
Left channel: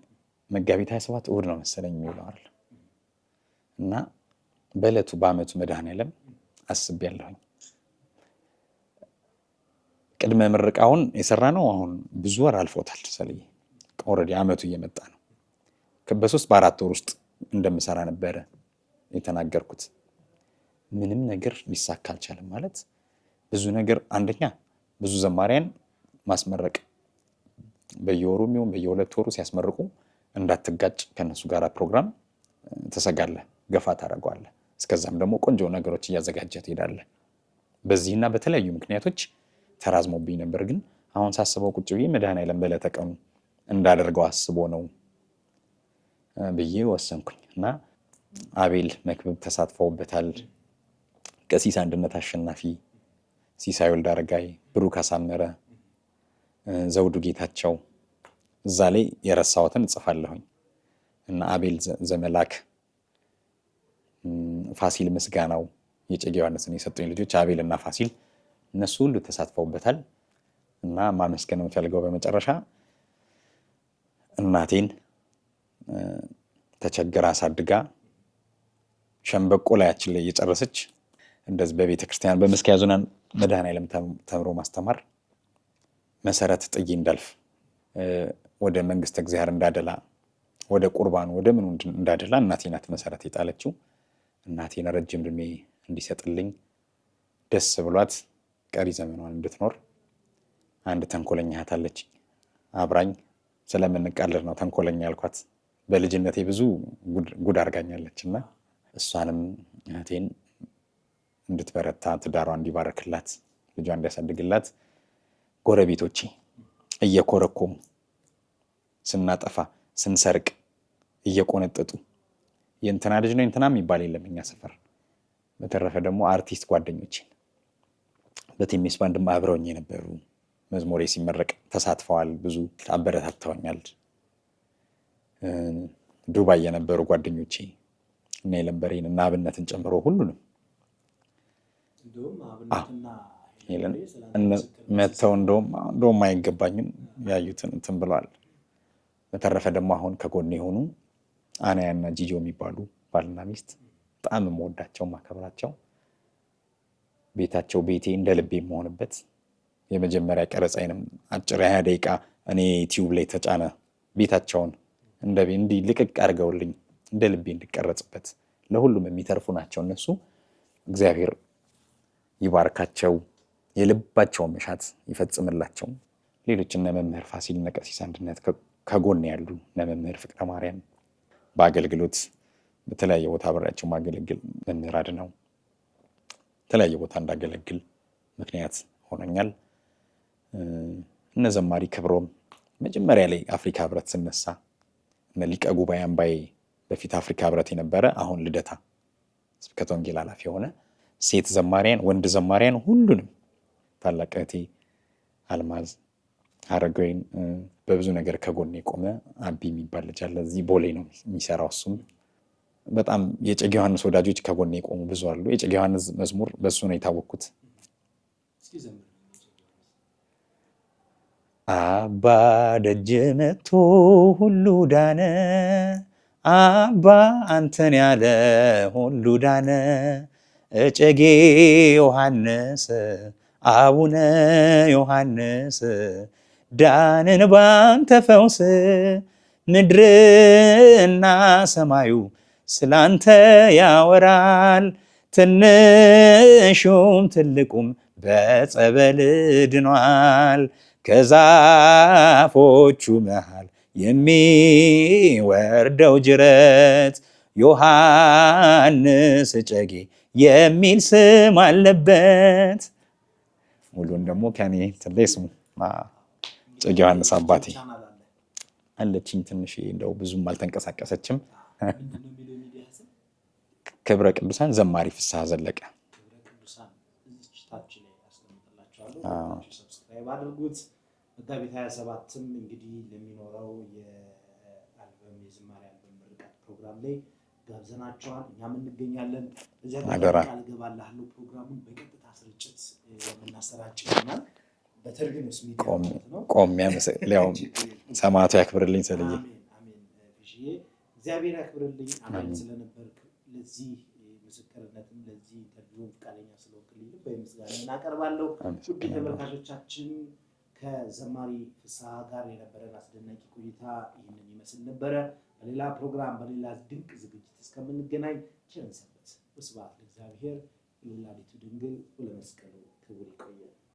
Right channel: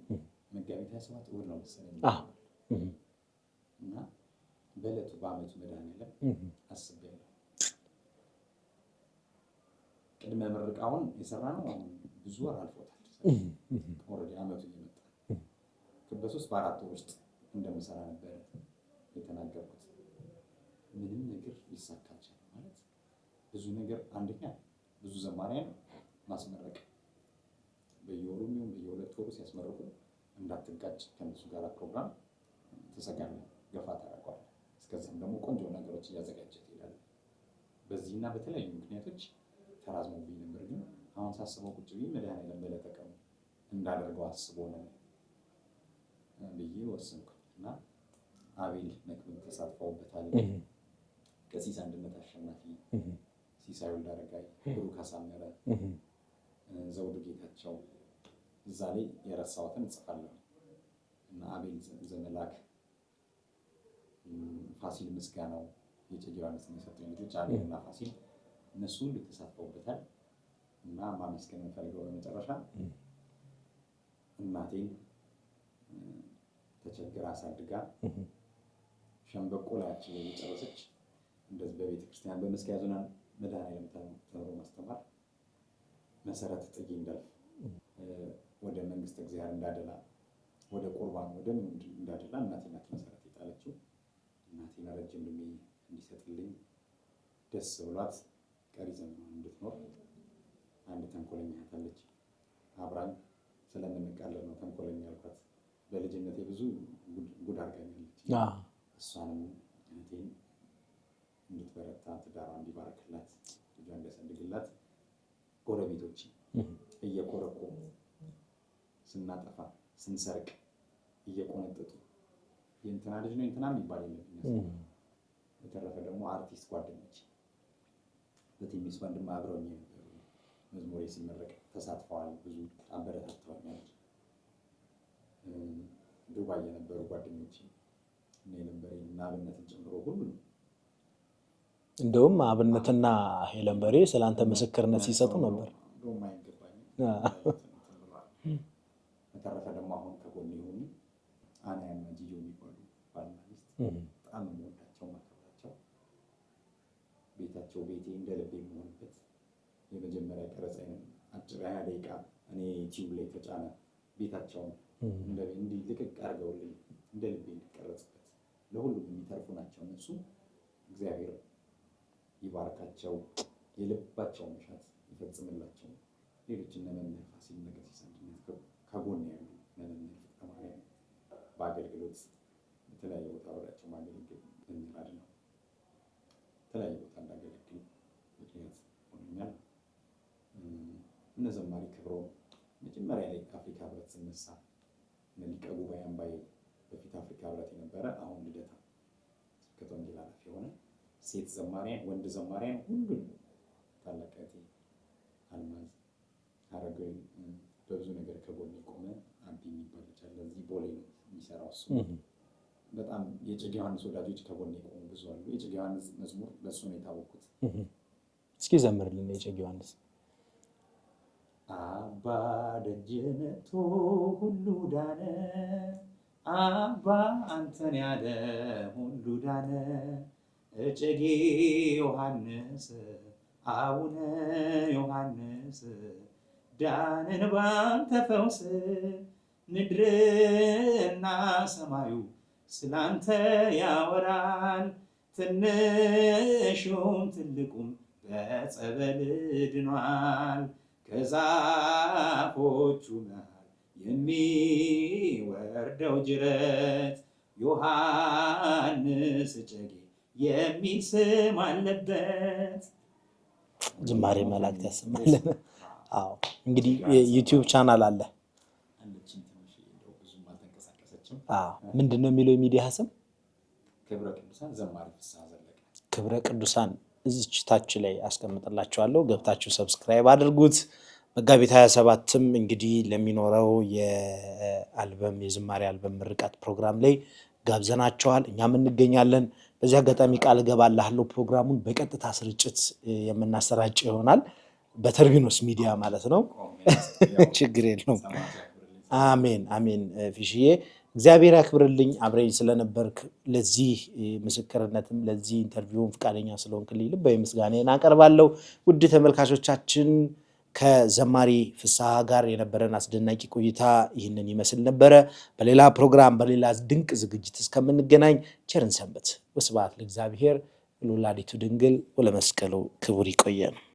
መጋቢት 27 እሑድ ነው መሰለኝ ይኖራል እና በዕለቱ በዓመቱ መድኃኔዓለም አስቤያለሁኝ። ቅድመ ምርቃውን የሰራ ነው። አሁን ብዙ ወር አልፎታል። ኦልሬዲ ዓመቱ እየመጣ ነው። በ3 በ4 ወር ውስጥ እንደምሰራ ነበረ የተናገርኩት። ምንም ነገር ሊሳካ አልቻለም። ማለት ብዙ ነገር አንደኛ ብዙ ዘማሪያን ማስመረቅ በየወሩ የሚሆን በየ2 ወሩ ሲያስመርቁ እንዳትጋጭ ከነሱ ጋር ፕሮግራም ተሰጋለ ገፋ ታደርገዋለ። እስከዛም ደግሞ ቆንጆ ነገሮች እያዘጋጀህ ትሄዳለህ። በዚህና በተለያዩ ምክንያቶች ተራዝሞብኝ ነበር። ግን አሁን ሳስበው ቁጭ ብዬ መድኃኔዓለም በዕለተ ቀኑ እንዳደርገው አስቦ ነው ብዬ ወሰንኩኝ እና አቤል መክብብ ተሳትፈውበታል። ቀሲስ አንድነት አሸናፊ፣ ሲሳይ ወልደ አረጋይ፣ ብሩክ አሳመረ፣ ዘውዱ ጌታቸው እዛ ላይ የረሳሁትን እጽፋለሁኝ እና አቤል ዘመላክ፣ ፋሲል ምስጋናው የጨጌ ዮሐንስን የሰጡኝ ልጆች አቤል እና ፋሲል እነሱ ሁሉ ተሳትፈውበታል እና ማመስገን የምፈልገው በመጨረሻ እናቴን ተቸግራ አሳድጋ ሸምበቆ ላያችን ላይ እየጨረሰች እንደዚህ በቤተ ክርስቲያን በመስኪያ ዙናን መድኃኔዓለም ተምሮ ማስተማር መሰረት ጥዬ እንዳልፍ ወደ መንግስተ እግዚአብሔር እንዳደላ ወደ ቁርባኑ ወደ ምኑ እንዳደላ እናቴ ናት መሰረት የጣለችው። እናቴን ረጅም ዕድሜ እንዲሰጥልኝ ደስ ብሏት ቀሪ ዘመኗን እንድትኖር አንድ ተንኮለኛ እህት አለች። አብራኝ ስለምንቃለድ ነው ተንኮለኛ ያልኳት። በልጅነቴ ብዙ ጉድ አርጋኛለችና እሷንም እህቴን እንድትበረታ ትዳሯ እንዲባረክላት ልጇ እንዲያሳድግላት ጎረቤቶቼ እየኮረኮሙ ስናጠፋ ስንሰርቅ እየቆነጠጡ የእንትና ልጅ ነው እንትና የሚባል የለም እኛ ሰፈር። በተረፈ ደግሞ አርቲስት ጓደኞቼ በቲሜስ ባንድ አብረውኝ የነበሩ መዝሙሬ ሲመረቅ ተሳትፈዋል፣ ብዙ አበረታተውኛል። ዱባይ የነበሩ ጓደኞቼ እና የለንበሬን እና አብነትን ጨምሮ ሁሉንም እንደውም አብነትና ሄለንበሬ ስላንተ ምስክርነት መተው እንደውም አይገባኝም ያዩትን እንትን ብለዋል። በተረፈ ደግሞ አሁን ከጎኔ የሆኑ አናያና ጂጆ የሚባሉ ባልና ሚስት በጣም የምወዳቸው ማከብራቸው፣ ቤታቸው ቤቴ እንደ ልቤ የምሆንበት የመጀመሪያ ቀረጻዬንም አጭር 20 ደቂቃ እኔ ዩቲዩብ ላይ ተጫነ ቤታቸውን እንዲህ ልቅቅ አድርገውልኝ እንደ ልቤ እንድቀረጽበት ለሁሉም የሚተርፉ ናቸው እነሱ። እግዚአብሔር ይባርካቸው፣ የልባቸውን መሻት ይፈጽምላቸው። ሌሎች እነ መምህር ፋሲል እነ ቀሲስ አንድነት ከጎን ያሉ እነ መምህር ፍቅረ ማርያም በአገልግሎት በተለያየ ቦታ አብሬያቸው ማገለግል መምህር አድነው በተለያየ ቦታ እንዳገለግል ምክንያት ሆነኛል። እነ ዘማሪ ክብሮም መጀመሪያ ላይ አፍሪካ ህብረት ስነሳ እነ ሊቀ ጉባኤ አምባዬ በፊት አፍሪካ ህብረት የነበረ አሁን ልደታ ስብከተ ወንጌል ኃላፊ የሆነ ሴት ዘማሪያን ወንድ ዘማሪያን ሁሉንም ታላቅ እህቴ አልማዝ አረጋዊን በብዙ ነገር ከጎን የቆመ አቢ የሚባል ልጅ አለ እዚህ ቦሌ ነው የሚሰራው። እሱም በጣም የጨጌ ዮሐንስ ወዳጆች ከጎን የቆሙ ብዙ አሉ። የጨጌ ዮሐንስ መዝሙር በሱ ነው የታወቅኩት። እስኪ ዘምርልን የጨጌ ዮሐንስ። አባ ደጅ መጥቶ ሁሉ ዳነ፣ አባ አንተን ያለ ሁሉ ዳነ፣ እጨጌ ዮሐንስ አቡነ ዮሐንስ ዳንን ባንተ ፈውስ፣ ምድርና ሰማዩ ስላንተ ያወራል፣ ትንሹም ትልቁም በጸበል ድኗል፣ ከዛፎቹ መሃል የሚወርደው ጅረት ዮሐንስ እጨጌ የሚል ስም አለበት። እንግዲህ ዩቲዩብ ቻናል አለ አለችኝ ትንሽ እንደው ብዙም አልተንቀሳቀሰችም። ምንድነው የሚለው የሚዲያ ስም? ክብረ ቅዱሳን ዘማሪ ፍስሐ ዘለቀ። ክብረ ቅዱሳን እዚች ታች ላይ አስቀምጥላችኋለሁ፣ ገብታችሁ ሰብስክራይብ አድርጉት። መጋቢት 27ም እንግዲህ ለሚኖረው የአልበም የዝማሬ አልበም ምርቃት ፕሮግራም ላይ ጋብዘናቸዋል፣ እኛም እንገኛለን። በዚህ አጋጣሚ ቃል ገባላለሁ ፕሮግራሙን በቀጥታ ስርጭት የምናሰራጭ ይሆናል፣ በተርቢኖስ ሚዲያ ማለት ነው። ችግር የለውም። ሰማዕቱ ያክብርልኝ። አሜን አሜን። ፊሽዬ እግዚአብሔር ያክብርልኝ፣ አብረኝ ስለነበርክ ለዚህ ምስክርነትም ለዚህ ኢንተርቪውም ፈቃደኛ ስለሆንክልኝ ልባዊ ምስጋናዬን አቀርባለሁ። ውድ ተመልካቾቻችን ከዘማሪ ፍስሐ ጋር የነበረን አስደናቂ ቆይታ ይህንን ይመስል ነበረ። በሌላ ፕሮግራም በሌላ ድንቅ ዝግጅት እስከምንገናኝ ቸርን ሰንበት። ወስብሐት ለእግዚአብሔር ወለወላዲቱ ድንግል ወለመስቀሉ ክቡር። ይቆየን።